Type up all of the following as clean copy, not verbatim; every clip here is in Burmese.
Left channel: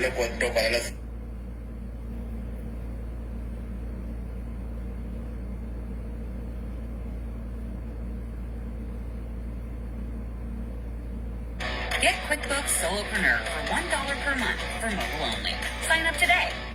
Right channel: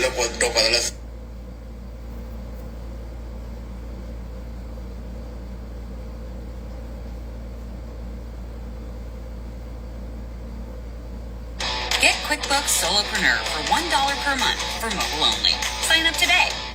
lo cuento para las Get QuickBooks Solopreneur for $1 per month for mobile only. Sign up today.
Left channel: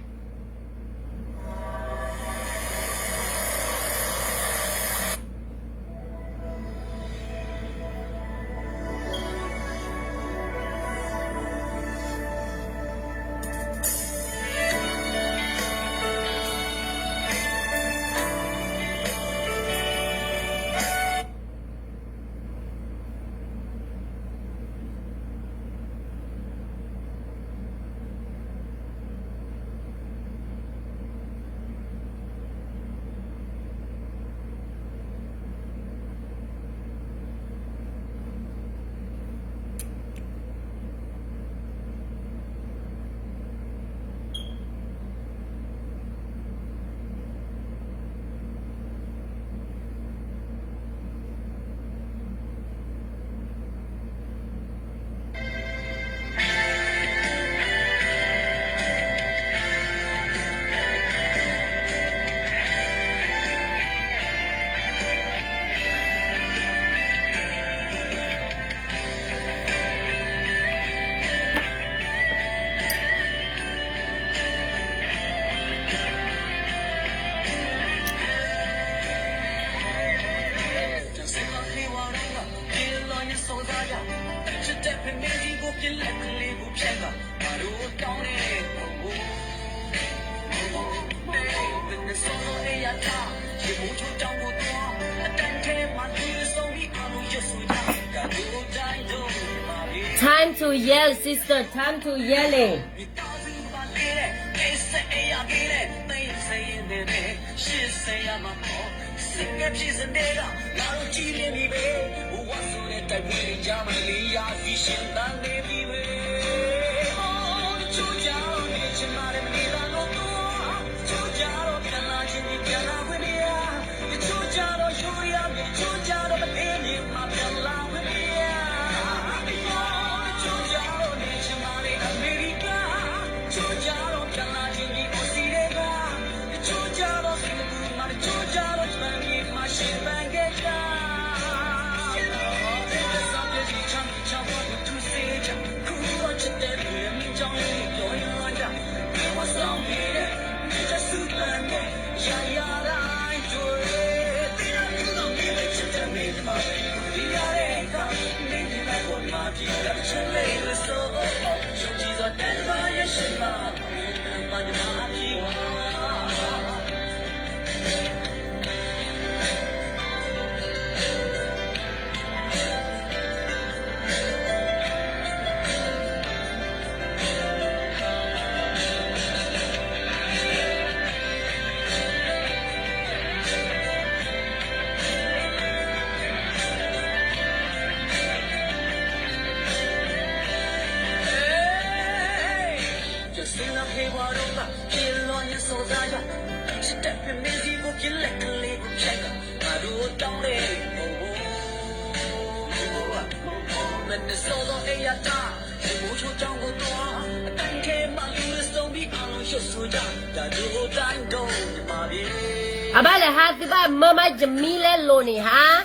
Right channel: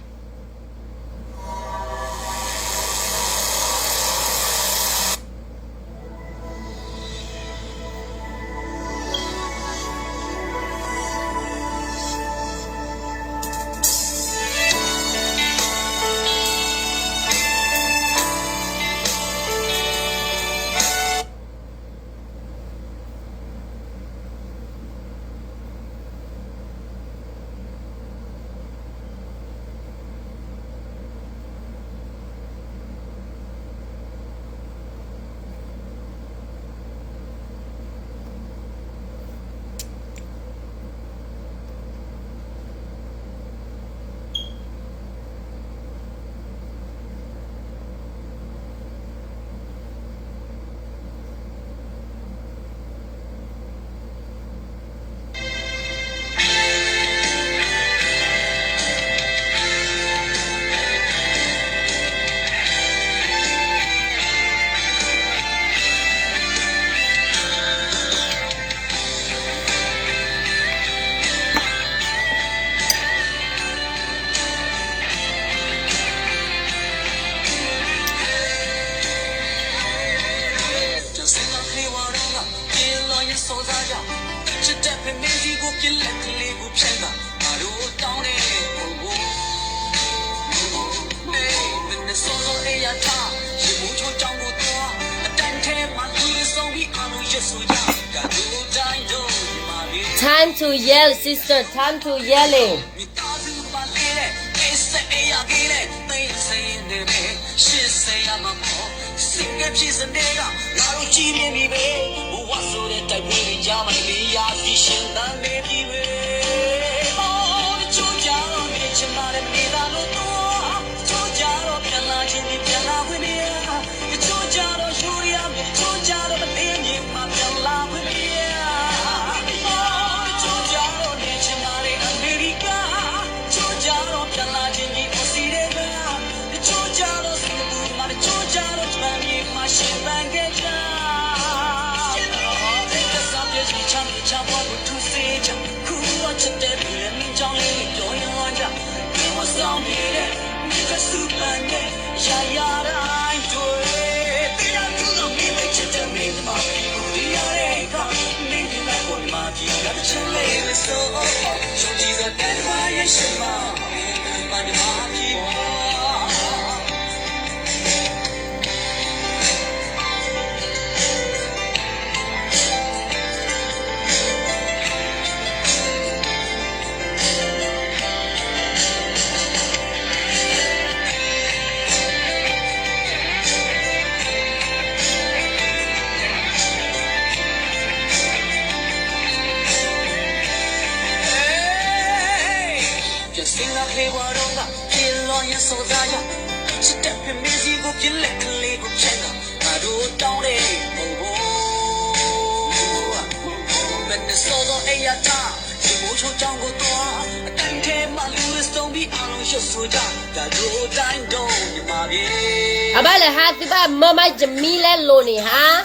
Time to yell, sister. Time to yelling. Abala hati ba mama Jamila Loni ha?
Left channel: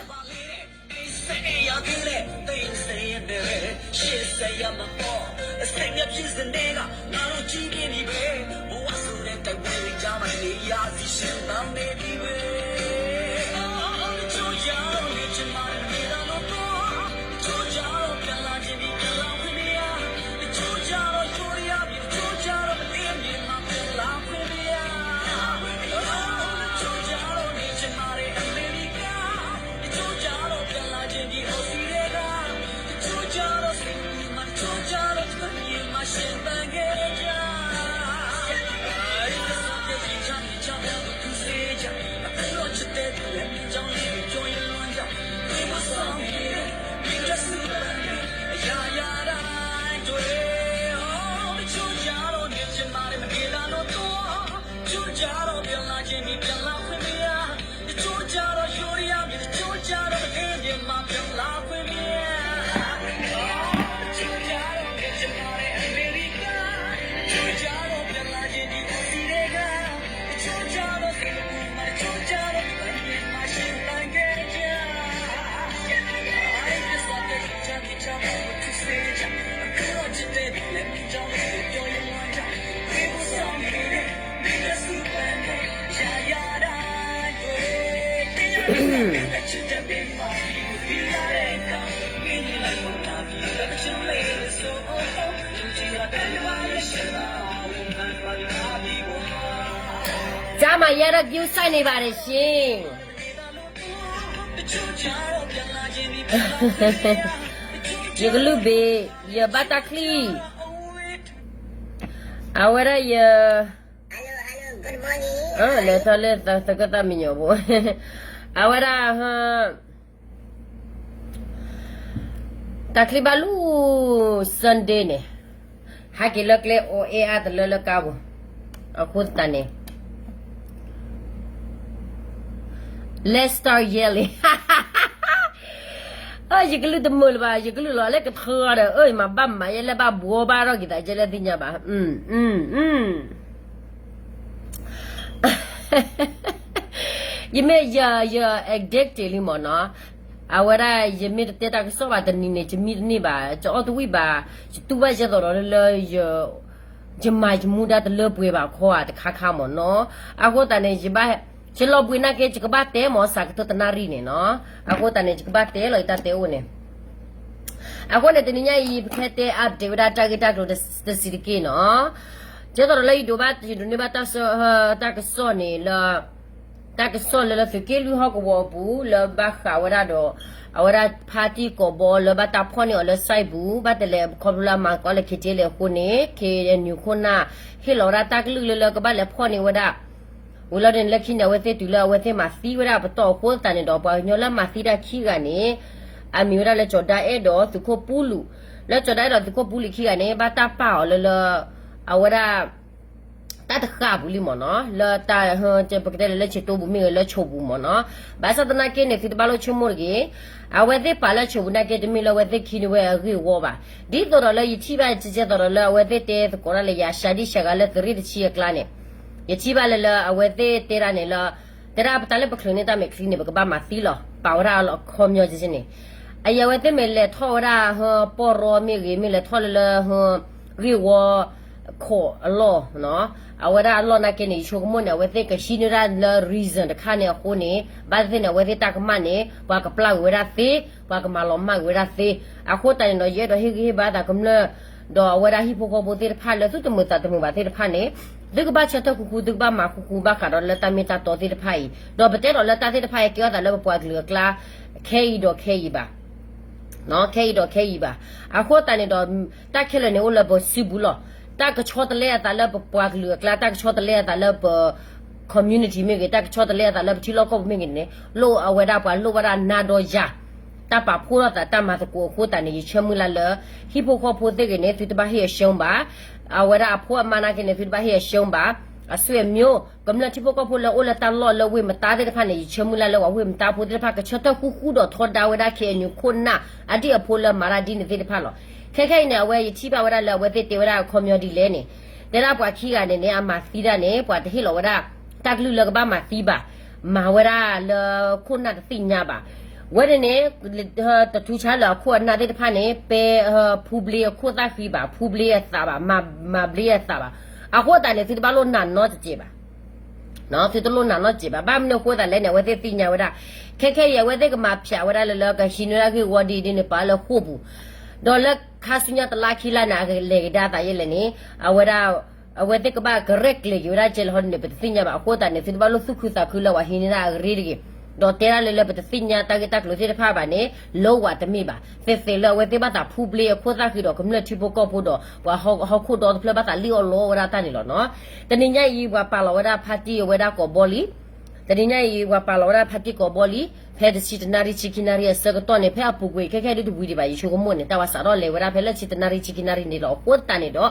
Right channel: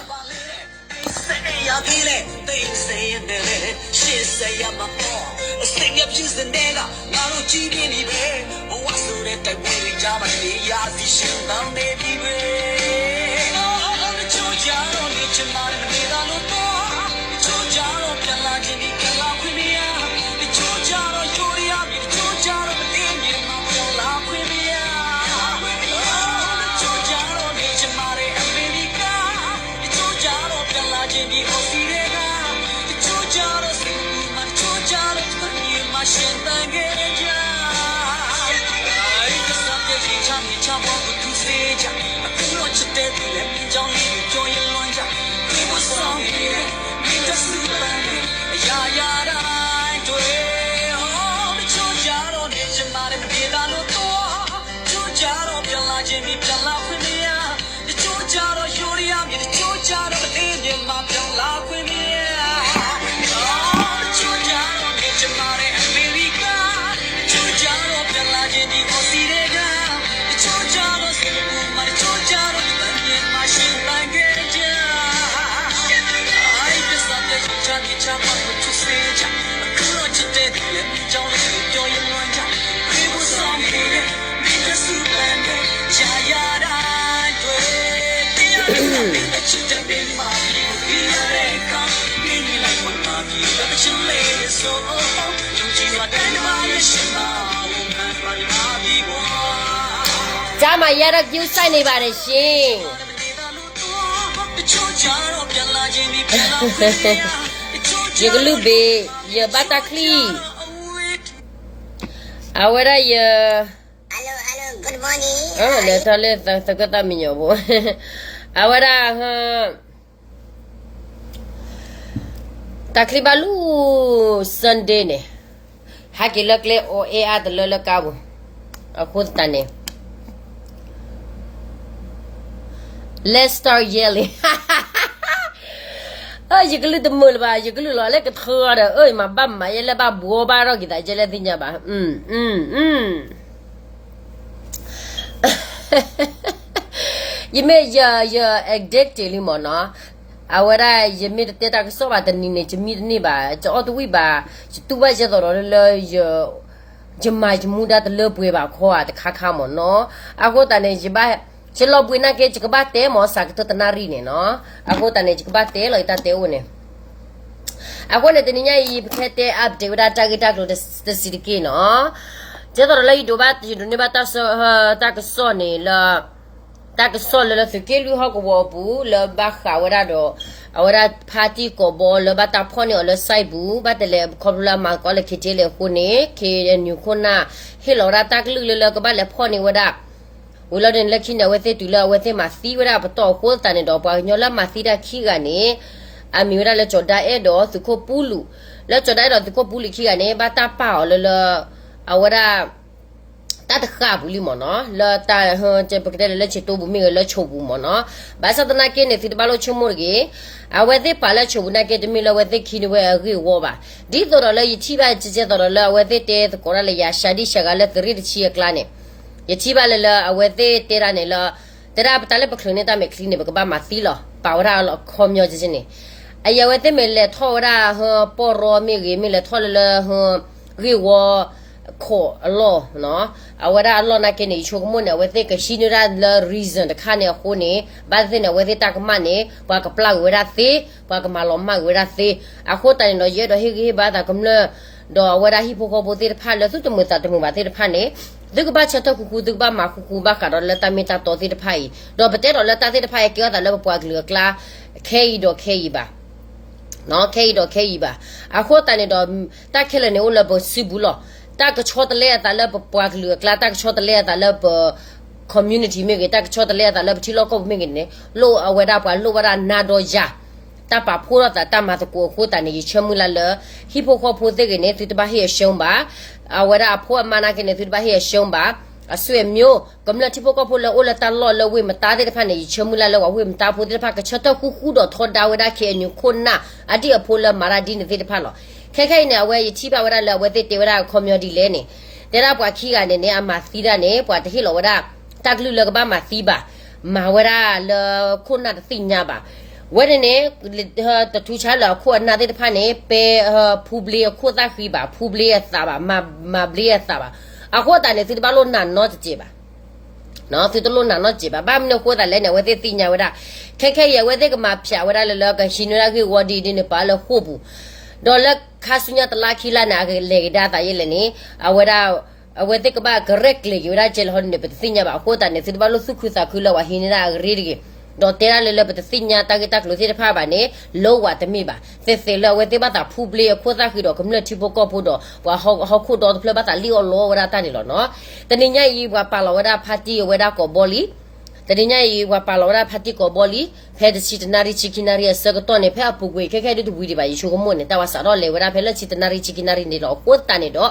家嘛也得丢三你把的心。一个路边，一巴达克里，啊，我那也， Hello, good morning. 来他来他个大米鸟不，啊，我那哈，达克里巴路 Sunday 呢，还给了个哦哎啊的了干不，啊，苦的呢。Let's start yelling. 一个人都没了吧？一个人拿那个头的，哎妈，爸妈也来把锅巴了给大家来听见吧？因为也 addicted 了嘛呢？啊，我那也没得那个说话的你就没得你吧？就奥多维吧，就多把些到了也。就买就木的老不吧，可啊的看看嘛喏，啊我当年就把，就老不那个这个把带嘛啥个都在那里呢喏，啊我当年这个把带了一大带我呢，啊我那等人家一开带啊对不啦，这个的是的给喏，这到了一多把就你把到时候大个说呢了。大个说了是给旅好个我不了把哈我那着，我那 party 个包了把大泡呢了晒不把的了考不了嘛搞了去这了婚呢去女婚呐，嘿老大大个路了个把了泡呢我那，我老人了去呢我在对了我在马西我那不到火但呢到把鸟了马西的去个呢，啊米我那了做大一道是可补路，了做大一道是可补路去个呢把大包了啊我那。大的哈不里么呢？了大这不给了去多不没了求不么呢？把啥子那给呢？是把了求么个？啊，我在把了求不那给的没了，我在去的我给我吧。你到了一七八直接到了，我在带过来了呀，下地下个了这里的企业干呢，一七八了，我在带了呢了，带了不带了不可能带没可能不个把马死了，把我那了靠苗就是呢。哎呀，我在没来套啦和包罗没给没来套了和给我。可咯喏，啊我那咯那给你说个么呢？我这个新的那 reason 的看呢，后呢，把这呢我这大个嘛呢，把个不拉为啥子，把个马老嘛为啥子？啊后头呢也都黑把它咁了，到我那 hip hop 这的判了，就没咋的没把这的判呢。这个把车头哭，这个把马哭把看到了，但没打到这的判，到不得到了打这的判，给我打了不个啦，可以吧？喏可以吧？啊后头呢到打开了呢，我那不西部了。大个抄的来，大了不挂个了，大个抄的来，大了不 community 没给，大个抄的来，大了不提老高没给呢，老啊为大把老为大拿到家，大把破了大马的过户，但你全部来了，一破破破这个呢，就把些凶吧，啊为大破嘛那个呢，就把些凶吧，啊所以没有，咁了一破破破了，我了打老了，为么打的怕呢，全部来了，我为么打破的怕个车头呼呼的，拖大为大去你困难，啊这个破了马拉丁的这怕了。开呢，我一七八我那我在对我那靠苗地来呢，在那把起个呢，阿马西的呢，把这些老我那大路那个把马西吧，马我那了困难的新呀吧，我的呢，的出差了，困难的怕呢，被普利扩大去吧，普利啥吧，马普利啥吧，啊，或者呢，是把路难拿着吧，然后是都路难拿着吧，把我们或者来呢，我在新呀我那，开也我这个马票我那了个新那个我的呢，把了货布。到了看书呀，到拉起来那个来给大家也来呢，啊，我这个把 correct 了，有点叫好呢，不是新呀吧，或者呢，是把路苏库萨库了，我现在那个热的，到这样了不是新呀，大概路些的怕吧呢，老话的没吧，是了，我这把它铺不了，扩大去了，咁了去不搞不到，我好扩到不了把它溜了，我那打你了喏，但人家一我把了我那 party 我那搞玻璃。tadinya i wa palora phati ko boli phe de chitinari chikinari sa ko ne phe apu gwe khe de wi di ba yi chu ko mo ne ta wa sa ro le wa phe la chitinari chikinari ni lo ko ta ni do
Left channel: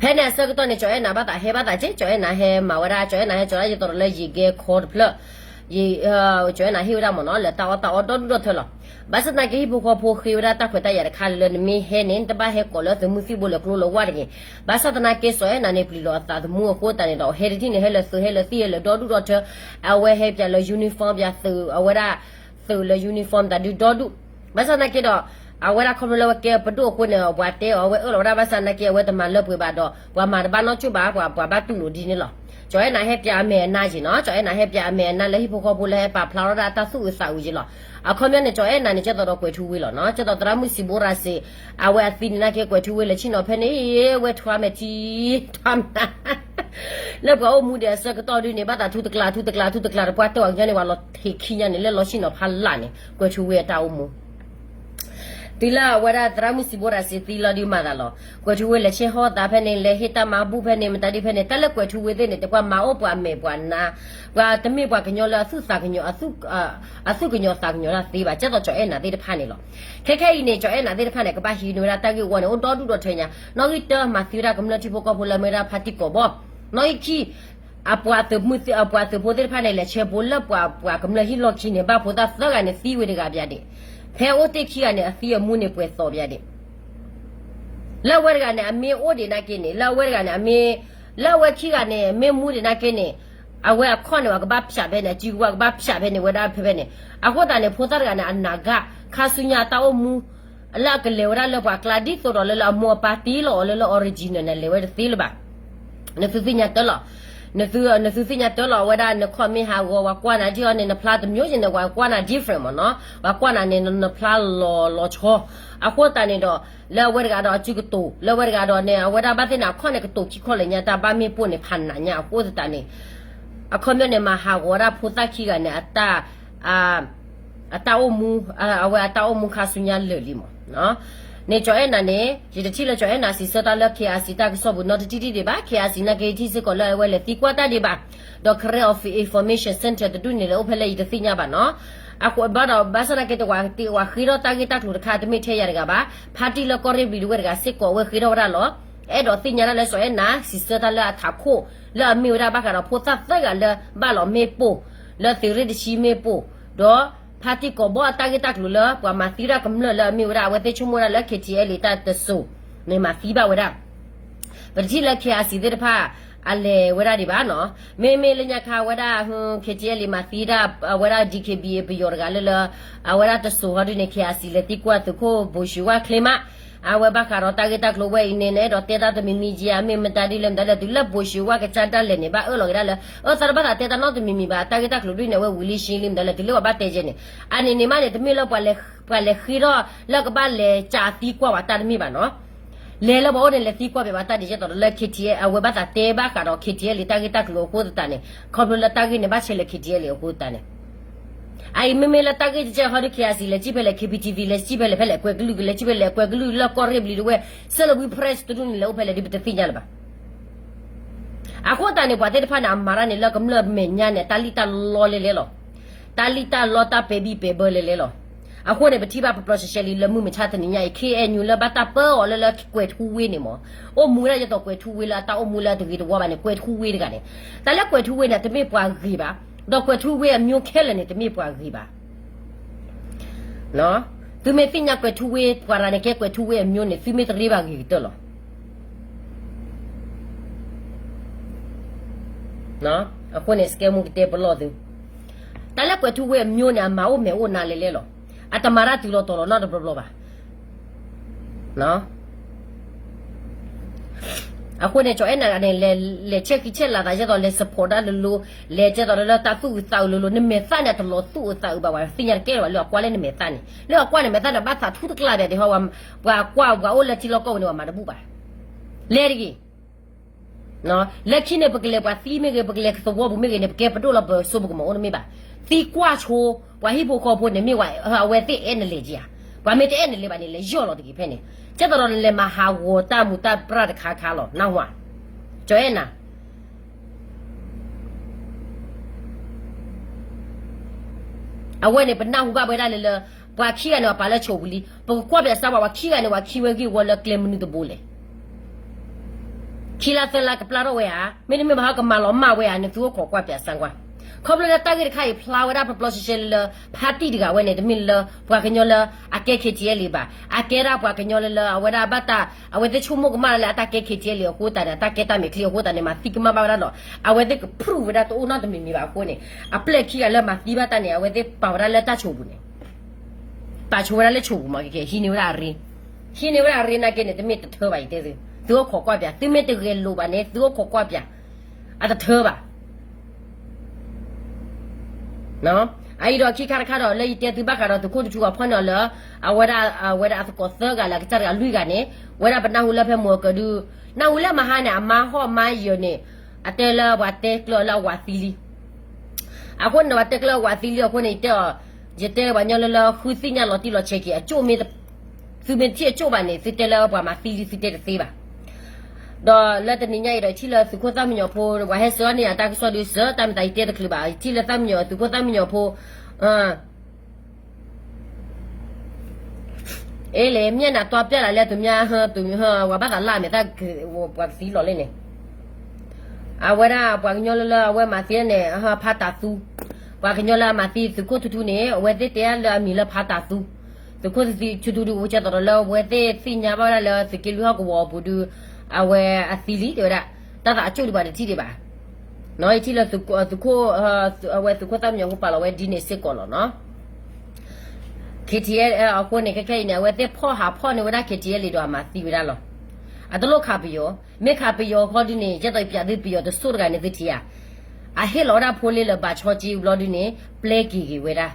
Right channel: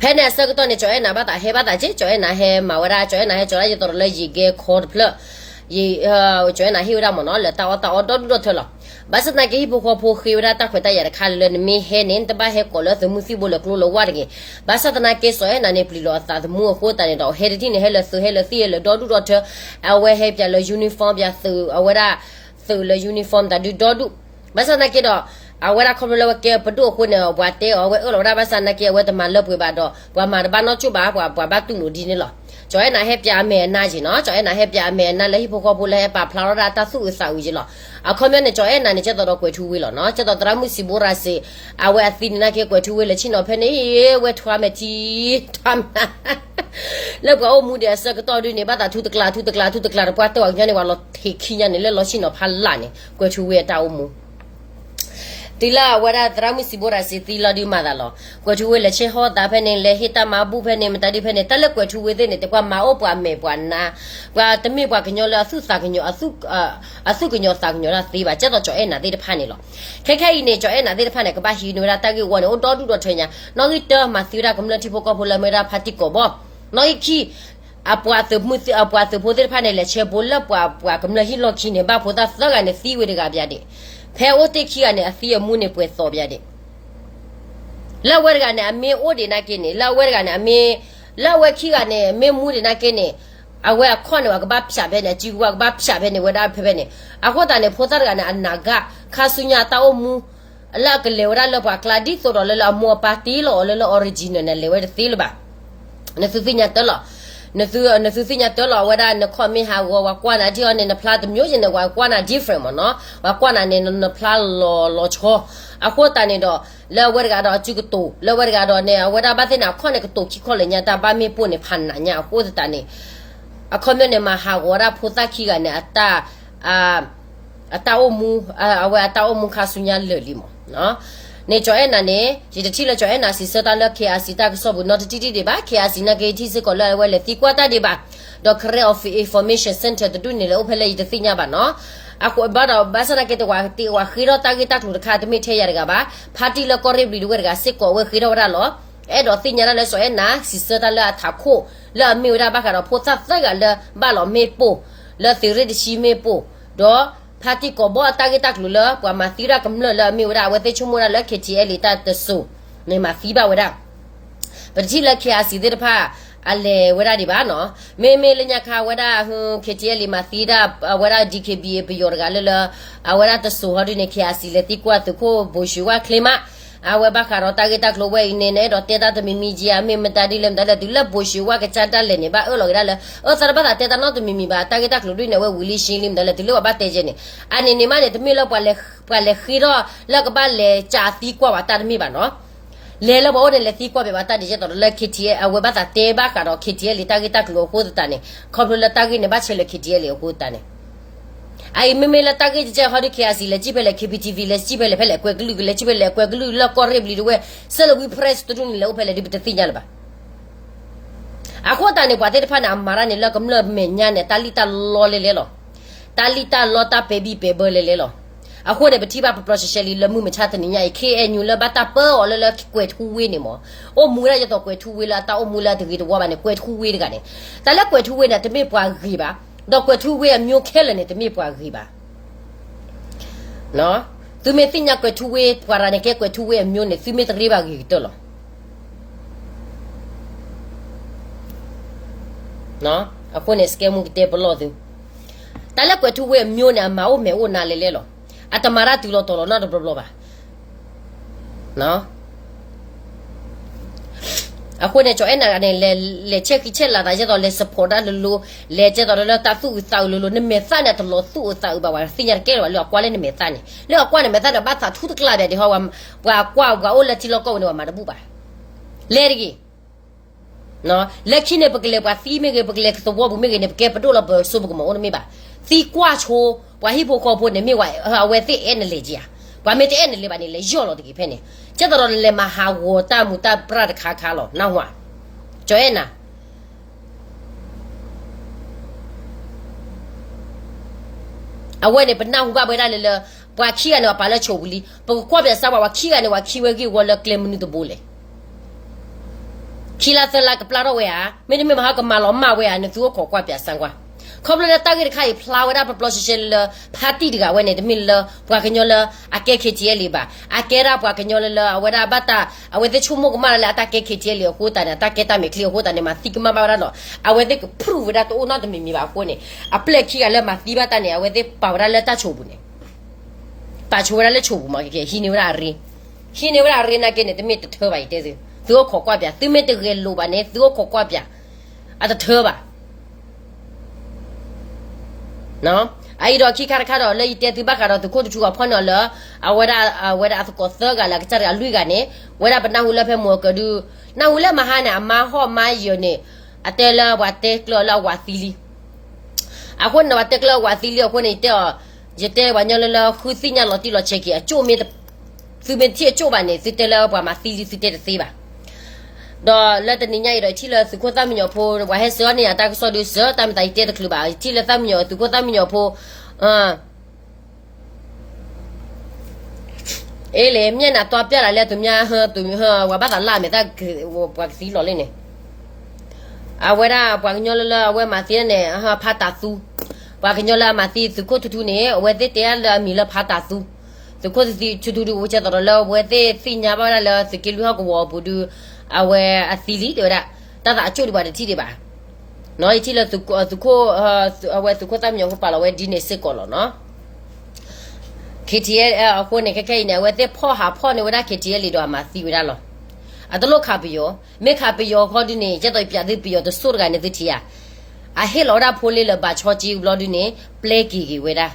phe ne sa ko ne cho na ba ta he ba ta che cho na he ma wa ra cho na he cho la ji to le ji ge khod phla yi cho na hi ra mo no le ta wa do do thlo bas na ke hi bu ko pho khi ra ta khwe ta ya kha le mi he ne ta ba he ko lo mu si bo le klo lo wa de bas na ke so na ne pli lo ta mu ko ta ne do he de ne he le so he le si le do do do the a we he pya lo uniform pya so a we ra so le uniform ta do do bas na ke do a we ra ko lo ke pa do ko ne wa te a we lo ra bas na ke we ta ma lo pwe ba do wa ma ba no chu ba ba tu lo di ne lo cho na he pya me na ji no cho na he pya me na le hi ko bo le pa phla ra ta su sa u ji lo ခေါ်မြနေကြောအဲ့နာနေချက်တော့ကွယ်ထူဝေးလောနော်ချက်တော့တရမှုစီဘောရာစေအဝဲအသီနာကေကွယ်ထူဝေးလေချင်းတော့ဖဲနေဝဲထွားမကြီးထွားလောကအမှုတဲ့စကတော့ဒီနေဘာတာထူတကလာပွားတော့ညနေဝါလောထေခင်းညနေလောချင်းတော့ဖလာနေကွယ်ထူဝေးတောက်မှုတီလာဝရဒရမစီဘောရာစီတီလာဒီမာဒါလောကွယ်ထူဝေးလက်ချေဟောတာဖဲနေလေဟိတမဘူးဖဲနေမတတိဖဲနေတက်လက်ကွယ်ထူဝေးတဲ့နေတကွာမာအိုပွားမေပွားနာပွားတမိပွားကညောလာဆုစာကညောအဆုကညောစာကညောလာသေးပါချက်တော့ကြောအဲ့နာသေးတဖာနေလောခဲခဲနေကြောအဲ့နာသေးတဖာနေကပါဟီနိုရာတက်ကေဝနေအွန်တော်တူတော့ထွင်ညာနော်ဂီတမစီရာကမ္လတိဖိုကဖိုလာမေရာဖာတိကိုဘောနော်ဂီအပွားတမှုအပွားတဖိုတဲ့ဖာနေလေချေဘလပွားကမ္လဟီလောခိနေဘာဖိုတာသကနေစီဝေတကပြတဲ့ဖဲအိုတိခီကနေအစီအမှုနေပွဲစော်ပြတဲ့လက်ဝဲကနေအမေအိုဒီနာကိနေလက်ဝဲကနေအမေလက်ဝဲခီကနေအမေမှုဒီနာကိနေအဝဲအခွန်ဝကဘာဖြာပဲနေជីဝကဘာဖြာပဲနေဝဒါဖဲပဲနေအခုတန်နေဖိုတာကနေအနာဂခါဆုညာတောမှုအလကလေဝရလဘကလာဒီဆိုတော့လေအမောပါတီလောလေအော်ရီဂျီနယ်လေဝဲသီလပါနေသူညာတလောနစုစိညာတော်လောဝဒါနခေါမီဟာဝကွာနာဒီအနေနဖလာတမျိုးရှင်နဝကွာနာ different မနော်ဝကွာနာနေနဖလာလောချောအခုတန်နေတော့လောဝရကတော့ချီကတူလောဝရကတော့နေဝဒါဘာတင်နာခေါနေကတူချီခေါလေညာတာဘာမီပို့နေဖန်နာညာအခုတန်နေအခုမြနေမှာဟာဝရဖူတာခီကနေအတာအမူအဝအမူခါဆုညာလေလီမနော်နေကြောအဲ့နာနေဒီတတိလေကြောအဲ့နာစီစတာလက်ခေအစီတာကဆောဘူးနော်တတိတိတွေပါခေအစီနာကေတီစကောလဲဝဲလေတီကွာတာတွေပါဒေါ်ခရဲ of information center တူနေလေအဖလေဒီသိညာပါနော်အခုဘာတော့ဘာစနာကေတဝါတီဝါခီရောတာကေတာကလူတခါတမိထဲရရကပါဖာတီလကောရီဘလီလူကစစ်ကောဝဲခီရောရလောအဲ့တော့သိညာလဲဆိုအဲ့နာစီစတာလက်ထာခိုလဲမီဝရဘာကတော့ဖိုသတ်သကလဲဘာလောမေပိုလဲသီရဒီရှိမေပိုတော့ဖာတီကိုဘောတာဂက်တက်လူလပွားမသီရာကမလလမီဝရဝဲတေချုံမရလက်ခေတီအလီတာတဆူနေမသီပါဝရပတိလက်ခေအစီတဲ့ဖာအလေဝရဒီပါနော်မေလညာခါဝရဟွန်ခေတီအလီမသီရာဝရ DKBA ပယောရကလလအဝရတဆူဟရနေခေအစီလက်တီကွာတကိုဘိုရှူဝခလမအဝဘခါရောတာဂက်တက်လိုဝဲနေနေတော့တေတာတမီမီဂျီအမေမတာဒီလမ်ဒါဒူလဘိုရှူဝကချတာလည်းနေပါအော်လောရလဲအော်စရဘတာတေတာနော်တမီမီပါတာဂက်တက်လိုဒီနေဝဲဝီလီရှင်းလမ်ဒါလည်းဒူလဘတေဂျနေအနေနေမနေတမီလောက်ပါလေခီရောလက်ကပါလေဂျာတီကွာပါတာတမီပါနော်လေလဘောလေတီကွာပဲပါတာဒီကျတော့လက်ခီတီအဝဘတာတေဘာကတော့ခီတီလေတာဂက်တက်လိုကိုတတနေခေါပလတာဂက်နေပါဆလေခီတီလေကိုတနေai me la tagi je hori kiasi le jibele KPTV le jibele phele kwe glu le jibele kwe glu la korrebli we selo we press to dun le phele dibte tinya ba akho ta ne bwa te phana amara ne la kam la me nya ne talita lo le lo talita lo ta baby pe bo le lo akho ne bati ba process li le mu me cha tani nya KNU le ba ta pe o le kwe thu we ne mo o mu la je to kwe thu we la ta o mu la de de wa ba ne kwe thu we de ga ne ta la kwe thu we na te me bwa gi baတော့ကွယ်ထူဝဲအမျိုးခဲလည်းနေတမိပွားကြီးပါနော်သူမေတင်ညကွယ်ထူဝဲပွားရနေကဲကွယ်ထူဝဲအမျိုးနေသူမေတရီပါကြီးတော့နော်အခုနေစကဲမှုတေပလို့သူတလည်းကွယ်ထူဝဲအမျိုးနေအမအိုမဲအိုနာလေလေလောအတမာရတူလို့တော်တော့တော့ဘလို့ပါနော်အခုနေကြောအဲ့နာနဲ့လေချက်လာတာကျတော့လေ support တာလို့လေကျတော့လေတာသူ့စောက်လို့နေမေစနဲ့တော့သူ့စောက်ပါဝါစင်ရကဲတော့လောကွာလေနေမေစနဲ့လောကွာနေမေစနဲ့ဘာသာထူးတကလာတဲ့ဟောကွာအိုလက်ချီလောကောနေမှာတပူပါလေရီနော်လက်ချီနေပကလေပါစီမေကပကလေသဘောဘူးမေကနေပကဲပတိုလောဆိုဘကမောနေမေပါစီကွာချိုဝါဟိဖိုခေါ်ဖို့နေမေဝါဝဲသိအဲ့နေလေကြီးဘာမေတဲ့နေလေပါနေလေရော့လို့တကြီးဖဲနေကျတော့လေမဟာဝတာမူတာပရတ်ခါလောနောက်ဝါကျော်နာအဝဲနေပနာဟုကပဲလေဘွာချီရနော်ပါလဲချိုဘူးလီပကွာပြစားဝါချီရနေဝါချီဝဲကြီးဝလကလမနီတဘိုလေခီလာသလာကပလာတော့ဝဲဟာမင်းမဟာကမလောမဝဲဟာနေသူခေါ်ကွာပြဆန်ကွာခေါပလတာဂက်ခိုင်ဖလာဝဒါပပလော့ရှယ်လပါတီဒီကဝဲနေတမီလဘွာကညောလအကဲခေချီလီပါအကဲရာဘွာကညောလအဝဒါဘတာအဝဲတချုံမကမလာတာကဲခေချီလီကိုတာတာကဲတာမီကလီကိုတာနေမတိကမပါရတော့အဝဲတဲ့ပရူဝဒါတော့နာတမီမီပါကိုနေအပလက်ခီကလည်းမတီးပါတနေအဝဲတဲ့ပါဝရလက်တချိုဘူးနေတာချိုရလက်ချိုဘူးမကဲဟီနေဝရာရီနာကဲနေတမီတထောပါတဲ့သူခေါ်ကွာပြသူမတကယ်လိုပါနေသူခေါ်ကွာပြအတထောပါနော် ai do ki kar kar le ite ti ba kar to ko tu ko phon lo awara ko so ga la ka cha lui ga ne wara ba na hu la phe mo ko du na hu la ma ha na ma ho ma yo ne atela wa te klo la wa fili ako na wa te klo wa fili ko ne te jete wa nya la khu si nya lo ti lo che ki a chu me su me ti chu ba ne si te la ba ma fili si te te ba đó là tình nhảy rồi chỉ là sự quan tâm nhiều po và hết sớm này ta có số đi sớm ta mới thấy được bảo chỉ là tâm nhiều sự quan tâm nhiều po ấy là em nhá là toa bia lại tụi nhà tụi và bắt đầu làm người ta và xí lọ lên này vậy đó và nhau là vậy mà tiền này phá tạ su và cái nhau là mà tiền sự cố thu này vậy thì tiền là mình là phá tạ su sự cố thì thu vậy cho đó là vậy thì xin nhà bao là sự kiến thức của bộ được awe asili de da ta ta chu di ba de ti de ba no ti la tu ko awe tu ko tam nyong pa la we di ne se ko lo no KTL ko ne ke ne we te pho ha pho ne we da KTL li do ma si we da lo a to lo kha pi yo me kha pi yo kho di ne je to pya di pi yo to so ga ne ti ti ya a he lo da pho le le ba cho ji lo di ne play ki we da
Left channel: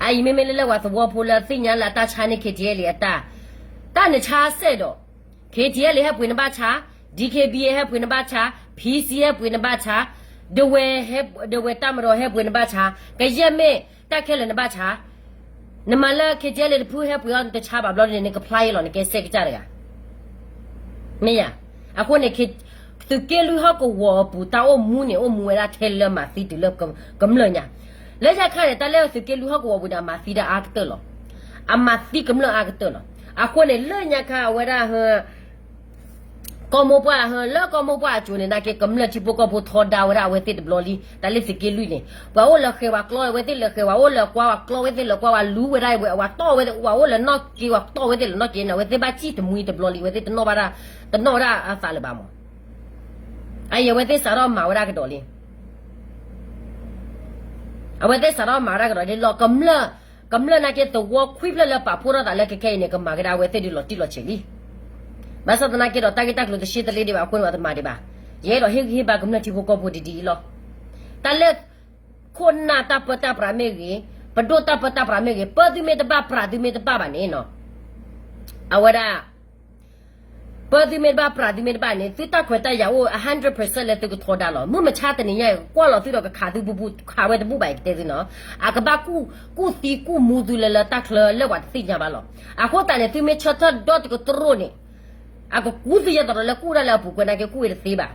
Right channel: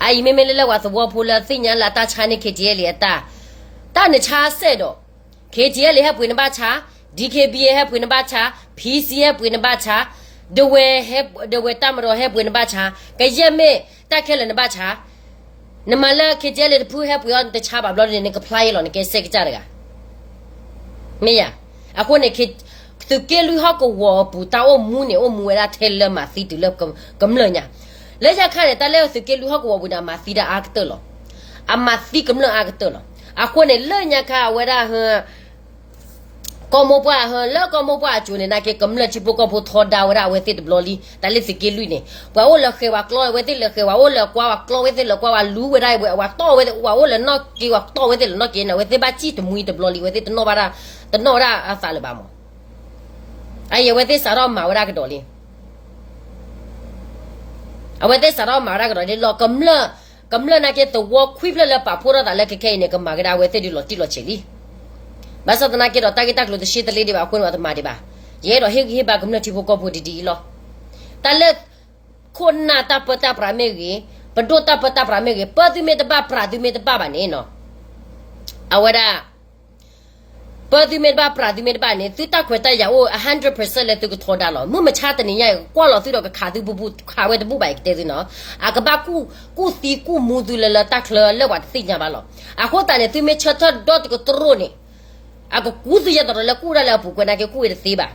ai me le wa so wo pho la si nya la ta cha ne KTL li ta ne cha se do KTL เลยฮะปุยนบาชา DKB ฮะปุยนบาชา PC ฮะปุยนบาชา The Way ฮะ The Way ตามรอฮะปุยนบาชากะเยเมตะแค่ละนบาชานมาละ KTL เลยพูฮะปุยอนตะชาบาบลอเนี่ยก็พลายลอเนี่ยก็เซกจาระกะเมียอะคนเนี่ยคือเกลุฮะก็วอปูตาโอมูเนี่ยโอมูเวลาเทเลมาซีตุเลบกำเลยเนี่ยแล้วจะค่ะเนี่ยตะแล้วคือเกลุฮะก็วอปูดามาซีดาอากเตอร์ลออามาซีกำเลยอากเตอร์ลออะคนเนี่ยเลยเนี่ยค่ะเวลาฮะก็มบ่ฮะแล้วก็มบ่จูเนี่ยนะkeกำลังจิปก็บ่ทอดาวราเวติดบลอลีตาลิสิเกลุเนี่ยว่าโอละเคว่ากลอเวติละเคว่าโอละกว่ากลอเวติละกว่าลูเวได้ว่าตอเวติว่าโอละนอกกีว่าตอเวติละนอกกีนะเวติบาจิตมุยตบลอลีเวติตนอบาราตนอราอาซาลบามไอ้เวติสารามาวรากดอลีเอาเวติสารามาวรากดอลีลอกำลังนะkeตัวควิบละปะพูระตาละkeเนี่ยก็มากระเวติดิลอติลอเชลีมาสัตนาเกดตากิตักลุตชิตลีดีบาคนว่าตมาดีบาเยรอเฮกบากำลังที่พวกพูดดีๆลอแต่ละคนน่ะตาปตาปราเมกีปดตาปตาปราเมกีปดิเมตบาปราดิเมตบาบานี่เนาะเอาว่าปดิเมตบาปราดิเมตบานี่ตุตาขวตายาโอ 100% เลยตุกทอดาลอมึงมาชาตนี่ยกว่าลอตุดก็ขาตุบุขาเวตบุบายเตซิเนาะอากบากูซีกูมูดุเลตักเลวัดสิญาบาลออะโคตาเนี่ยตุเมชะทอดอตก็ตรนี่อะก็กูสิยะตอละกูระละบุกนะkeกูเวติบา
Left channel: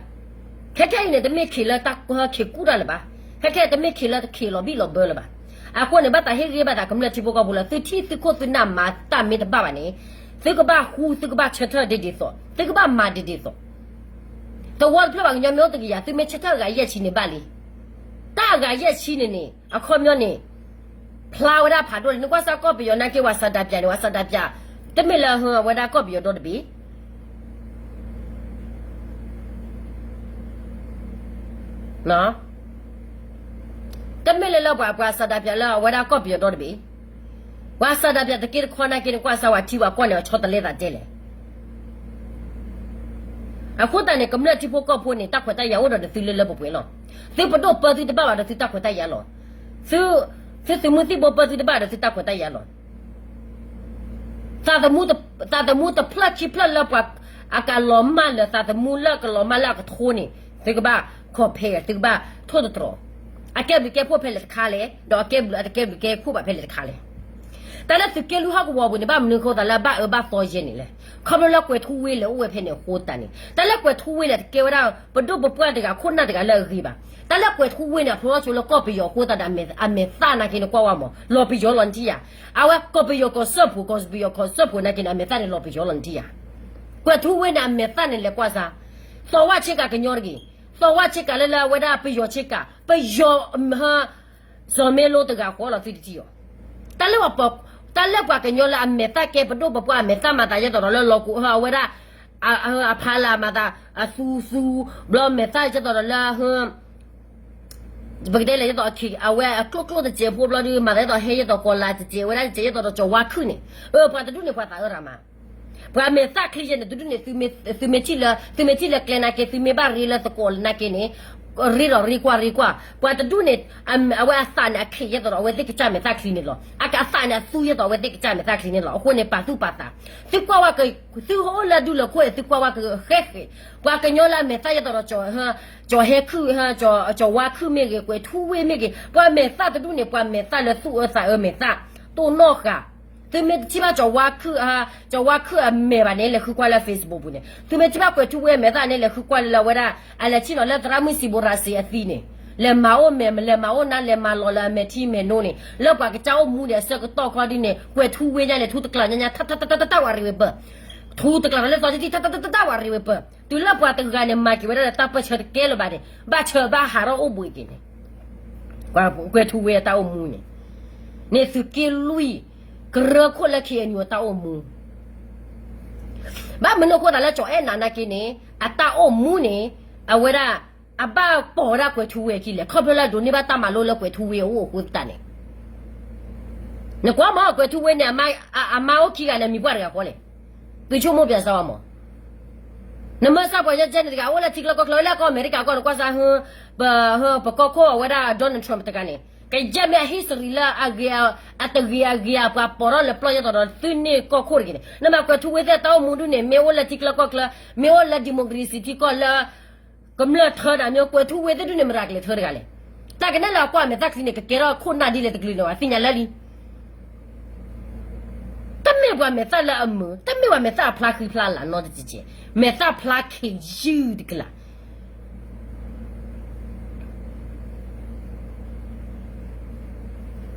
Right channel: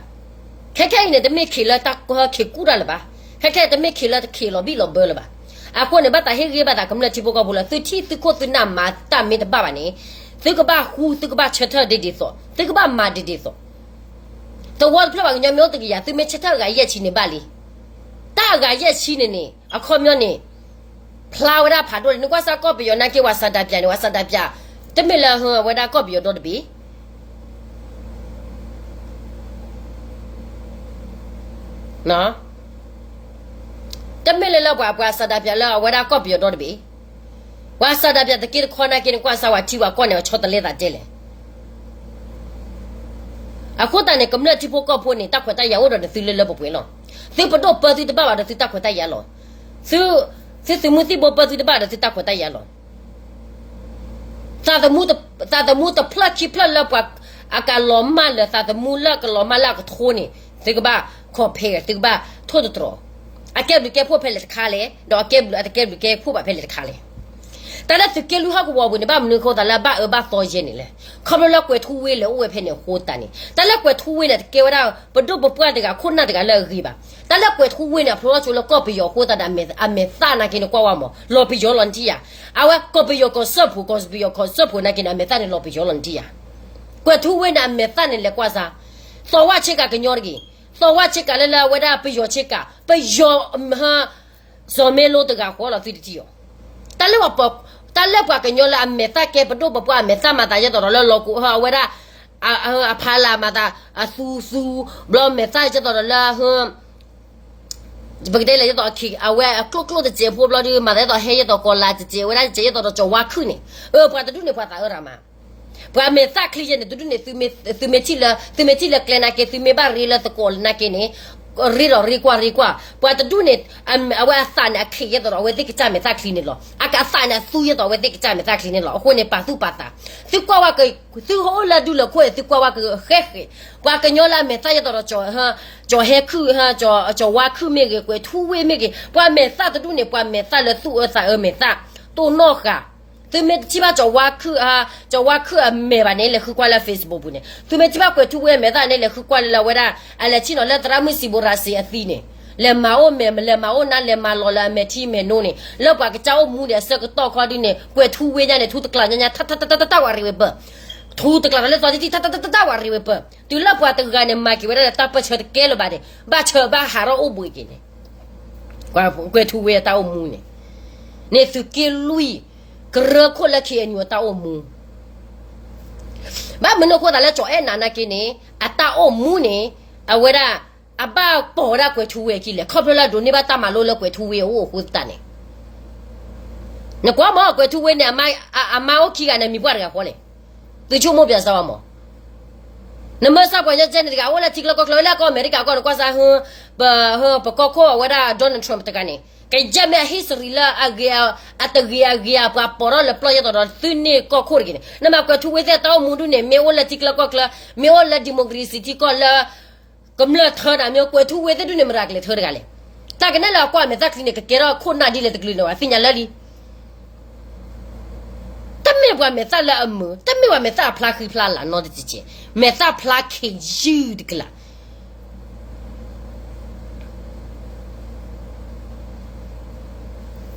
แค่ๆเนี่ยตะเมขิละตักเคกูระละบาแค่ๆตะเมขิละเคลอบิลอเบละบาอะโคเนี่ยบาตาเฮเกบาตากำละจิโปกบุละตุชิตุโคตุนามาตาเมตบาบานี่ตึกบาฮูตึกบาชะทอดิๆซอตึกบามาดิๆซอตะวอลพระบางญะเมอตะกิยาตุเมชะทอกะเยะชินี่บาลีตากะเยะชินี่อะคอมยอนี่พลาวดาผาโดนึกว่าซะก็เปยอนะเกว่าซะดาเปียนี่ว่าซะดาเปียตะเมละฮอวดาก็เปยอดอดบีเนาะตะเมละละกว่าซะดาเปียละวดาก็เปยอดอดบีว่าซาดาเปียตะกี้คอนากินกว่าสวัสดีว่าก่อนเนี่ยชอตเลตาเจเลยอะคุตาเนี่ยกำเนิดที่พวกก็พูดนี่ตักขวดตายาวดอซื้อเลยบ่ป่วยเนาะซื้อปดเปิดซื้อตะบ้าว่าซื้อตักขวดตายาหรอซื้อมือที่บ่เปิดซื้อตะบ้าซื้อตักขวดตายาหรอซาตะมูตะพลัดชิพลัดแล้วกว่าอาการล้อมมาเลยซาตะมูแล้วก็ล้อมมาแล้วก็โทนี่ซื้อก็บ้าขอเพลซื้อก็บ้าโทษตรออาเก็บดูแกพูดเพลคาเลยดอกเก็บดูแกพูดแบบเพลคาเลยแต่ละสกิลลูกเขาก็ว่าบุญในบ้านมึงเขาแต่ละบ้าต่อเจนี่เลยเขาไม่เลิกเวทวีเลยโอ้ยเพนเนี่ยโคตรนี่แต่ละเวทวีเลยเกี่ยวกับปดูบุปผาเด็กคนน่าเด็กเลิกรีบแต่ละเวทวีเนี่ยเพราะว่าชุลก็ไปยอโคตรแต่อเมซ่านักกินกว่าว่ามั้งรอไปยอลันทีอ่ะเอาว่าก็ไปยอก็สอบก็ไปยอก็สอบนักกินอเมซ่าเนี่ยรอไปยอลันทีอ่ะเวทวีเนี่ยอเมซ่าเนี่ยเล็กกว่าซะสวัสดิ์เช็คกันยอร์กีสวัสดิ์เช็คกันเลยเวลาไปยอเช็คกันไปยอฮะสมัยโลตกะขอเราติดที่อ่ะแต่ละว่าปกตาเล็บกว่ากันยอละอเมตาเก็บปดูปปอเมตามาตายะตอละโลกูฮะเวลาอาพาลามาตาซูบลอเมตาจะตอละฮะบางทีเลยจะตอคิเอาไว้คลุกๆจะเจ็บพวกเราดิมาได้ตอเฮยตอกอลาจะเจ็บเวลาเจ็บตอจะว่าขึ้นนี่พอตะดูนี่พอตารามาพอเมตาคลีเนี่ยดูนี่ตุเมชิละแกลนาเกตุเมบารีละตะกอลนาเกนี่ Rikwa. But the dunit, our son, a clear or with the time at clean it law. I can sign a 2 years or with the time at clean it law, when a patu pata. Thukwaka, Thuhola do la quay, Thukwaka, Hehe, Wakanyola, Methayador, her, Joheku, her, Jowaku Migi, with 2 way Migi, one method the dunit, one method, 2 or 3 method, to know her. Tu me tiba jawaku a mevanele kukwala Facebook bune. Tu me tiba kwe tuwe mevanele kukwala la wera ala chino le tramusi borasi athine. Le mao na le malola meti menone. Le kwa kitao mune se ko to ko dine kwe tuwe nya le tu tukla nya ta wari be. Tu tukla le to ti ta wari be. Tu la kwa tga ne ma ki wera ta pa chhe ke lo ba de. Ba chhe ba haro obu ki ne. Kwa kwe tuwe ta o mune. Ne su ke lui Koko la ki enyo ta omu. Ba meno ko dale cho nana kini ata omu ne awera aba pora kwe tuwe ki le kopela do ni ba ta malo le kwe tuwe o ko tane. Ne kwa ma kwe tuwe ne ama o ki ga ne mi bwa ga ko le. Ti chu mo bia sa mo. Ne ma sa kwa ja jen ga o la ti la ko la ko America ko kwa sa ba ko awera Donald Trump ta ga ne. Cái jamia history la agia atagia pa poro le ploya to tune ko khorgi na ma ko thuwe ta mundu ne me wala tikla ko kla me wala democracy ti ko la kamla thada me ko thuwe te du ne maragle thor gale ta ke ne la ko me ta kline ke tera khona di le tikli lo finya la li tamme wa me ta la amu tamme wa me ta pla ki pla la no de ti me ta pla ki ju de kla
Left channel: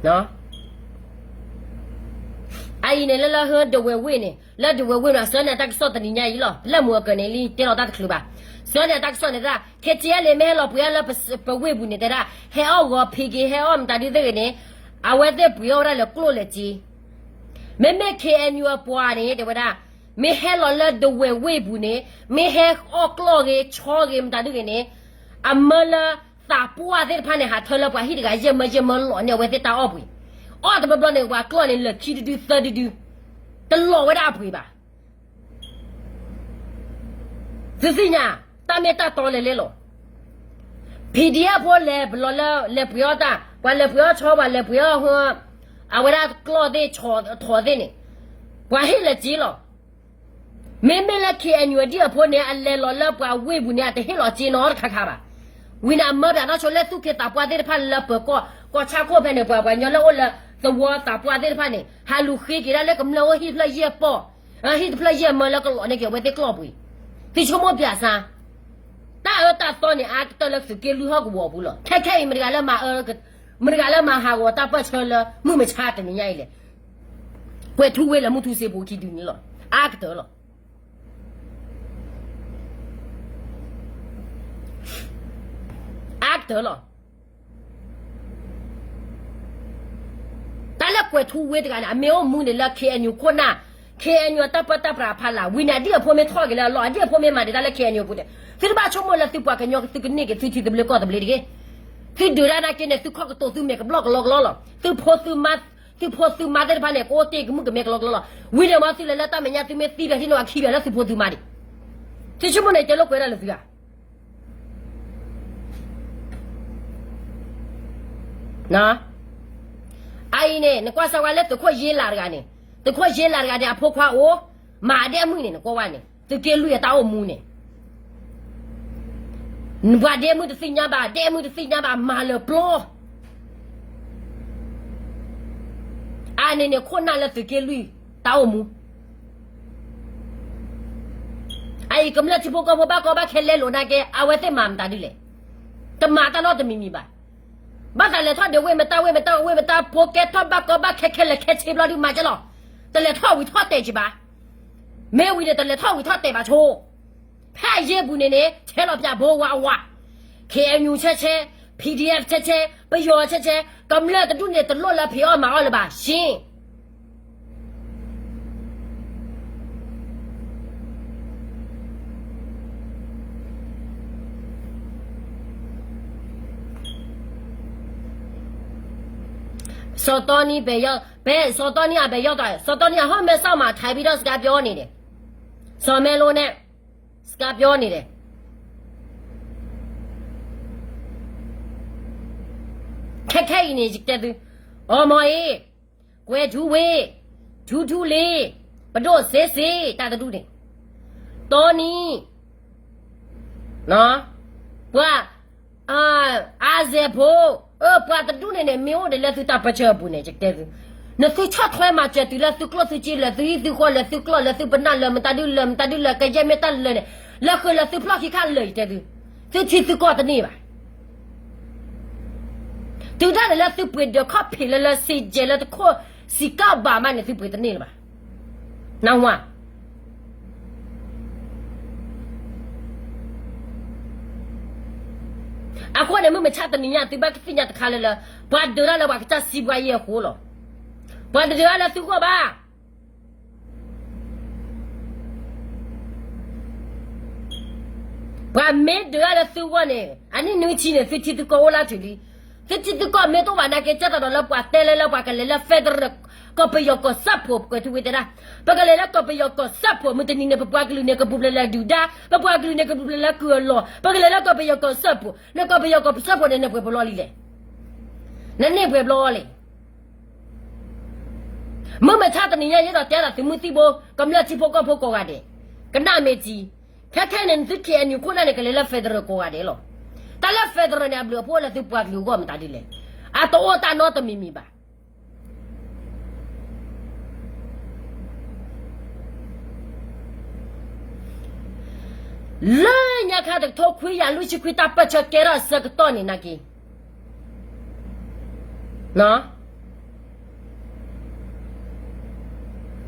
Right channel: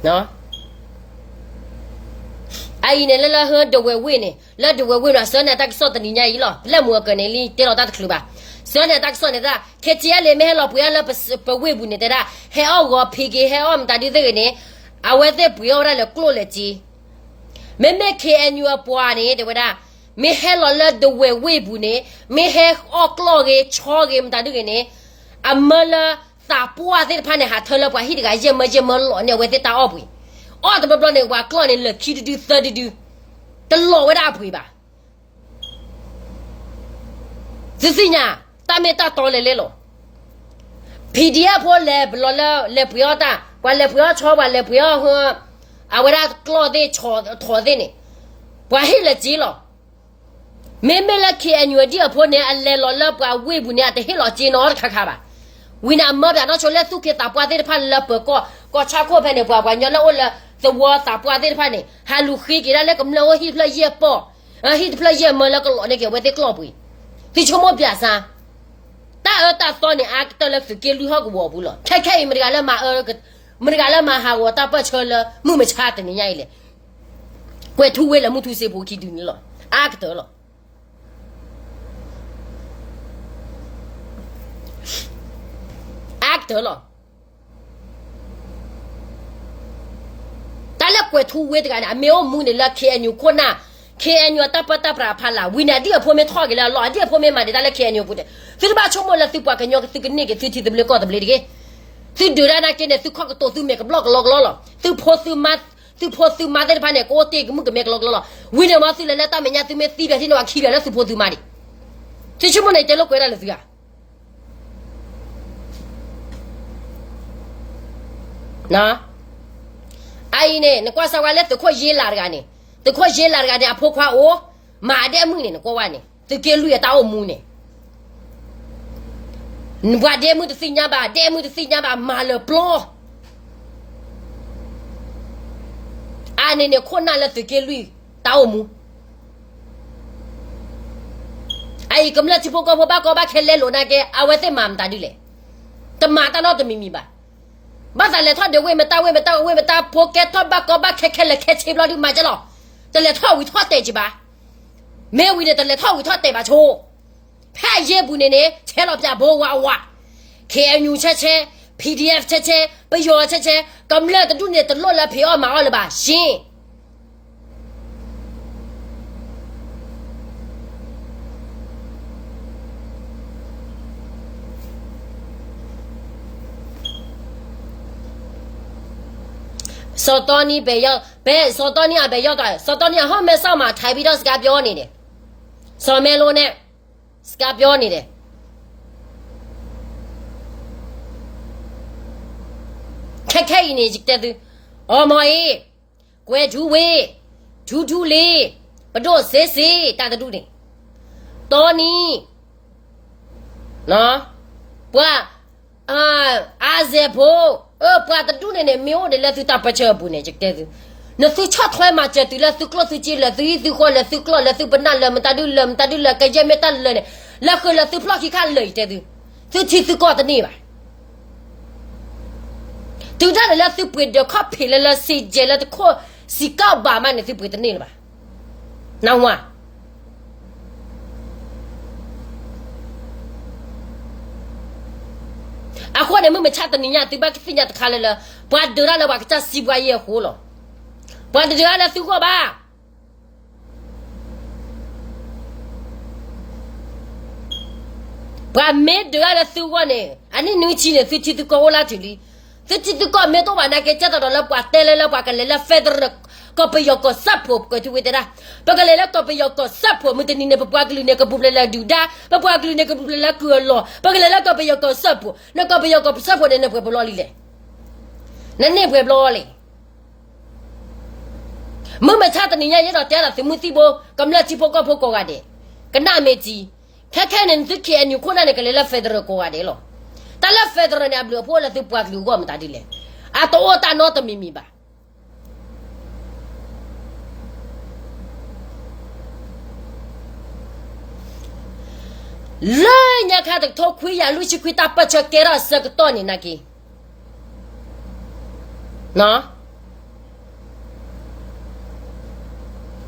no ai ne la ho de we ne la de we la so na ta so de ni nya yi lo la mo ke ne li te lo ta klu ba so na ta so ne da ke ti le me lo bu ya la pa we bu ne da he o go pi ge he o m ta di de ne a we de bu yo ra le klo le ji me ke en yo po ne de da me he lo la de we bu ne me he o klo ge cho ge m ta de ne a ma la ta po de pa ne ha tholo pa hi de ga ye ma lo ne we de ta o bu o de blo ne wa klo ne le ki du 32 de lo we da bu ba zi nya ta me ta to le lo PDF po le blo le bu yo ta wa le bu yo cho wa le bu yo ho a we da klo de cho tho de ne wa hi le ji lo me la ki en yo di po ne a le lo la pa we bu ne a te hi lo ji no kha kha ba Wina mother not to let 2 get up what they pan up go chaco penny when you're all the water what they pan it. Halu hiki like a low he play ye po. He play ye molaka with the club. Teach you more piazza. That funny actor left to kill you hog wobble. Take him, Mrigalama, how what up a chola, Mumich hat in the island. Where 2 will a mutu se boki do lo. Actor lo. Actor lo. Tala kwe tu we de me o mu ne la ke anyu kona ke anyu tapata pra phala wina dia po me thoge la lo dia po me ma de tala ke anyu bude fi ba chomo la tu pa ke nyo ke ne ke ti de ble ko de ble de tu de ra na ke ne tu kho ko to tu me ke blog lo tu po tu ma de pa ne ko te ke mu ke me ke lo wina ma tu le la ta me nya tu me ti de ti no akhi de la tu po tu ma de ti chomo ne te lo kwe ra le tu ya na ai ne kwa sa wa le te ko ye la ga ne te ko ye la ga de apho kwa o ma de mu ne ko wa ne te ke lu ya ta o mu ne nwa de mu te sinya ba ma le plo ani ne ko na le te ke lu ta o mu ai kam la ti po ko ba ke le lo na ke a we te mam ta di le te ma ta no te mi mi ba ba sa le thoa de we me ta po ke thoa ba ko ba ke le ke chi blo di ma ja lo te le thoa wi thoa te ji ba me wi de te le thoa wi thoa te ba cho pha ye bu ne che lo pya bo wa ke nyu che PDF che ba yo che kam le de du ne de lo la phi o ma o le ba shin So Tony 被要被 So Tony 被要的 So Tony 后面上嘛台币到是个标你的 So 面路呢是个标你的开呢就得的，哦妈耶，关注喂，处嘞，不着谁打得住的，多呢，喏，不阿姐婆，不打得住的呢，没有的了就打不着不呢就得的。那是吃团嘛，这对了，是搞是鸡了，是一是火了，是搞了，是不拿了，没打丢了，个家没打了呢，那后来是不拉去看了，对的，是其实搞的呢吧。对着了是不的，靠皮了是接了的靠是搞吧嘛，那是不的呢了吧？那我啊，后来我们查的你呀，对吧？人家都看了，不得了吧？这西瓜也糊了。不得了，是过吧？不没得了，是过呢？啊，你能去呢？是去的搞我拉这里，是去的搞没多晚那个接到了，不带来了，不个来了，反正了，搞不要搞啥破，搞就会的啦。不个来了，搞不要搞啥破，没得你那不个那个不来丢的，不个那个不来割了，不个来了，搞不要搞啥破，那搞不要搞啥破的那不老里嘞，那你不老嘞。我们查的人家也到点了，是没地波，咁了几波高个的，跟哪没记？看人是看你可能那个来了非得过的了，但了非得人不破了就不留我们打的嘞，啊，到我打脑的秘密吧。人家看的头盔呀，路西盔打不着，给了10个多年那个，喏。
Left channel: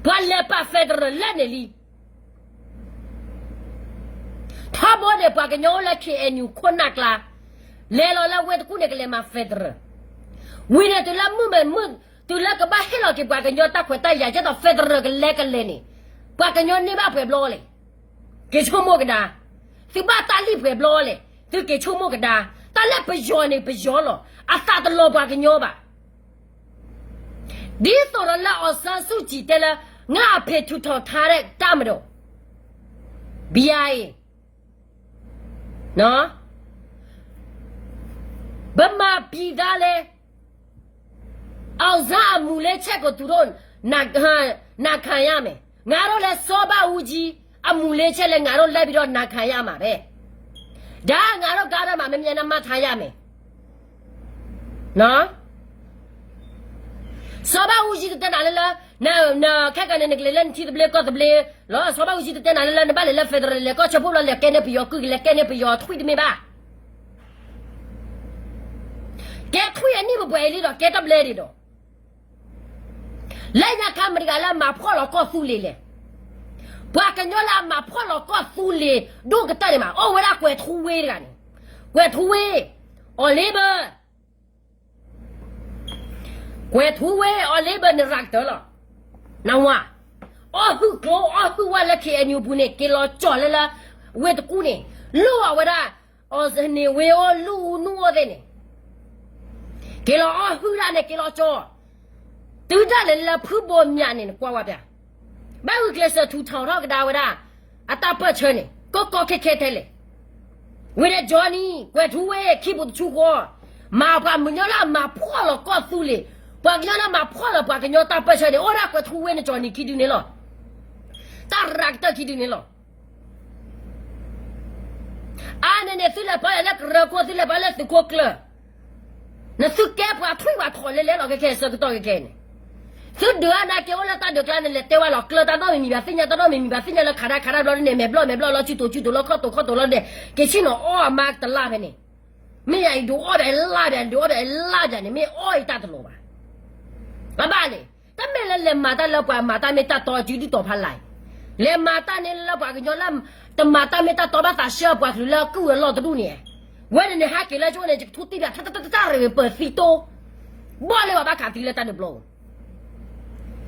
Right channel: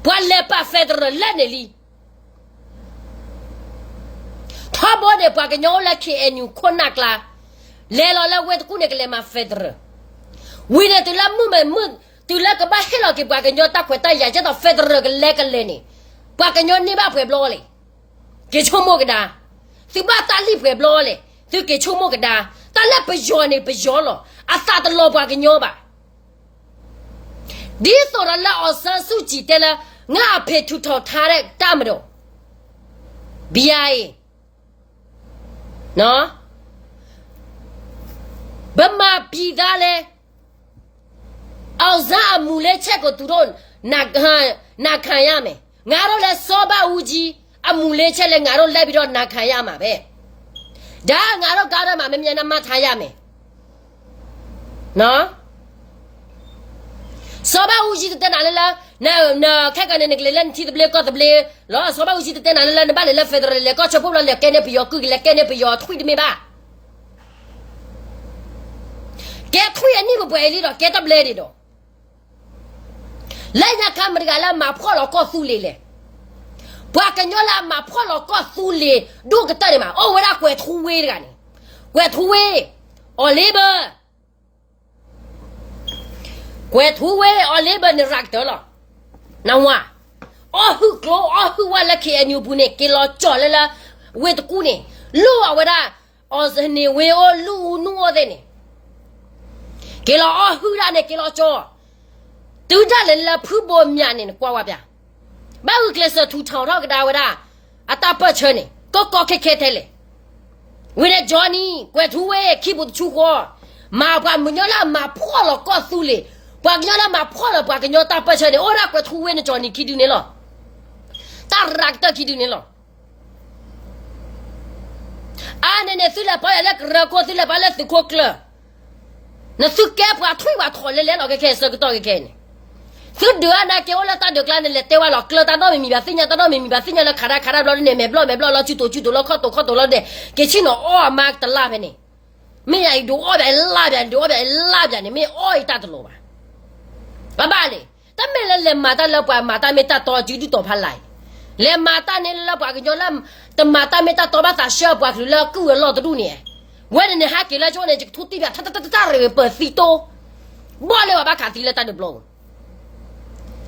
不来把非得人来那里，他不的把个鸟来看你困难啦，来了为的姑娘个来嘛非得人，为了对了我对了个把黑了给把个鸟打快打呀，叫到非得人个来个来呢，把个鸟你把不不嘞，给臭么个哒，就把打理不不嘞，就给臭么个哒，打来不要呢不要了，啊啥的老把个鸟吧。你说了那2手机的了，我陪出头他的打不着，别哎，喏，不嘛别的嘞，啥木来吃个土头，那看呀没，我都来烧把乌鸡，啊木来吃嘞，我都来不着那看呀嘛呗，这我都搞得嘛没那嘛看呀没，喏。烧把乌鸡都在哪里了？那看看那个来，你听的不来，搞的不来。老烧把乌鸡都在哪里了？你把来飞到来，搞吃不了来，干那不要，狗来干那不要，推的没吧？干推啊！你不爱的了，干到不来的了。来家看没得个了，马跑了搞苏里嘞，不跟着了马跑了搞苏里，都个得的嘛？哦，我那怪土味的呢，怪土味，哦来吧。怪土味哦，那边你rak得了，那我，我来看牛不呢，给老叫来了，为的姑呢，路啊我的，是呢为我路挪的呢，给老后来呢给老叫，都在来了铺包面呢，刮我边，把我给是土长个的我的，啊打不成呢，高开台嘞，为了叫你怪土味，起不出货，马把没鸟了，马破了告诉你。把个鸟嘛破了，把个鸟打不成的，我那个土味的叫你去丢你了，打那个去丢你了。啊，那虽然把那个热锅，虽然把那是锅了，那是干把腿把拖来那个开始个到个开呢。所以那给我那打掉个那台湾了，个打到明白，新疆打到明白，新疆了看到了呢，买不了，去多了，靠多了的，给钱了哦，妈的拉边呢，没有多200拉边的，没2打的了吧？爸爸嘞，他没来马达老板，马达没打多就多怕来，来马达呢老板个叫那，等马达没打多把大小把去了，够老的路呢。我呢还给了叫呢这个土地边，他了不飞多，我了把卡地了打的不咯，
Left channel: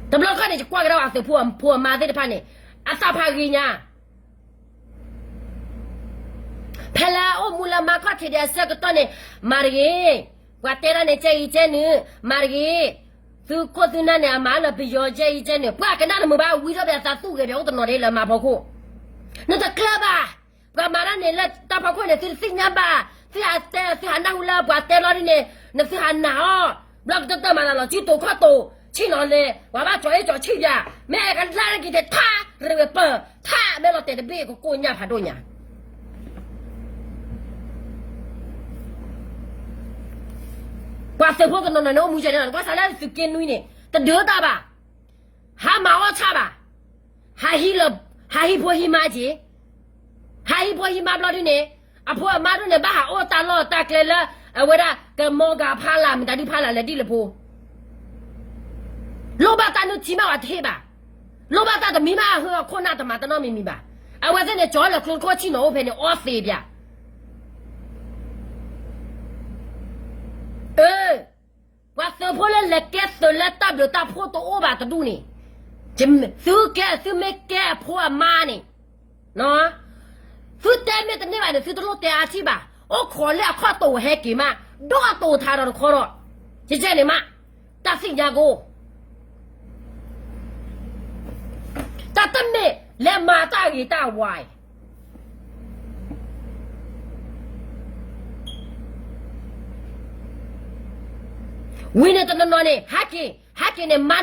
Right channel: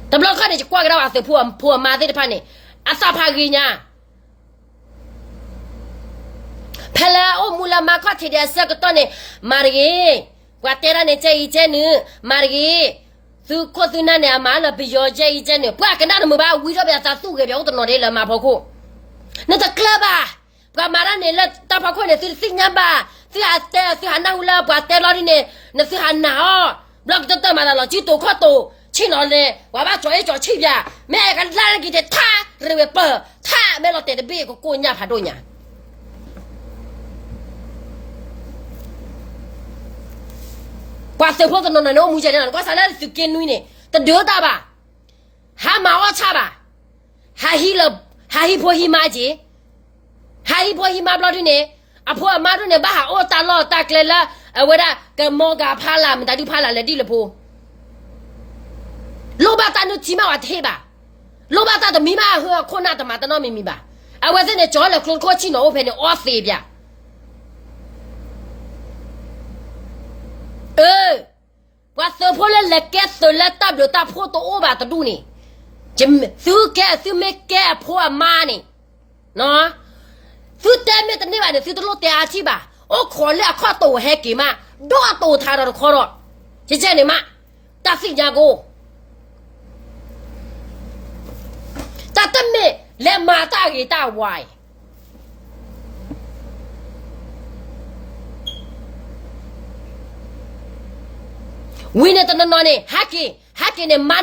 打不咯看呢就挂个瓦斯破马的怕呢，啊啥怕人家？拍了我木了马卡提的是个多呢，马的，我带了呢这一件呢，马的。就可是那呢，买了不要这一件呢，不跟那么把为了别啥数个别我都拿来了嘛，包括那个club吧，不买了呢了，大包括呢是新年吧，是还那乌了，不带了的呢，那是还拿不要等嘛了，几多块多，去哪里？我把做一做去呀，每个男人给他认为不，他没了带的别个过年怕多年。我生活个弄我目前人，我啥来是跟女呢？他丢大吧，还骂我差吧，还黑了，还黑婆黑马姐，还黑婆黑马不了的呢。啊婆马的呢，把哈我打了打来了，为了跟毛个怕了，没打就怕了来地了婆。老板打都起码我贴吧，老板打的密码和可能的嘛的那明白。啊我在那找了可去那我陪你我飞边。我生活了来干手来打不打破都我把的路呢，就没干破妈呢，喏。是对面的那玩意是都落地去吧？我考虑考多还给嘛？多他都考了，就这样的嘛？打新加坡，打对面来马大给打歪。为了那呢，还给呢马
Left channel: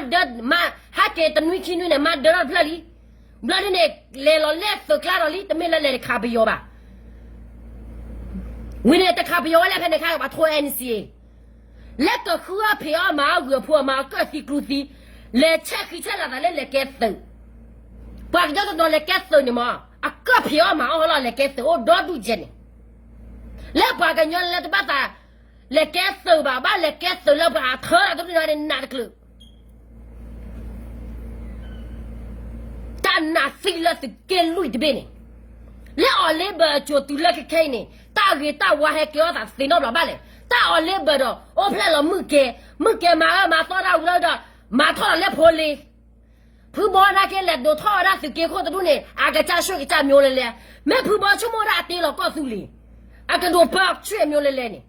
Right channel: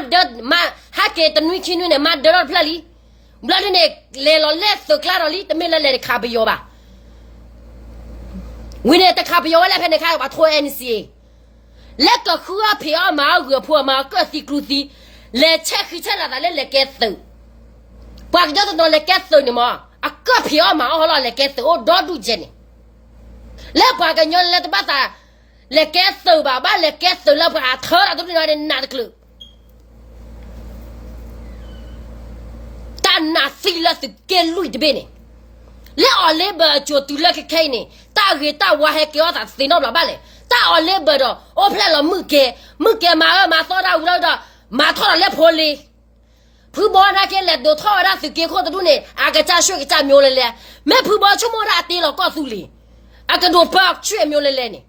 还给的女亲呢马得了不哩？不然呢，来了来手卡了里，都没来卡不要吧？为了卡不要，来陪你看我拖 NC， 来个喝票嘛，饿破嘛，各式各式，来吃了来改手，把个叫做来改手呢嘛，啊个票嘛，好了来改手，我多多钱呢？来把个鸟来把它来改手吧，把来改手了把头了都给人拿的去。那谁了是跟路的边呢？来二来不就丢了个开呢？打我还给我打谁闹老板嘞？打二来不的，我骗了没给马上他无聊的马套了来破嘞。婆婆那个来都套那是给好的路呢，啊个家学个家苗来嘞，没婆婆出门他对了告诉你，啊个多包全苗来嘞呢。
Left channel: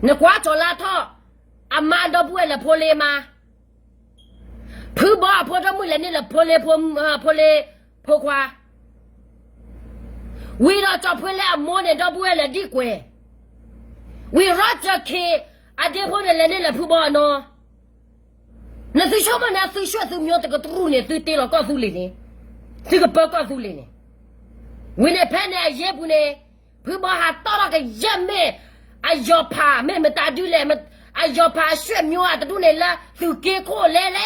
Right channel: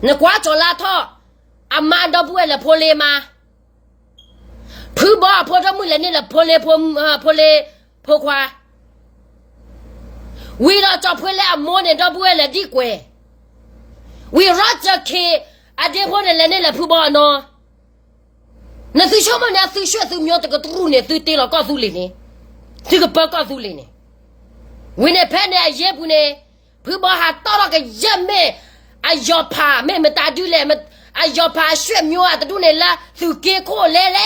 那挂着那套。阿妈都不为了破嘞吗？破着木来你了破夸，为了找破来摸呢都不为了地贵，为了这开阿爹破的来你了破呢？那最什么呢？最学最苗这个路呢？最对了告诉你呢，这个不告诉你呢，为了拍呢也不呢，破还到了个人没，啊要怕妹妹打丢来么？啊，要怕血苗啊，都来了，就给过来嘞。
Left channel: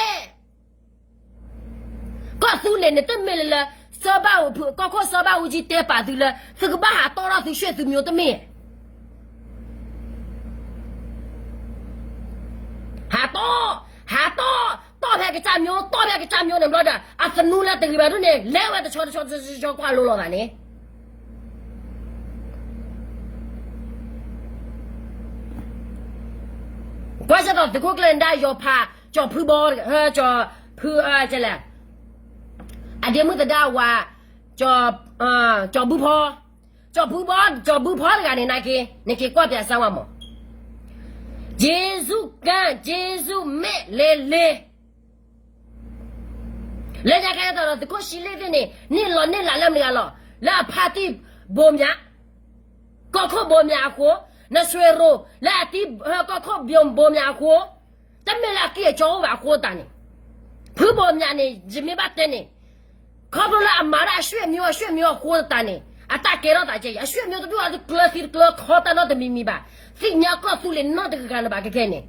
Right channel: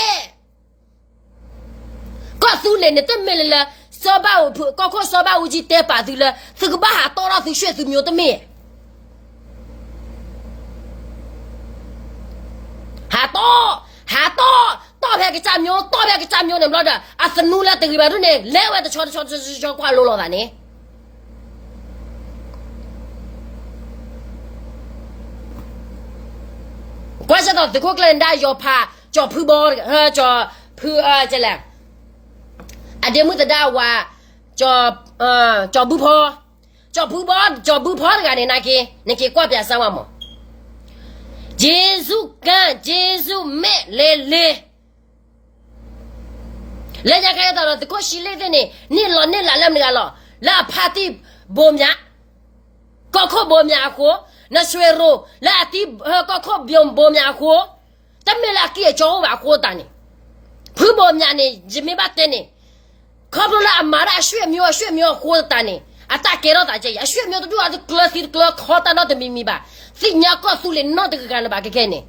告诉你，你都没了，烧把我刚刚烧把我去带把头了，这个把还到了是血苗的没？还到拍个炸苗，你不知道？啊，是努了这个把头呢，来外头敲挂落了呢。我晓得这个人家要怕叫婆婆叫婆这嘞，啊，这么子的话叫婆婆的个那个挂边上嘛，结束没来，人家看到了这个系列的呢，你来那了，那怕的不命，高考不命活。那水肉，那地个靠边包面货，咱们那给叫我货单呢，不包面呢，就没把单呢，靠不了马拉血苗货单呢，啊，大给了大家呀，血苗都多少个靠单了的秘密吧，谁你要告诉你那这个干了吧，给看呢，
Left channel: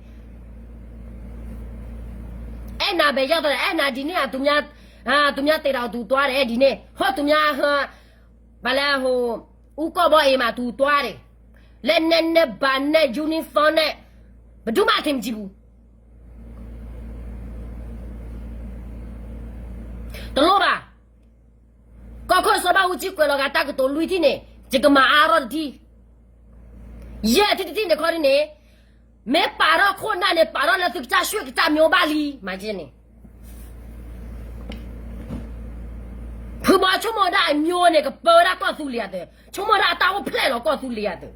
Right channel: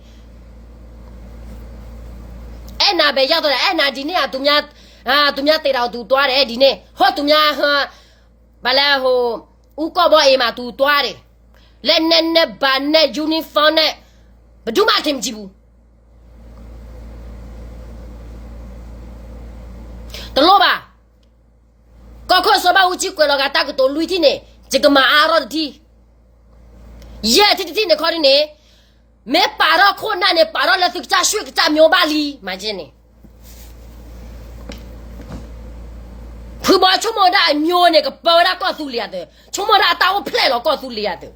哎，那边叫的，哎，那今年都对到都多的，哎，今年好都完了后，我搞不哎嘛都多的。来那班那 uniform 那，不就马天几步？懂了吧？高考说把我几过了个打个多累的呢，这个马阿拉的题，也天的考的呢，没把到困难的把到了这个家学个家苗把里，买进呢。婆婆出门的苗那个包他告诉你的，出门的打我拍了告诉你的。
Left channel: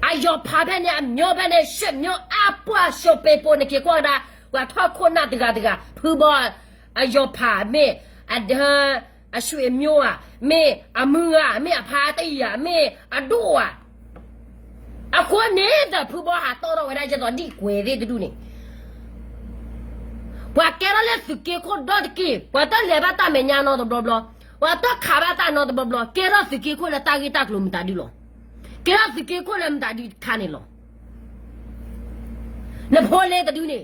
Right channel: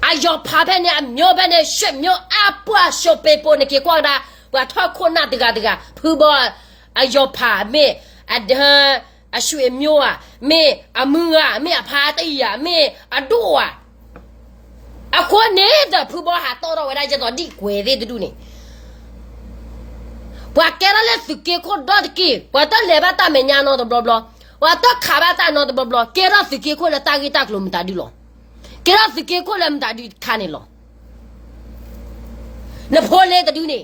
啊，要怕拍呢，苗拍呢，血苗啊不小白包呢，给光的，我他困难这个，婆婆啊要怕没啊 a shui myoa me a munga me a party me a doa a ko ne da pubo ha to ro wa je to di kwe de du ni wa kera le suke ko dot ki wa ta le ba ta me nya no do blo blo wa ta kha ba ta no do blo blo kera suke ko le ta gi ta klo mta di lo kera suke ko le mta di kha ni lo le phole de du ni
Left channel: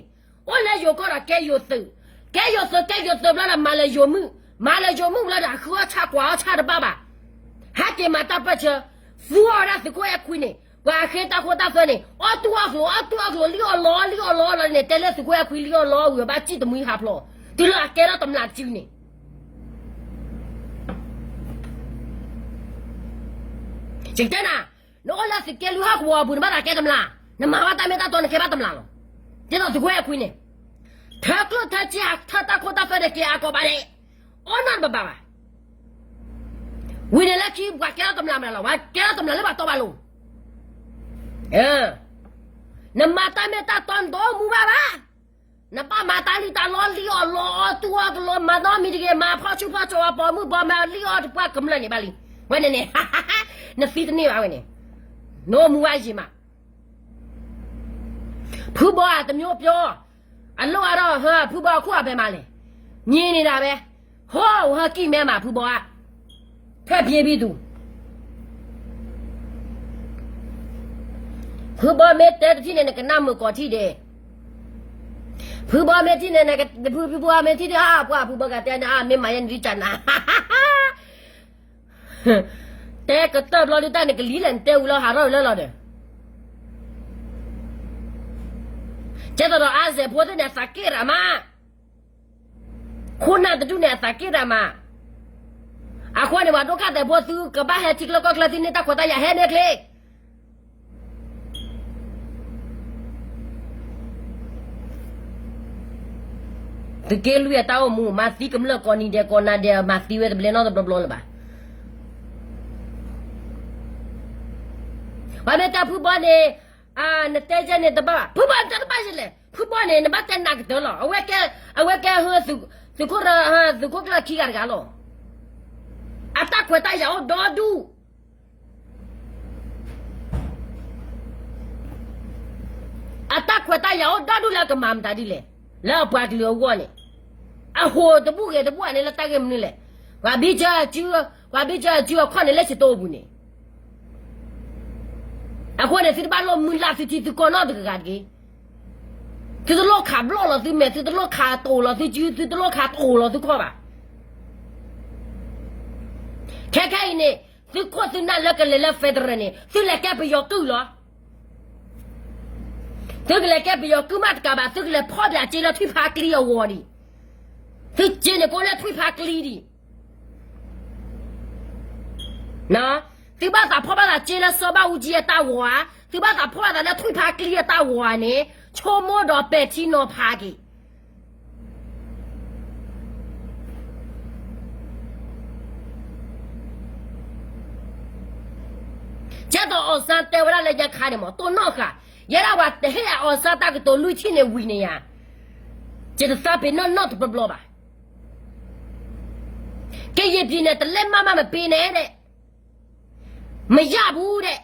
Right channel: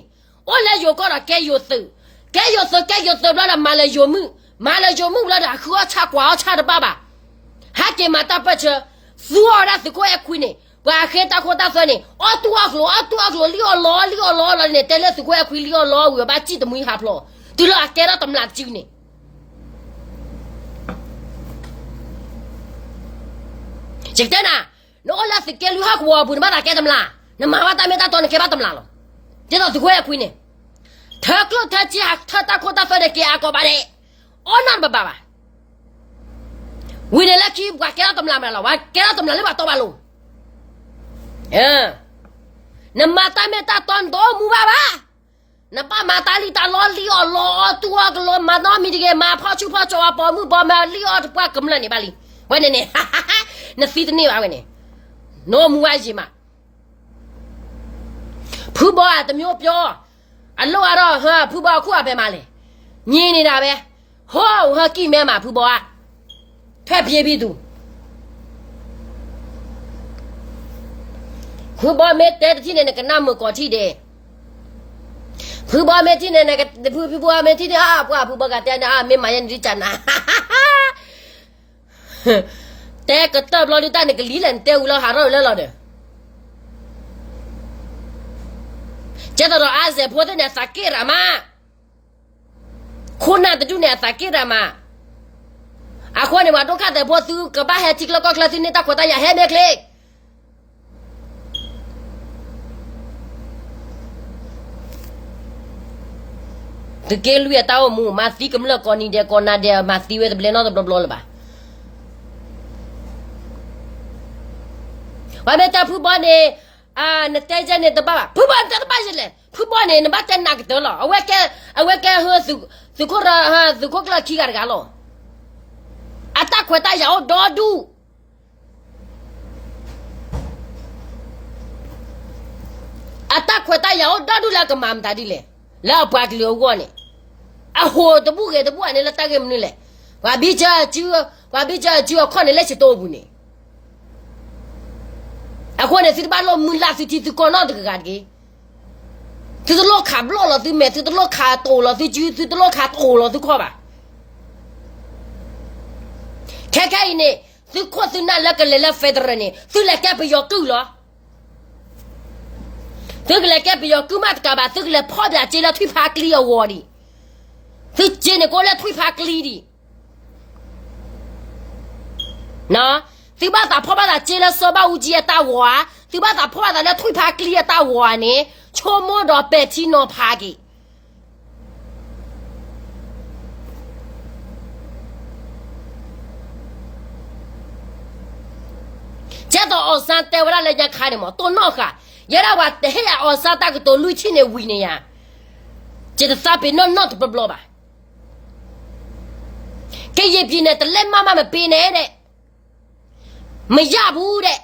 o le yo ko ra ke yo su bla la ma le yo mu bla da khu cha kwa cha de ba ba ha ke ma ta pa che su ora su ko e khu ni wa khe ta ko ta so ni o tu a klo li o lo ne te le su ko e khu li o lo wi ba chi de mu ha plo ti lo a ke ra tam la chi ni chik ta na no la su ke lu ha ko bu ma ta ke tam la na ma wa ta me ta to ne ke ba tam la lo ti lo su ko e khu ni thak lo tha chi ha tha ta ko ta so ne ke a ko ba de o nan ba ba wi ne la chi wa ke ra tam la ma la wa ke ra tam la le ba to ba lo na mata me ta ton do mu ba na pa mata li ta lo li o lo tu o lo ma no mi de ma pho chu pho cho po mu bo ma li o pa kam la ni ba li wa ne na fi de ni ba wa ne no mu wa ji ma phu bo a ta myo pyo a lo a ro ha phu bo khu a be ma le ni ni da be ho ha ki me ma phu bo a thwe pye bi tu phu bo me te ti ne ka na mu ko ti de phu bo me ti ne ka phu bo me ti de a phu bo ka te na a me ma yan ri cha na te ka ta lo li ta ne ka li len te u lo ha ro lo de che to a se pho de ne sa ke ra ma khuna de du ne sa ke ra ma a khwa ne wa to ka de pho su ka ba he ti lo ko kla tu ne ta ko ta ya he me kle the girl we ta mu ma si kem lo ko ni de ko na de ma si we de ble no de blo la ba wa me ta phu bo ne a ne te je ne de ba phu bo ta ba je le phu bo ne ne ba te na ke de lo a we ke hu su ko ra ha su ko kla ki ga lo a ta ko ta ya o do du a ta ko ta ya o do du la ka mam ta di le la pa ti lo ko ne a ho de bu ne la ta ke mu le wa bi cha ji ko ne le chi to bu ne a ko ne si ba lo mu la si ti ko no de ga ge ti lo kha blo lo ti me ti lo kha to lo ti ji ti lo kha to lo ti ko ba ke ne si ko si na la ke le la federal ne si la ta pe yo tu lo tức là cái bây giờ cứ mắt cả bà tức là phó đã chỉ là thuy phá clear war đi thì chỉ này có là thuy phá clear đi nó thì bà ta phó bà ta chỉ là số ba uji ta war thì bà ta phó bà ta là thuy phá clear ta war này cho mua đó bé thì nó phá cái chắc đó ở sang tây vào là nhà khai này mà tôi nói cả yara wa te ya o sa ta ko to lu chi ne wi ne ya che ta sa pe no not blo ba ke ye pi ne te le ma ma me pe ne de ma ya bu de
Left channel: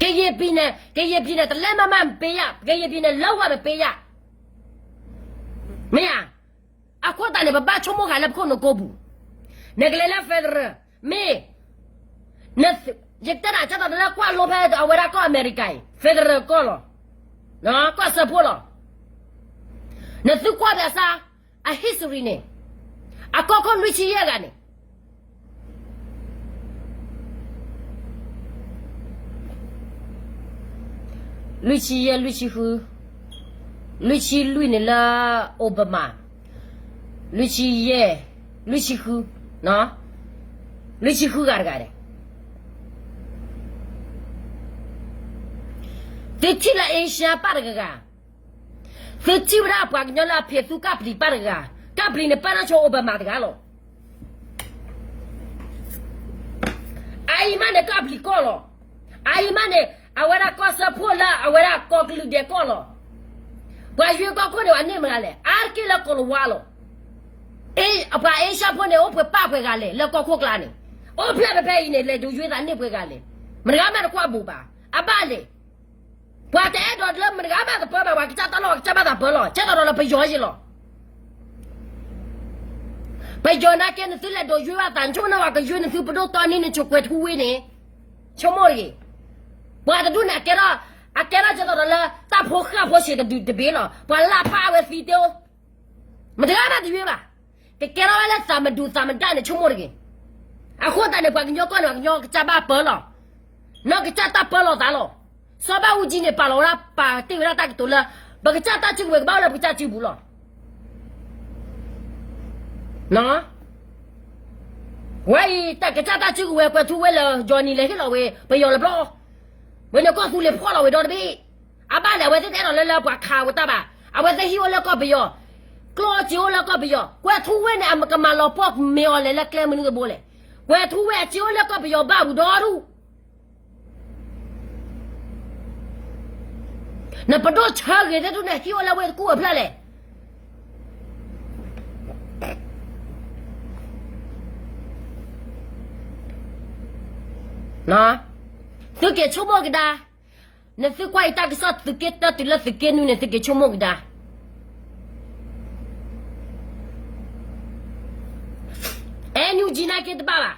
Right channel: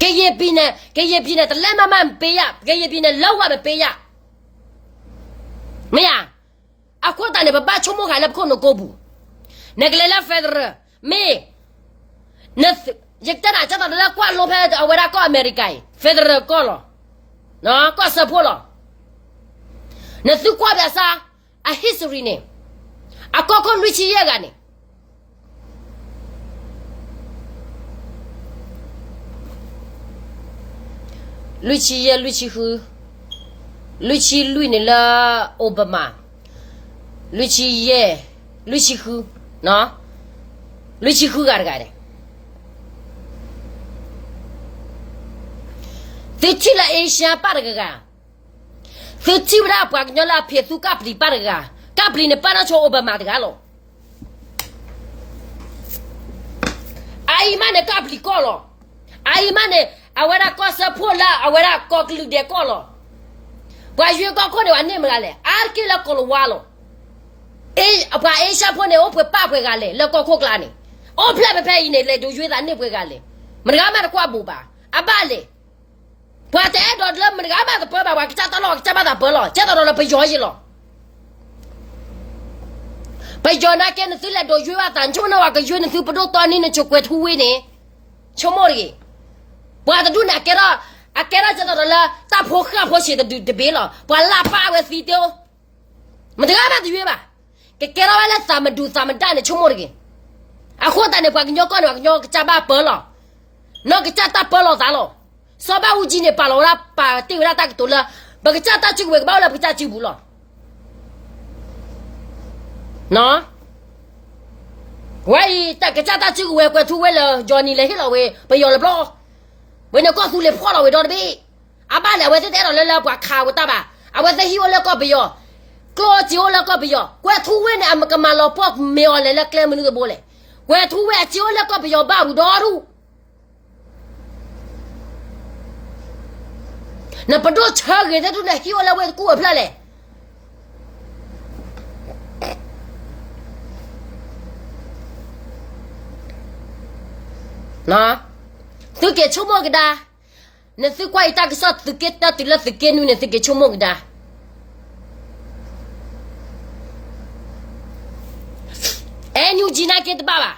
ke ye pi ne te le ma ma pe ya ke ye pi ne lo wa me pe ya me ya a ko ta ne ba ba chu mo ga la ko no ko bu ne ke le la fedra me na yekta na cha ta la kwa lo phe a we ra ko America federal ko lo no ko support lo na su kwa ba sa a history ne a ko ko lu chi ye ga ne lu chi ye lu chi hu lu chi lu ne la Obama lu chi ye lu chi hu no lu chi hu ga ne thì chỉ là Asia par ga thì chỉ là bắt nhau là phía su cáp đi par ga cáp đi này par cho Obama ga lo ai mà này cáp đi co lo ai mà này awara co support la awara co clue de co lo ဘာရွှေကောက်ခွတွေအနေမကလဲအားကိလကောလဝါလောအေးအပါအေးရှာဖွနေအဖွပဖွကလေလက်ကောက်ခွကလာနေအော်ဖလက်ဖက်နေလေတို့ရွှေသားနေဖွကလေမရမကွာဘူပါအပါလေဘာတဲ့တော့လမရမတပေါ်ပါကချတော့ချပါတာဘောလောချက်တော့လပယောရှိလောပယောနာကဲနသီလက်တို့ရွှေဝတန်ချုံနဝကရွှေနသီပတော့တန်းနေချုပ်ွယ်ထူဝေးနေချုံမော်ရီဘာတူနာကဲတော့အကဲရချက်တော့လာတဖို့ခါဖို့ရှိတဲ့တဘေးလောဘာလာပါဝစီတောမတကားမတရွေးပါကဲရဝဲသမဒူသမတန်ချုံမော်ရီအခုတန်နေပါကညောကောနေညောချပါပေါ်လောနော်ကချတာပေါ်လောသားလောစောပါဦးကြီးနေပါလောလာပါတိရတာကတူလာဘကချတာချူဝဲဘာလာပချချူဘူးလောနော်ဝဲတကချတာချူဝဲကွထူဝဲလောဂျော်နီလေဟီလောဝဲဘယောလဘလောဝဲနကောသူလေဖွာလောဝဲတော့တပြီအပါလေဝဲတဲ့တော့လဲပွားခါဝတာပါအဝဲသဟီဝဲလောကဘယောကောဂျီဝဲလောကဘယောကွထူဝဲနေအမကမလောပေါ့မေော်လေလက်ကလဲမနုဘိုးလေကွထူဝဲဂျီဝဲလောကဘယောဘာဘူးတော်ရူနပဒိုချာရတဲ့တူလေဟီဝဲလောဝဲကူအဖလာလေနော်သူကချုံမကဒါနသူကွိုက်တာကစတ်သူကတာတူလက်သူကနူနေသူကချုံမကဒါအဲညူဂျီနာကဲတပါပါ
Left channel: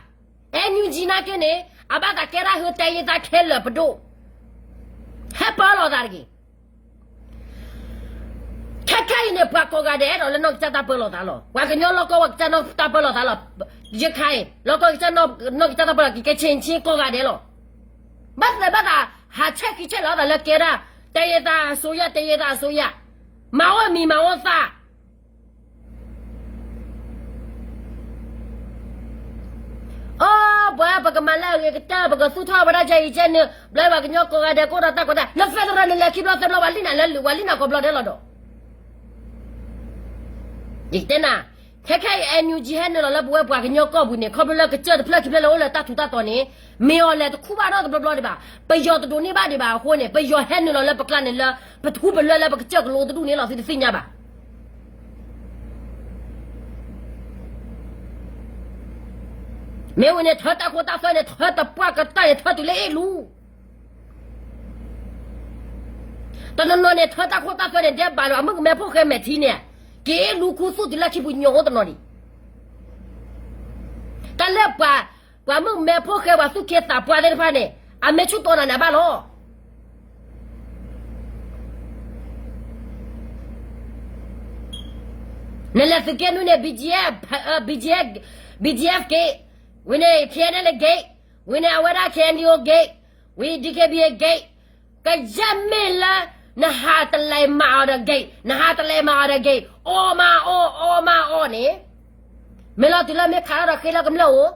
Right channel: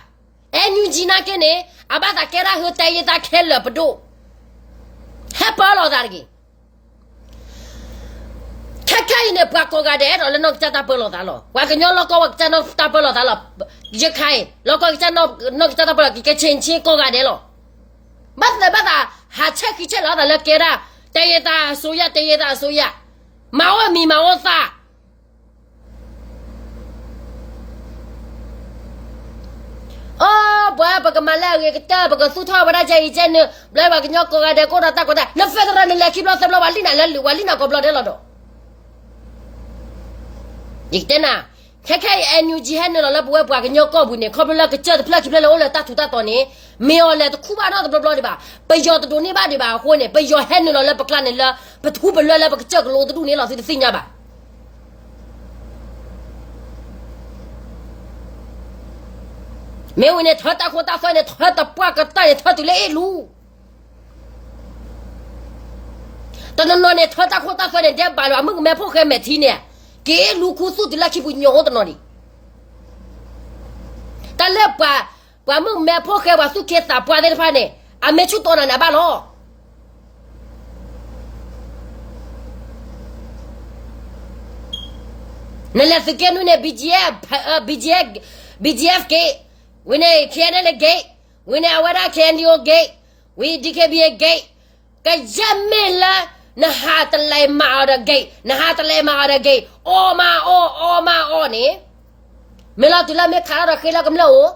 အဲညူဂျီနာကဲနေအဘတာကဲရာဟိုတိုင်ရတာခဲလပဒိုဟပ်ပါလောဒါကြီးခက်ခိုင်နေပါကောကတဲ့တော့လည်းတော့ချတာပလောတာလောဝါကညောလောကဝချနောတာပလောတာလောရခိုင်လောကချနောနောချတာပလောကချင်းချင်းကောကတဲ့လောမတ်လည်းဘာဟာချက်ကြီးချက်လာတယ်လေကဲရာတရတာဆိုရတရတာဆိုရမောင်မီမောင်သာအော်ဘာပကမလာရကတာပကသုထဝရချေချနေဘလဲဘာကညောကောကတဲ့ကိုရတာကောတာနဖက်ရနေလေခိဘလသဘလဝလီနာလေဝလီနာကောဘလတဲ့လောတော့ဒီတဲ့နာခက်ခဲအန်ယူဂျီဟန်နော်လဘဝပွားကညောကောဘူးနေခေါပလကချက်ဖလက်ဖလက်လောလတထူတတော်နေမေော်လေတခုပါတော့ဘလဒီပါပယောတတူနေပါဒီပါဟိုနေပယောဟန်နော်လပကလနေလပထူဘလလပကချက်ကလောတူနေလောစီသိညာပါမေဝနေထတာခိုတာဖိုင်နေထတာပွားကတိုင်ထတူလေလူတနနော်နေထတာခိုတာဖိုင်နေတဲ့ဘာလို့အမမေဖို့ခဲမဲသီးနေကဲလူခုစုတလက်ချိဘူးညောတနော်ဒီတလက်ပါဘာမမဲဖို့ခဲဝါစုခဲတာပွားတဲ့ဖာနေအမေချူတော်နာဘာလို့နလက်စကဲနုနေ BGF ကေဝိနေခဲနေလေဂိတ်ဝိနေအဝရခဲန်ဒီယိုဂိတ်ဝီဒီကေဘီဂိတ်ကဂျမဲလာနဟာတလေမာရဂိတ်နဟာတလေမာရဂိတ်အော်မာအော်နေမေလာတူလာမေခါရခဲလာကမလို့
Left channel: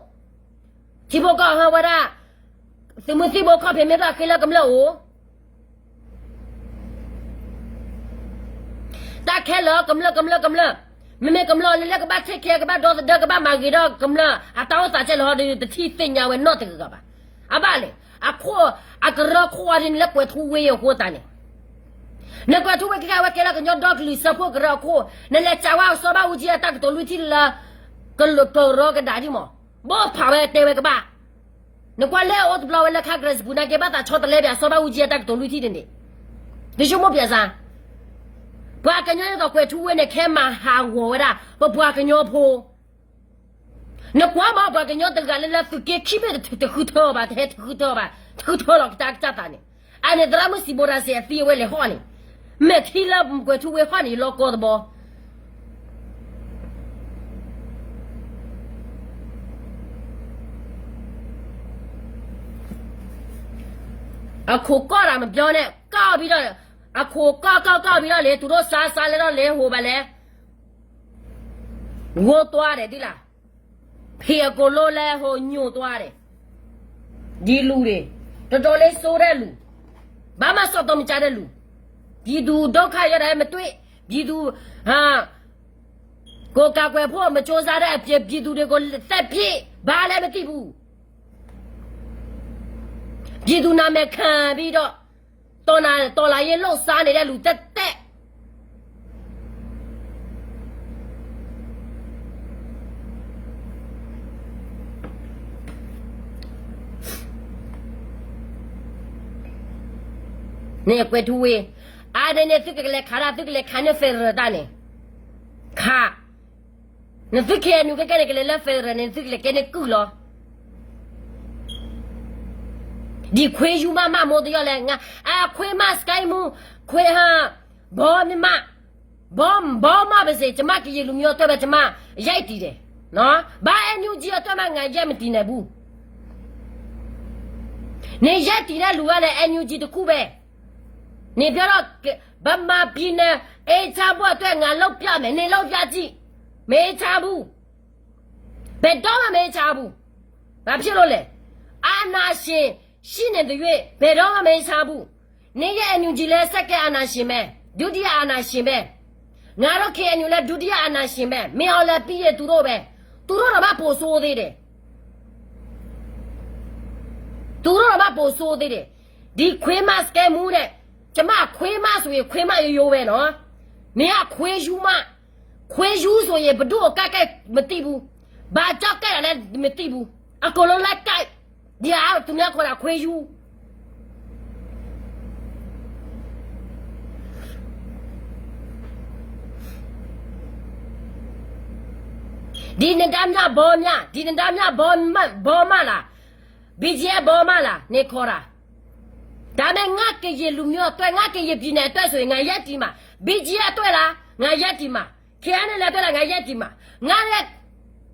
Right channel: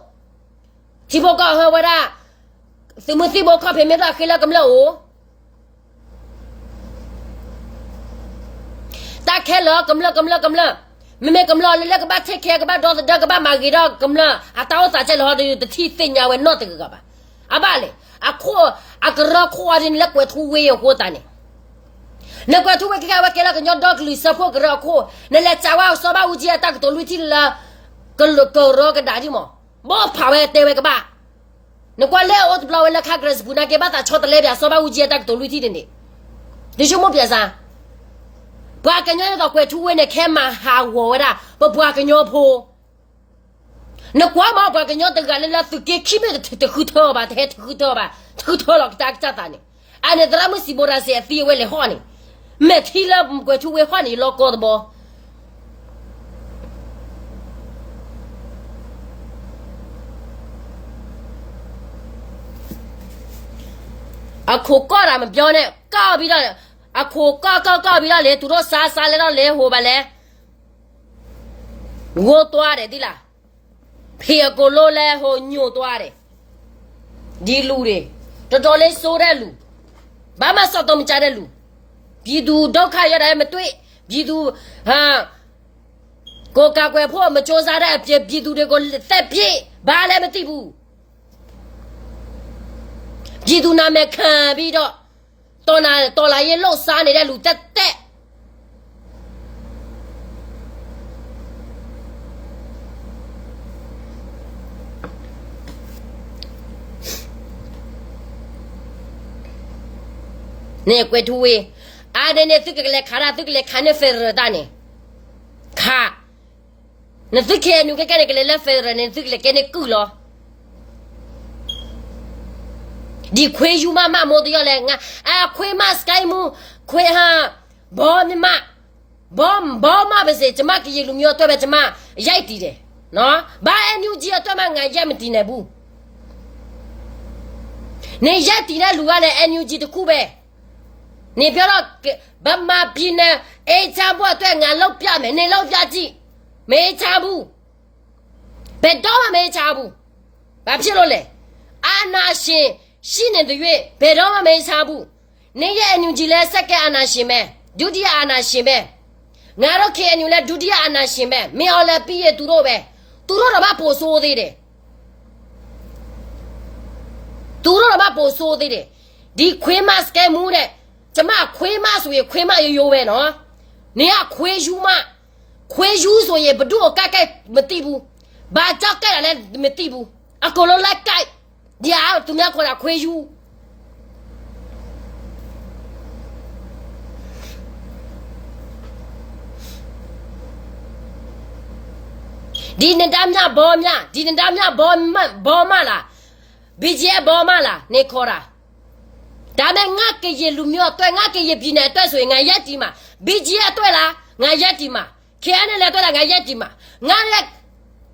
ချိဘောကဟဝရစမစီဘောကဖေမေရာခဲလာကမလို့တာခဲလာကမလို့မေကမလို့လေကဘာချက်ခဲကဘာတော့ဒကဘာမာဂီတော့ကမလို့အတောင်းစာချက်လို့တတိသိညာဝဲတော့တကဘာအပါလေအခုအကရခွာရင်လက်ွယ်ထူဝေးဟိုတန်နေလက်ကွာသူဝဲကဝဲကလာကညောဒေါကလီစဖို့ကရခိုနဲလက်ချာဝါစောဘာဦးကြီးအတက်တော်လူတီလာကလကရောကဒါဒီမောဘောဖာဝဲတဲဝဲကဘာနကွာလဲအော့ဘလဝဲလက်ခါဂရက်ဘူးနာကေဘာတာချောတလဲဒါစောဘာဦးကြီးအတက်တော်လူတီတင်နေဒီရှုံမပြစားဘာကညောတော့ကွယ်ထူဝဲနဲ့ခဲမဟာဝေါ်ရဘွားကညောဖိုနကွာမဘာကညောတကလည်းလက်သူကေခိမေတခုထောပါတဲ့တခုထောပါတခုထောလောက်တက်တာနေအဲ့ဒါမစီဘောရစေအတီဝဲလေဟောနေမဲထီလာကွယ်ထူဝဲဟောနေလောကောဘောအခုကောတာမပြောနဲ့ကောက်ပြီးတော့အခုကောက်ပြီးတော့လေသူတို့စားလေတော့လေဟိုပါလေငိုသွားတယ်ဒီလားဖေကိုလိုလဲဟိုညိုသွားတယ်ဒီလူတွေတော်တော်လေးစိုးတဲ့လူဘာမှစောက်တော့မကြတဲ့လူပြည်သူဒုက္ခရတဲ့မတွေ့ပြည်သူဟာကိုကကွယ်ဖို့မစ조사တဲ့အပြည့်ပြည်သူတွေကိုသက်ပြည့်ဘာလည်းမသိဘူးပြည်သူနာမည်ခံပြီးတော့တော်လာရင်လှုပ်ရှားနေတဲ့လူတက် ne kwe tuwe ade ne tukle khara tukle khane federal ta ne kha ne tukhe nu ke ke le federal ne tukle ke ne ku lo di kwe yu ma mo de yo le nga kwe ma sky mu kwe ha bo mi ma bo ma ba se chama ki lu myo to ba chama yai ti de no ba enu ji to ma nga yai ma ti ne bu ne yai ti na lu ga le enu ji de ku be你不要把马屁呢？差不多对俺老表们，你老表姐没差不，别到嘛没差不，把屁了嘞！俺那些新年的月，别到嘛没差不，你也牛进来啥个俺那些没，就地俺那些没，俺老看牛来就地俺那些没，没好来毕业读了呗，读了他妈不说的嘞，读了他妈不说的嘞，你亏嘛是该么嘞？怎么亏嘛所以亏嘛也有喂喏，你要亏输嘛，亏输所以不多改没地步，把这改来没地步，可能来改，你要怎么样可能亏输？ဒီနေ့တမ်းများဘောများဒီနေ့တမ်းများဘောမလားဘီဂျီဘောမလားနေခေါ်တာဒါနဲ့ငါကရေလူမျိုးအတွက်ငါကရေပြည်နယ်အတွက်ဆိုရင်ငါရက်တီမှာ BG အတွက်လားငါရက်တီမှာ KN လည်းအတွက်လားငါရက်တီမှာငါရဲ့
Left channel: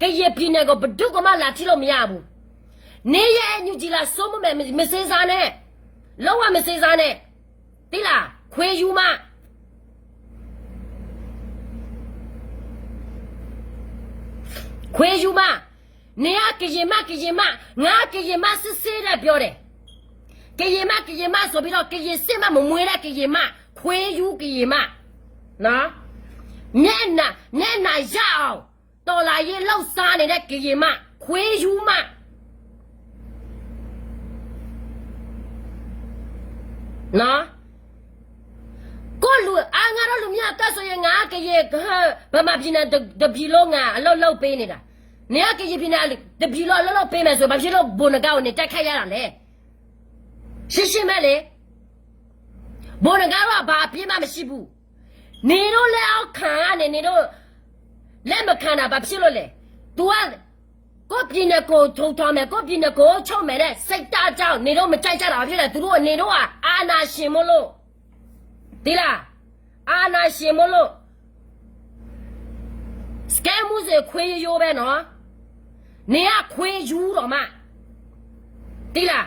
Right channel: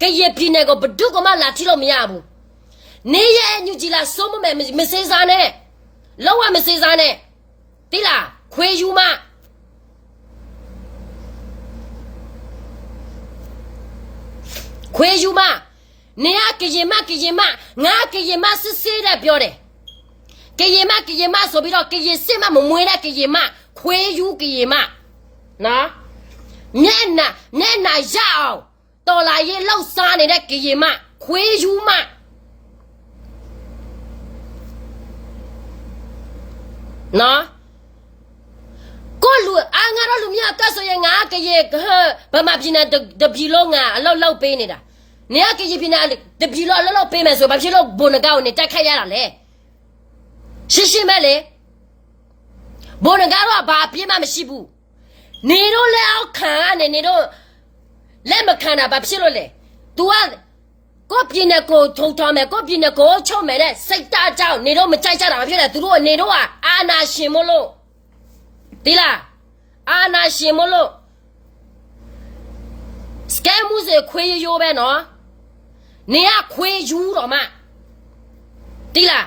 ကရေပြည်နယ်ကိုဘဒုကမှလာထိလို့မရဘူးနေရဲ့ညူကြီးလားစိုးမမယ်မစေးစားနဲ့လောက်ဝမစေးစားနဲ့တိလားခွေယူမခွေယူမနေရကရေမငါကရေမစစ်စစ်တဲ့ပြောတယ်ကရေမဆိုပြီးတော့ကရေစစ်မမမွေးတဲ့ကရေမခွေးယူကရေမနော်မျက်နှာရအောင်တော်လာရေးလောက်စားနေတဲ့ကရေမခွေးယူမနော်ကိုလူငါတို့လူမျိုးတက်ဆိုရင်ငါကရေဗမာပြည်နဲ့တပြည်လုံးငါအလောက်ပေးနေတာနေကရေပြည်နဲ့တပြည်လုံးအလောက်ပေးမယ်ဆိုဘာဖြစ်လို့ဘုံနကောက်နေတက်ခတ်ရတာလဲရှင်းမဲ့လေဘုံကတော့ဘာပြင်းမှမရှိဘူးနေတော့လက်အောက်ခံကနေနေတော့လက်မခံတာဘာဖြစ်လို့လဲ तू ကကိုပြင်းနဲ့ကိုထုံထောင်းမယ်ကိုပြင်းနဲ့ကိုချုပ်မယ်တဲ့စိတ်သားကြောင့်နေတော့မကြိုက်ကြတာဖြစ်တယ်သူတို့ကနေတော့အာနာရှင်မလို့ဒီလားအာနာရှင်မလို့စကဲမှုစေခွေးရိုးပဲနော်နေကခွေးယူတော့မှဒီလား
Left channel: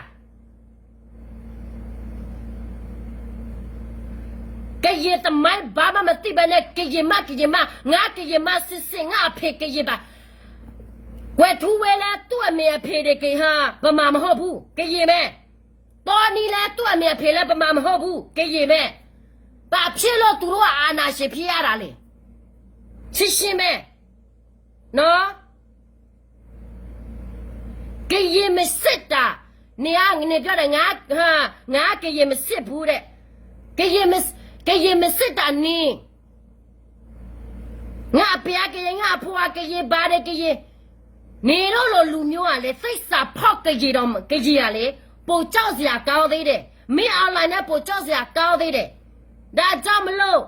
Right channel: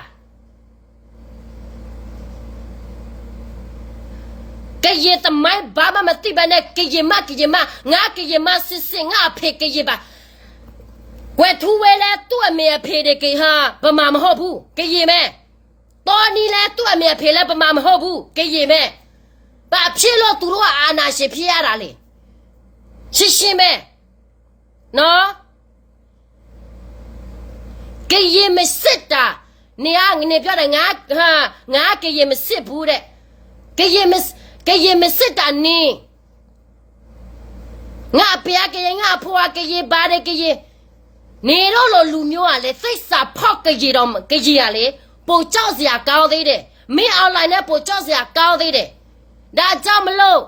ကရေတမိုင်းဘာမှမသိပါနဲ့ကရေမငါကရေမစစ်ငါအဖေကရေပါဝဲထူဝဲလဲသူ့အမေအဖေတွေကေဟာဗမာမဟုတ်ဘူးကရေမဲတော်နီလဲသူ့အမေအဖေလဲဗမာမဟုတ်ဘူးကရေမဲဘာဖြစ်လို့သူတို့အာနာရှင်ဖြစ်ရတာလဲရှင်းမဲနော်ကရေမစစ်တာနေပြောတယ်ငါကရေမစစ်ဘူးတဲ့ကရေမစစ်တာနေငါပြကရေငါဖွာကရေဘာတဲ့ကရေနေတော့လူမျိုးကလေစိတ်စာဖောက်ကရေတော့ကရေကလေပိုကြောက်စရာကောင်းသေးတယ်မင်းအွန်လိုင်းနဲ့ပိုကြောက်စရာကောင်းသေးတယ်ဒါကြောင့်မလို့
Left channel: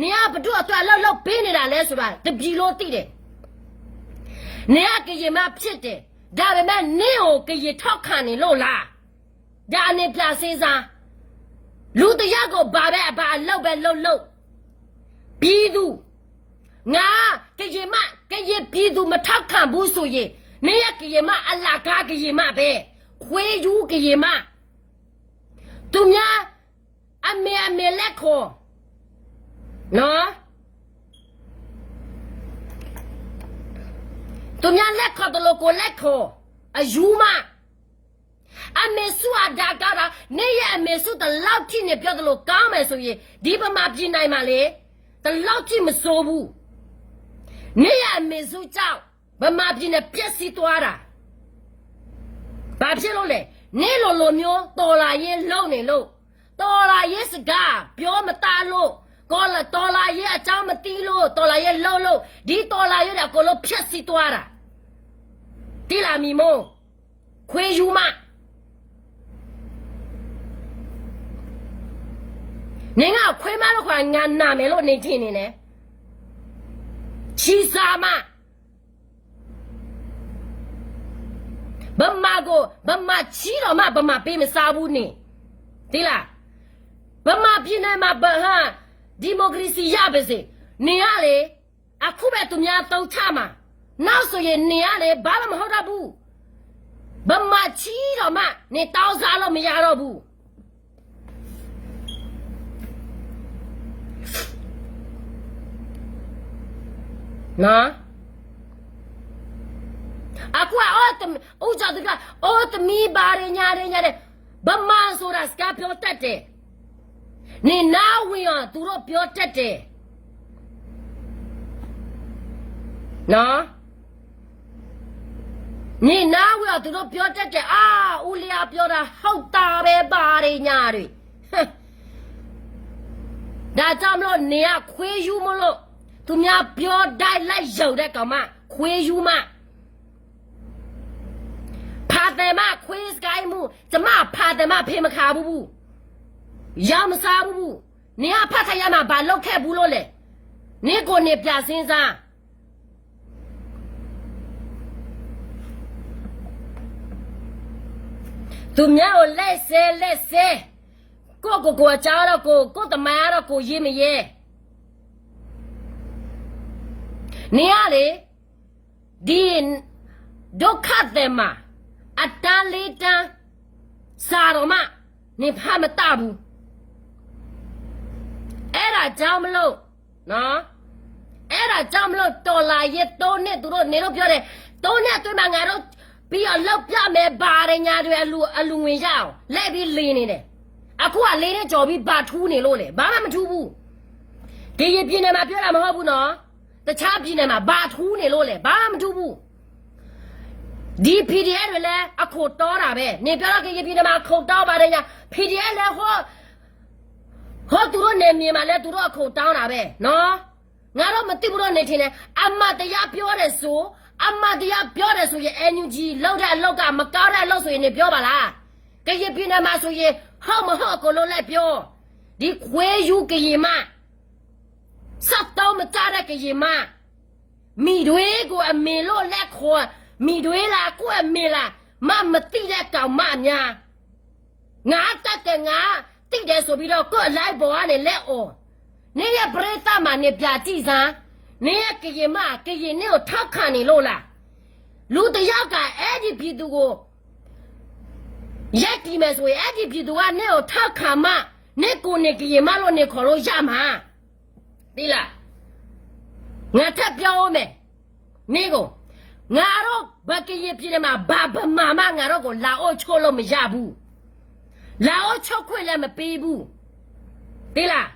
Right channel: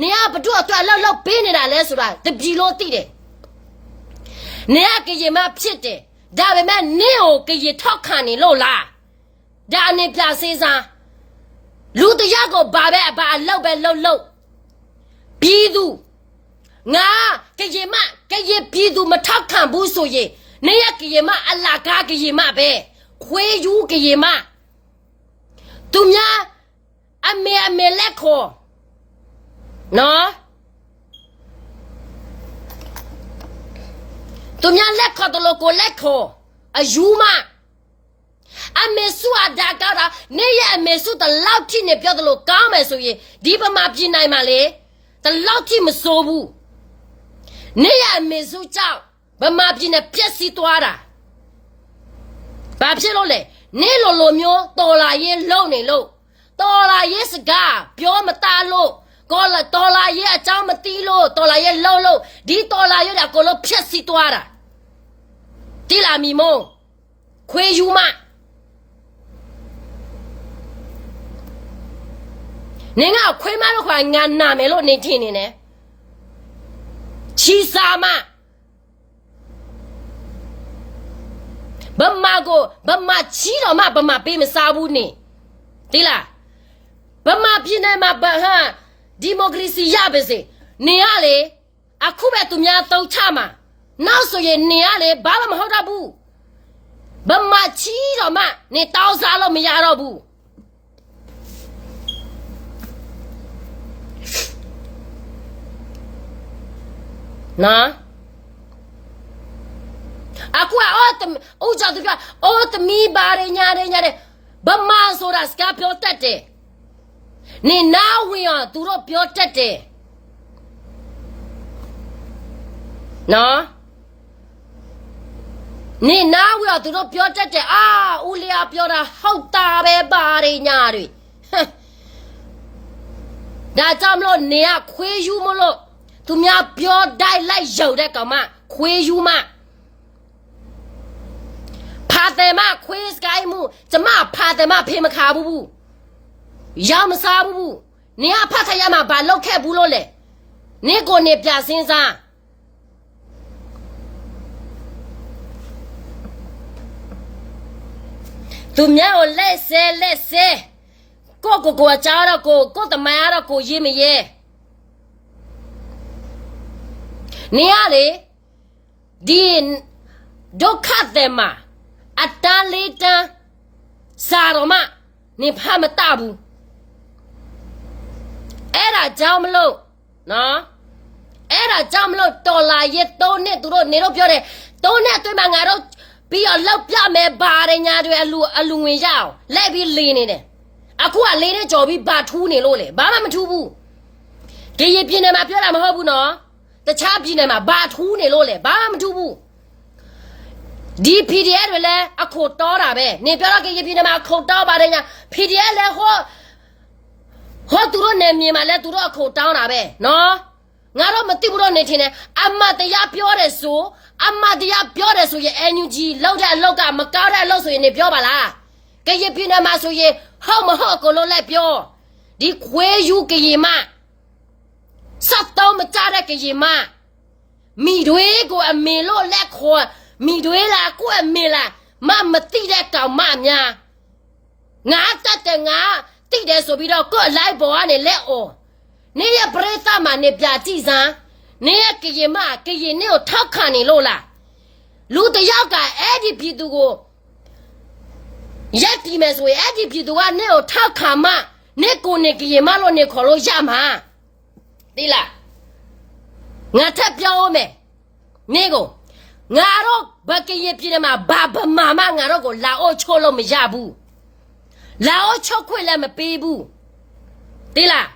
နေကဘသူ့အတွက်လောက်ပေးနေတာလဲဆိုတာတပြီလို့သိတယ်နေကကရေမဖြစ်တယ်ဒါပေမဲ့နေကိုကရေထောက်ခံနေလို့လားဒါအနေပြစေးစားလူတရကိုဘာလောက်ပြည်သူငါကရေပြည်သူမထောက်ခံဘူးဆိုရင်နေရကရေမအလာကားကရေမပဲခွေးယူကရေမသူများအမေလက်ခေါ်နော်သူများလက်ခေါ်တယ်လို့ကိုလက်ခေါ်အယူမအမေစုအဒါကားတာနေရအမေစုတလောက်ထိနေပြောတယ်လို့ကောင်းမယ်ဆိုရင်ဒီပမာပြနိုင်မှာလေတလောက်ထိမစိုးဘူးနေရအမေစုကြောင့်ဗမာပြည်နဲ့ပြက်စီးသွားတာဘာဖြစ်လို့လဲနေလိုမျိုးတော်လာရေးလုံနေလို့တော်လာရေးစကားပြောမသားလို့ကောလာတော်လာရေးအကြောင်းမသိလို့တော်လာရေးလုံလို့ဒီတော်လာရေးကကိုလို့ပြက်စီးသွားတာတိလာမီမို့ခွေးယူမ Ninga kwema kwa ngana melo ni tini ne. Chisama. Bama go bama chiro ma bama pim sabu ni. Tila. Bama pine ma baha democracy yabese. Niale akube tumya tau chama. Now so ye niale baba mahoda bu. Bama chiro ma ni tau salo miyaro bu. Na aku uja tu mi bare nyare bama sora ska pyo tatte ni na wiya tu ro pyo tatte na ni na wiya tu ro pyo tatte ulia pyo da hout ta be bare nyare da jam lo ni a khwe yu mo lo tu mya pyo dai lai yau de kaw ma khwe yu ma pha de ma khwe sky mu jama pha de ma phe ma kha bu ya ma sa bu ni a pha kha ya ma ba lok khet bu lo le ni ko ni pya sin sa tu mya o lai se ko cha ro ko ta ma ro ko yi me ye Niale din dokatema atalita saroma ni phamatabu era jamlo no era jamlo tola ye to ne tu ro ne ro pyo de to ne twin ma nga ro pi yo lok pya me ba de nya de alu ngwin ya aw let bi le ni de aku a le ne jaw bi ba thu ni lo le ba ma thu bu ke ye pin ne ma pyo la ma ho bu no The champion ma ba thu ne lo le ba ma thu bu di PDF တွေလဲအခုတောတာပဲနေပြောတော့ကရင်ပြည်နယ်မှာအခုတောပါတယ်ညာ PDF လဲဟောသူတို့နေမြင်မှာလဲသူတို့အခုတောင်းတာပဲနော်ငါတော့မသိဘူးတော့နေထင်တယ်အမတရားပြောတယ်ဆိုရင် NUG လောက်တဲ့အလောက်ကမကားတဲ့အလောက်ဆိုရင်နေပြောပါလားကရင်ပြည်နယ်မှာဆိုရင်ဟောက်မဟောက်ကိုလုံးလိုက်ပြောဒီခွေးယူကရင်မစတ်တော့မကြတဲ့ကရင်မမိတွေကိုအမေလို့လက်ခေါ်မိတွေလားကိုအမေလားမတိတဲ့ကောင်မများငါတတ်တယ်ငါတိတယ်ဆိုပြီးတော့ကို့လိုက်ပေါ်ကနေလက်အော်နေရပရိသတ်မှာနေပြကြည့်စမ်းနေရကရင်နဲ့ကိုထောက်ခံနေလို့လားလူတယောက်ကအဲ့ဒီပြည်သူကိုရက်တီမယ်ဆိုရင်အဲ့ဒီပြည်သူကနေကိုထောက်ခံမှနေကိုနေကရင်မလို့နေခေါ်လို့ရမှာသိလားငါထပ်ပြောအောင်မယ်နေကိုငါတော့ဘကရင်ပြည်မှာဘာဗမာမငါတော့ကိုလာအိုချိုးလို့မရဘူးလာအိုချိုးခွင့်လည်းမပေးဘူးသိလား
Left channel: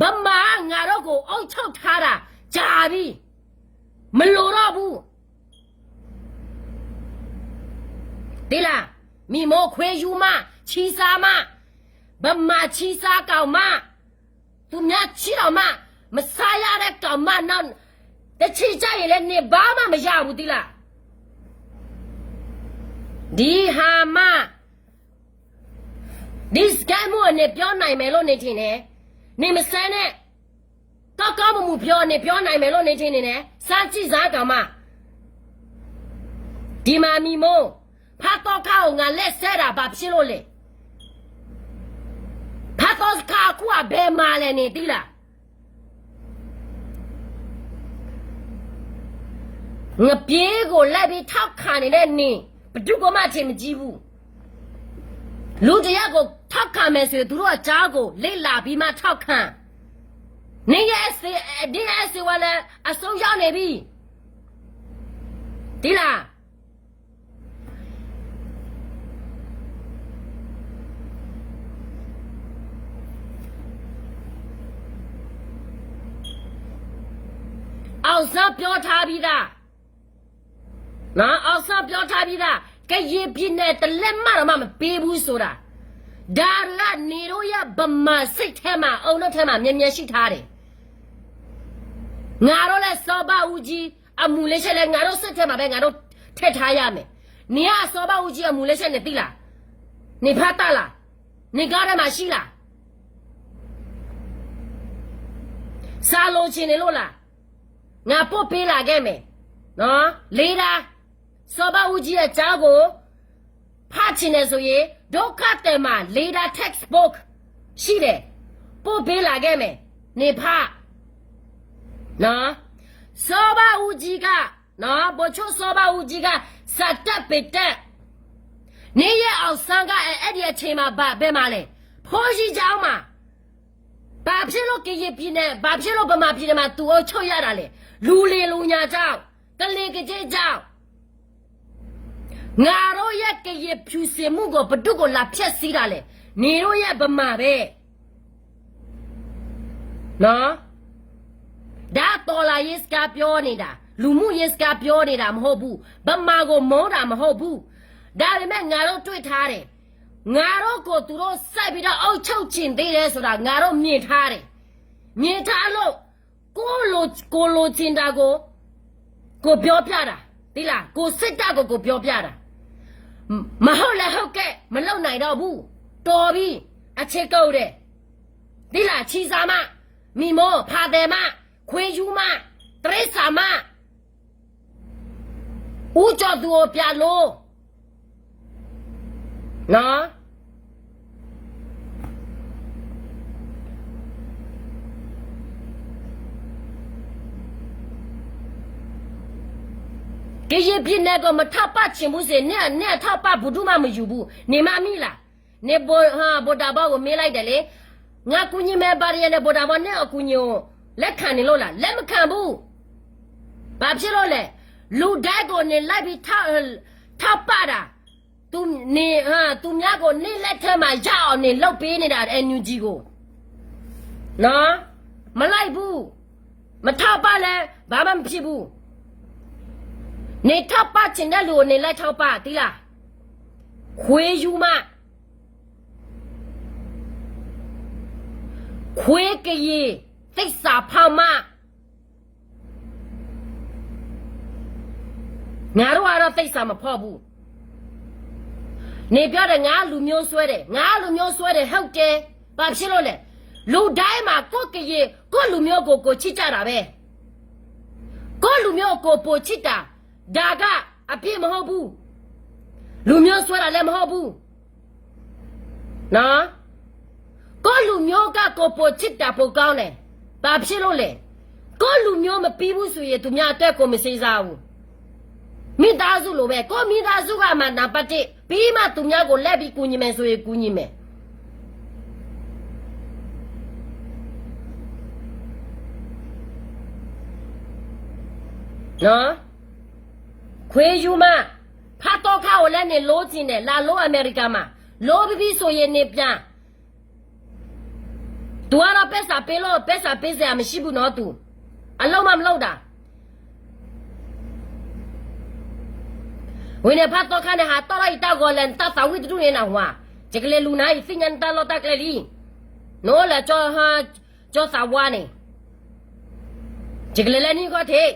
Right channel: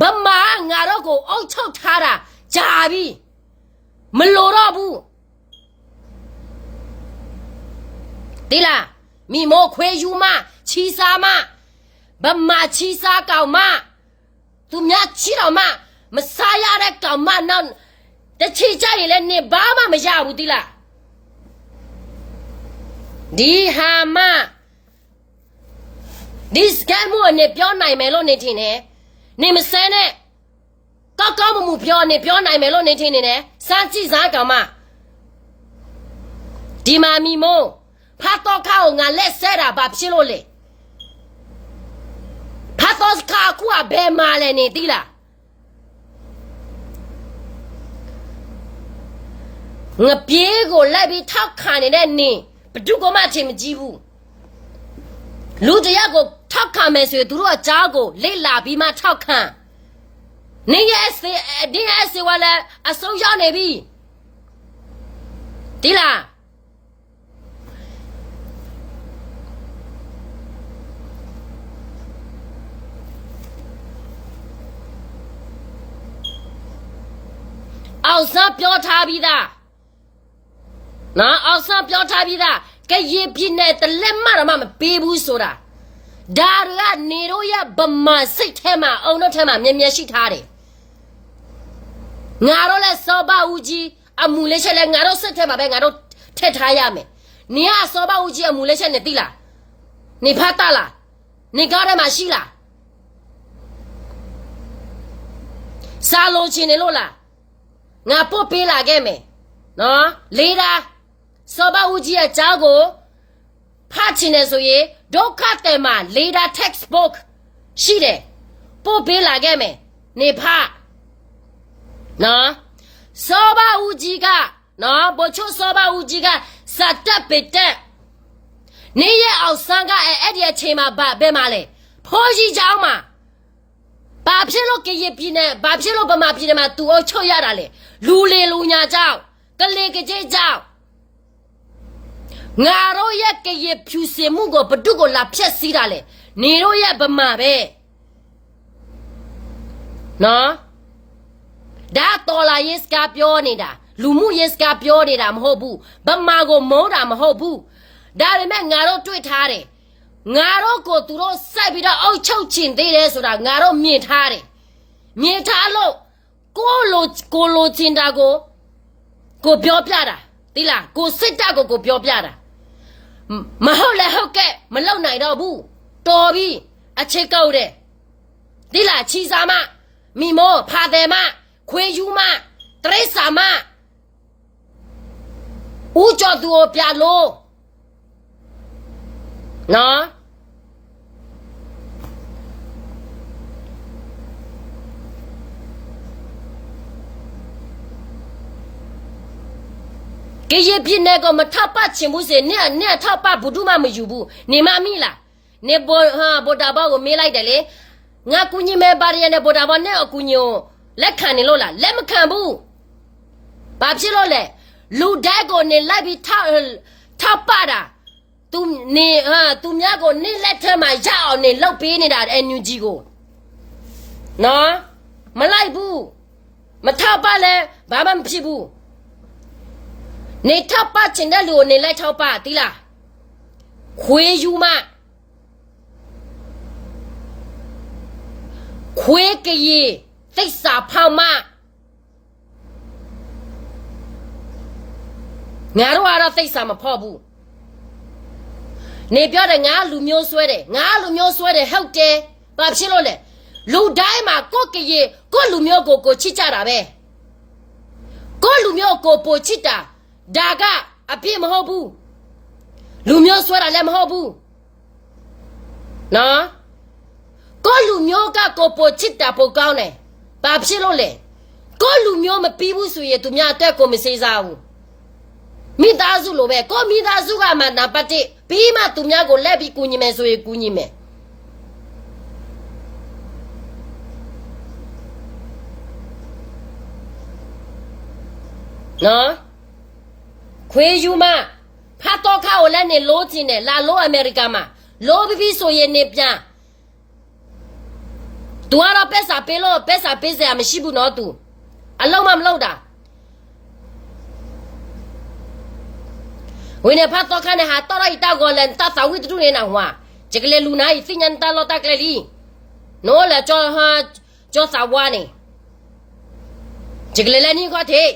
ဗမာငါတော့ကိုအုပ်ချုပ်ထားတာကြာပြီမလိုတော့ဘူးသိလားမိမိုးခွေးယူမချီစားမဗမာချီစားကောင်မသူများချီတော်မစားရတဲ့ကောင်မနောက်တချီကြရင်လည်းနေဘာမှမရဘူးသိလားဒီဟာမဒီစကမ်မို့နေပြောနိုင်မယ်လို့နေထင်တယ်နေမစမ်းနဲ့ကောက်မမှုပြောနိုင်မယ်လို့နေထင်နေတယ်စမ်းကြည့်စားကောင်မဒီမာမီမို့ဖတ်တော့ခေါငါလက်ဆဲတာဘာဖြစ်လို့လဲဖတ်တော့ခါကူဘယ်မှာလဲနေသိလားငါပြေးကိုလိုက်ပြီးထောက်ခံနေတဲ့နေဘဒုကမှအထင်မကြီးဘူးလူတယောက်ကိုထောက်ခံမယ်ဆိုရင်သူတို့အကြားကိုလိလာပြီးမှထောက်ခံနေရဲ့ဒီရဲ့စီဝါလဲအဆုံးရောက်နေပြီဒီလားအောင်စပြောထားပြီးသားနော်အောင်စပြောထားပြီးသားကရင်ပြင်းနဲ့တလက်မတော့မပေးဘူးဆိုတာဒါကနေတော့ရဗမာစိတ်ထဲမှာအောင်တော့ထဲမှာမြင်ရှိထားတယ်ငါတို့လဲစောပါဦးကြီးအမူလေးချက်လဲငါတို့စိတ်ထဲမှာပဲငါတို့ထည့်ထားရမယ်你啊说吧，我姐母来先你对啦，你怕大啦，你搞的嘛西啦，啥路钱的路啦，我不背啦个没，喏，来啦，说吧，我姐找个。怕钱的所以，都看的嘛，来啦 textbook， 是的，不背啦个没，你怕，喏，说吧，我姐个。喏，不就说吧，有几个啥的别的，你也เอา三个一点钱嘛，别嘛嘞，破西找嘛，把皮肉给一批呢，把皮肉不嘛批的嘛，都要抽呀的嘞，路来路伢找，跟那个这找，我肉也给一批些木个不都个拉皮死的嘞，你肉也不嘛呗，喏，那多了也是个标你的。လူမှုရေးစကားပြောနေတာမဟုတ်ဘူးဗမာကိုမုန်းတာမဟုတ်ဘူးဒါပေမဲ့ငါတို့တွေ့ထားတယ်ငါတို့ကိုသူတို့စိုက်ပြီးတော့အုပ်ချုပ်ချင်သေးတယ်ဆိုတာငါတို့မြင်ထားတယ်မြင်ထားလို့ကိုလိုချင်တာကိုပြောပြတာသိလားကိုစစ်တပ်ကိုပြောပြတာမဟုတ်လဲဟုတ်ကဲ့မလုံနိုင်တော့ဘူးတော်ပြီအချစ်ကုတ်တဲ့သိလားချီစာမမိမောဖာတယ်မခွေယူမတရိษာမဦးကျော်သူကိုပြလို့နော်ကရေပြင်းနဲ့ကမထပ်ပတ်ချင်ဘူးစေနဲ့ထပ်ပတ်ဘူးတို့မှမယူဘူးနေမမိလားနေဘောတာဘောကိုမေးလိုက်တယ်လေငါကူညီမဲ့ပါရနဲ့ဘောတာဘောနဲ့အကူညီကိုလက်ခံနေလို့လားလက်မခံဘူးဘာဖြစ်လို့လဲလူတိုက်ကိုနေလိုက်ပြီးထပ်ပါတာသူများကိုနေလက်ထမှာရအောင်နေလောက်ပေးနေတာအန်ယူဂျီကိုနော်မလိုက်ဘူးမထပ်ပါလဲဘာမှမဖြစ်ဘူးနေထပ်ပါချင်တဲ့လူကိုနေလိုက်ထောက်ပါသီလားခွေးယူမခွေးကရေသိစာဖောက်မငါတို့ကတော့သိစာမဖောက်ဘူးနေပြောတယ်ငါလူမျိုးဆွဲတယ်ဟုတ်တယ်ဘာဖြစ်လို့လဲလူတိုင်းမှာကိုကရေကိုလူမျိုးကိုချစ်ကြတာပဲကိုလူမျိုးကိုပိုချစ်တာဒါကအပြစ်မဟုတ်ဘူးလူမျိုးဆွဲတာလည်းမဟုတ်ဘူးနော်ကိုလူမျိုးကကိုပိုချစ်တာပိုကောင်းတယ်ဘာဖြစ်လို့လဲကိုလူမျိုးမပြီးဘူးဆိုရင်သူများအတက်ကိုမစေးစားဘူးမိသားစုလိုပဲကိုမိသားစုကမှနံပါတ်1ပြီးမှသူများကိုလက်ပြီးကူညီမယ်ဆိုရင်ကူညီမယ်နော်ခွေးယူမဖတ်တော့ခါကိုလည်းနေလို့ချင်းတယ်လာလို့အမေရိကမှာလို့ပြီးဆိုရင်နေပြန်သူကတော့ပက်စာပေးစရာမရှိဘူးနော်သူအလုံးမလုပ်တာဝင်းနေဖတ်တော့ခါနဲ့ဟာတော့လိုက်တော့ကိုလည်းတသဝိတူနေနာဟွာဂျကလေလူနိုင်စညန်တလောတကလေလီနိုးလာကျော်စာဝါနေဂျကလေလည်းနီခေါ်သေး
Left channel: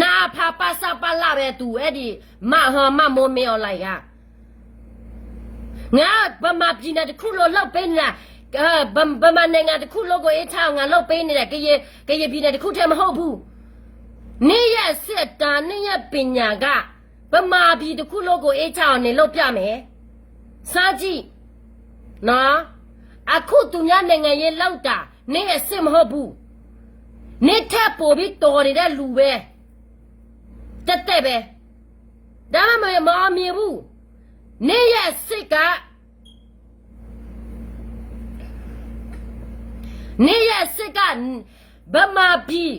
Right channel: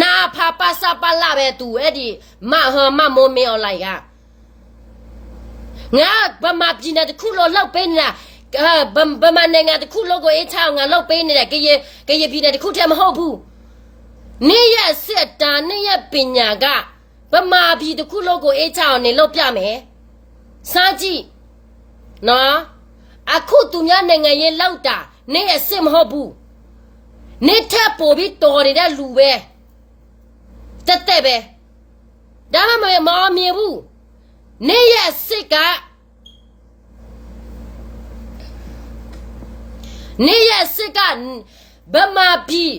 နာဖာပါစာပါလာပဲသူအဲ့ဒီမမိုးမင်းအွန်လိုင်းကငါဗမာပြည်နယ်တစ်ခုလောက်ပေးနေတာဗမာနိုင်ငံတစ်ခုလောက်ကိုအေးချောင်းငါလောက်ပေးနေတာကရေပြည်နယ်တစ်ခုတည်းမဟုတ်ဘူးနေ့ရက်စစ်တာနေ့ရက်ပညာကဗမာပြည်တစ်ခုလောက်ကိုအေးချောင်းနေလောက်ပြမယ်စားကြည့်နော်အခုသူများနိုင်ငံရေးလောက်တာနေ့ရက်စစ်မဟုတ်ဘူးနေ့ထပ်ပို့ပြီးတော်နေတဲ့လူပဲတက်ပဲဒါမှမမြင်ဘူးနေ့ရက်စစ်ကဗမာပြည်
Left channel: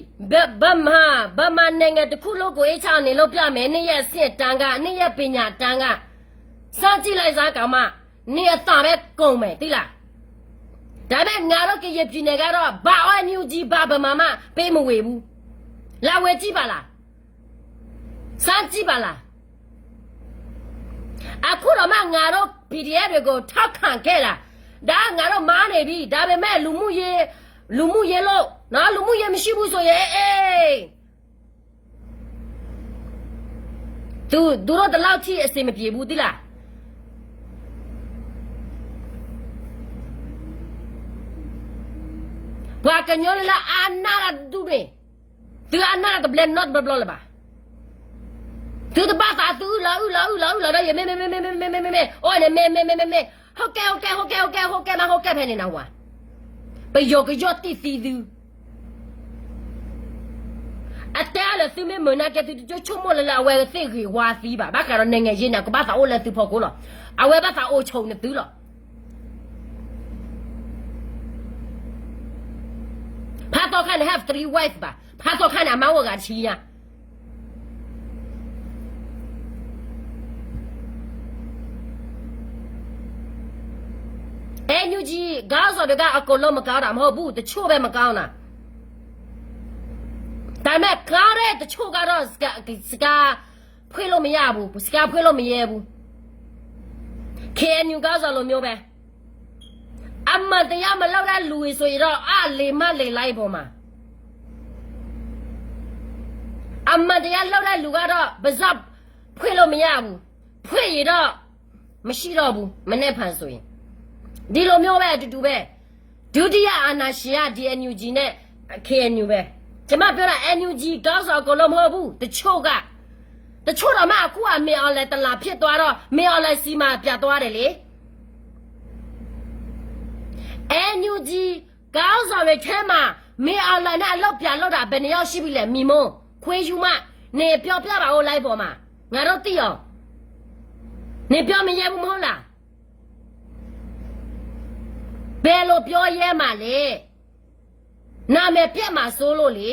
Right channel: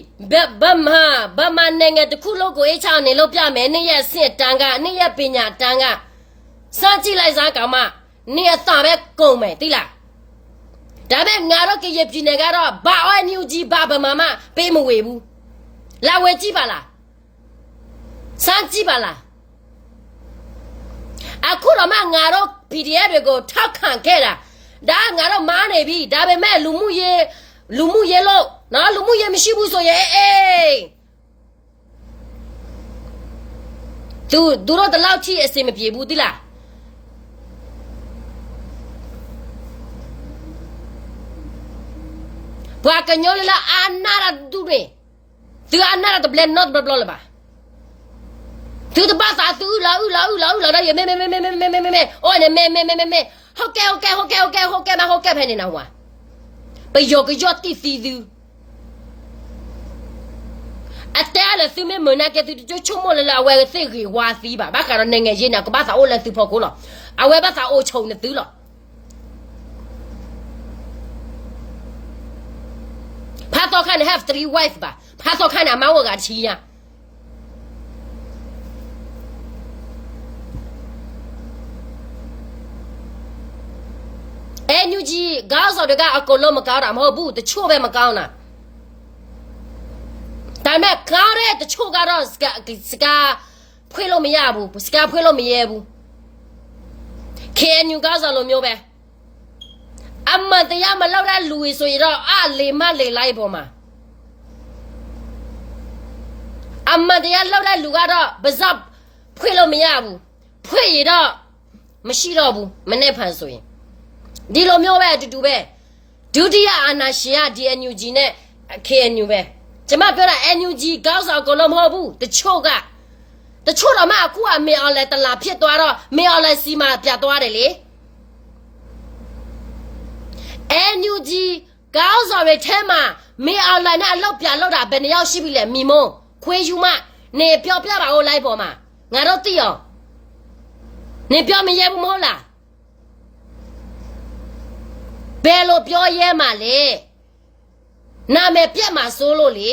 ဗမာနိုင်ငံတစ်ခုလုံးကိုအေးချောင်းနေလို့ပြမယ်နေ့ရက်စစ်တန်းကနေ့ရက်ပညာတန်းကစကြည့်လိုက်စားကောင်မနေ့ရက်သားပဲကုန်မယ်သိလားဒါပေမဲ့ငါတို့ကရပြည်နယ်ကတော့ဘာအန်ယူဂျီဘာဗမာမပေးမဝေဘူးလာဝေကြည့်ပါလားစကြည့်ပါလားအခုတော့မှငါတို့ PDF တွေကိုထောက်ခံခဲ့တာဒါငါတို့မားနေပြီဒါပေမဲ့လူမှုရေးလို့ နော်လူမှုရေးမရှိဘူးဆိုရင်အေးသူတို့တလောက်ထိအစင်မပြေဘူးတိလားဘွာကညောလာအနာရဒူရေသူအနာရတဘလန်နော့ဘဘလလပါသူတပါသာသူလာရမေအိုးနေမေဟုတ်ကဲဖဲနေနော်ဝါပယောကယောတိစီသူအတဲလည်းသူမနာကတူချုံမလာဝဲစိတ်ကြီးဝါစီးပါဘာကတော့နေငယ်ရင်းနာကဘာသာအိုလည်းသူဖို့ကိုလောအဝဲဘာသာအိုချုံနေသူလောဖာတော့ခန့် have 3 wife ပါဖာတော့ခန့်အမောကချီညာညူကြီးကားစော်တကအကုန်လုံးမကောင်းတာမဟုတ်ဘူးတချို့ပဲမကောင်းတာဒါပေမဲ့ကားတဲ့တချို့ကတော့စကားဖွေးလို့မရဘူးစကားဖွေးလို့မရဲဘူးKNUကားစော်လိုမျိုးပဲအမတရားမလောက်တဲ့လူတွေဆိုရင်တော့အလေမလေလိုက်ပေါ်မှာအမတရားလောက်တဲ့လူကတော့ပါဇက်ဖွေးလို့မရဘူးဖွေးရတော့မရှိတော့ဘူးမနဲ့ဖန်ဆိုရင်ဒီလိုမျိုးပဲအတူတူပဲဒုတိယအာဏာရှင်ကဒီ NUG နဲ့ KNU ပဲကျမပြောတာ NUG ကောင်းဆောင်ကိုလုံးမဟုတ်ဘူးတချို့တော့မှအခုကမင်းအောင်လဲတလာဖြစ်သွားတော့မင်းအောင်လဲစီမာပြတ်သွားတယ်လေ NUG ကောင်းဆောင်ရဲ့ထဲမှာမင်းအောင်လဲနဲ့အလောက်ပြလောက်တာဘယ်နှယောက်ရှိပြီလဲမိမုံခွေးယူမနေပြောတာကိုလိုက်ပေါ်မှာငါတို့သိအောင်နေပြောမရဲဘူးမဟုတ်လားဘယ်လိုပြောရဲမှာလဲနာမည်ပြက်မှာစိုးလို့လေ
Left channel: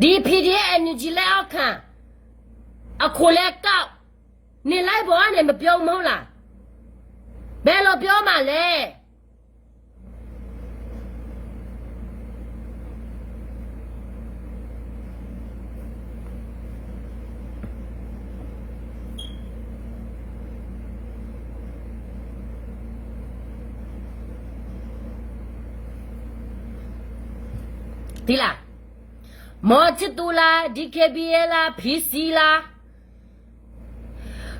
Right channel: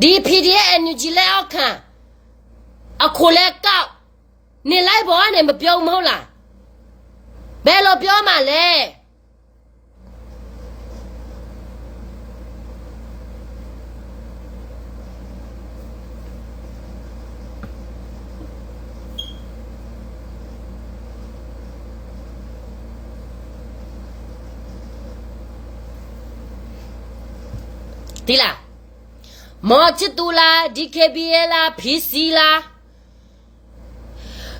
ဒီ PDF NUG လက်အောက်ခံအခုလဲကောက်နေလိုက်ပေါ်ကနေမပြောမဟုတ်လားဘယ်လိုပြောမှာလဲဒီလားမောချစ်တူလား DKBA လား PC လား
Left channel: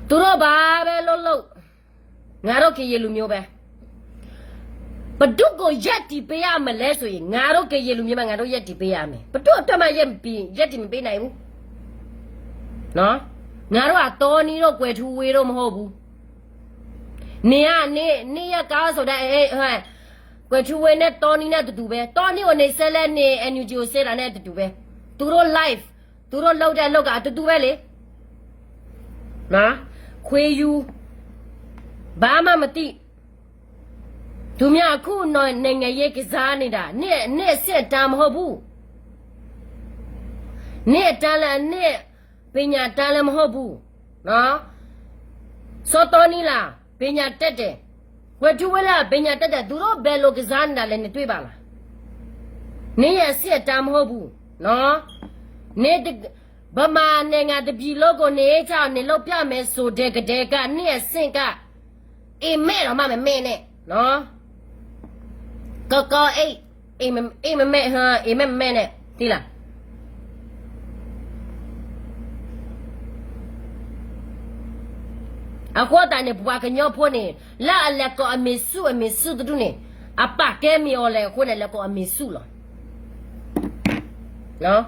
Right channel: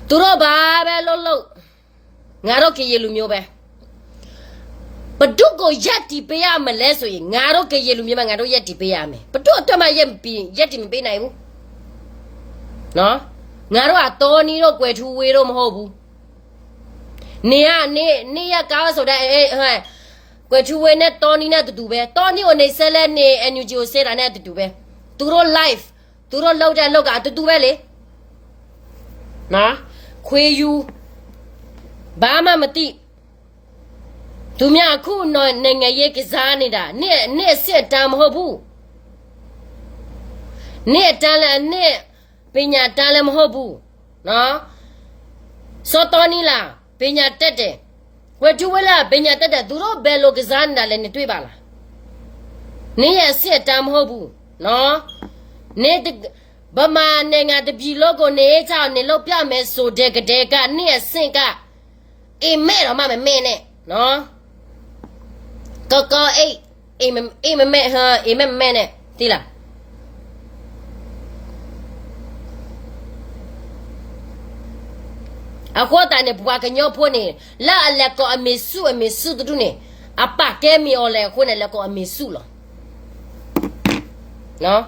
သူတို့ဘာပဲလို့ငါတို့ကရေလူမျိုးပဲဘဒုကိုရက်တီပေးရမလဲဆိုရင်ငါတို့ကရေလူမျိုးမှာငါတို့ရက်တီပေးရမယ်ဘဒုအတွက်မှရက်တီမပေးနိုင်ဘူးနော်ငါတို့ကတော်နီတို့ကွယ်ထူဝေးတို့မဟုတ်ဘူးနေရကားဆိုတဲ့ဟဲ့ကွယ်ထူဝေးနဲ့တော်နီနဲ့တူပဲတော်နီကိုနေဆက်လက်နေ NUG ကိုဆက်တာနဲ့တူပဲသူတို့ live သူတို့လောက်တဲ့လောက်ကတူပဲလေနော်ခွေယူဘာမှမသိသူများအခုနိုင်ငံရေးကစားနေတာနေ့စစ်တမ်းမဟုတ်ဘူးနေ့တမ်းလည်းနေ့ပညာတမ်းလည်းမဟုတ်ဘူးနော်စောတော်နီလားပညာတက်တယ်ဝတ်တူဝလာပညာတက်တယ်သူတို့ဘယ်လိုကစားနေတာလဲနေတွေ့ပါလားနေ့ရစစ်တမ်းမဟုတ်ဘူးနော်နေ့ဗမာနိုင်ငံတပြည်လုံးကိုနေချောင်းနေလို့ပြမယ်ဆိုတဲ့ကတဲ့ကနေ့ဆင့်ကအိမ်မဲတော့မမဲနဲ့နော်ကောအိမ်မဲဟာအိမ်မဲနဲ့တိလားအခုတည်းဘွားကညောဖို့နေလာအလက်ကိုအမေစုတူနေအပတ်တဲမီော်လဲခုနဲ့လက်ကိုအမေစုလောနော်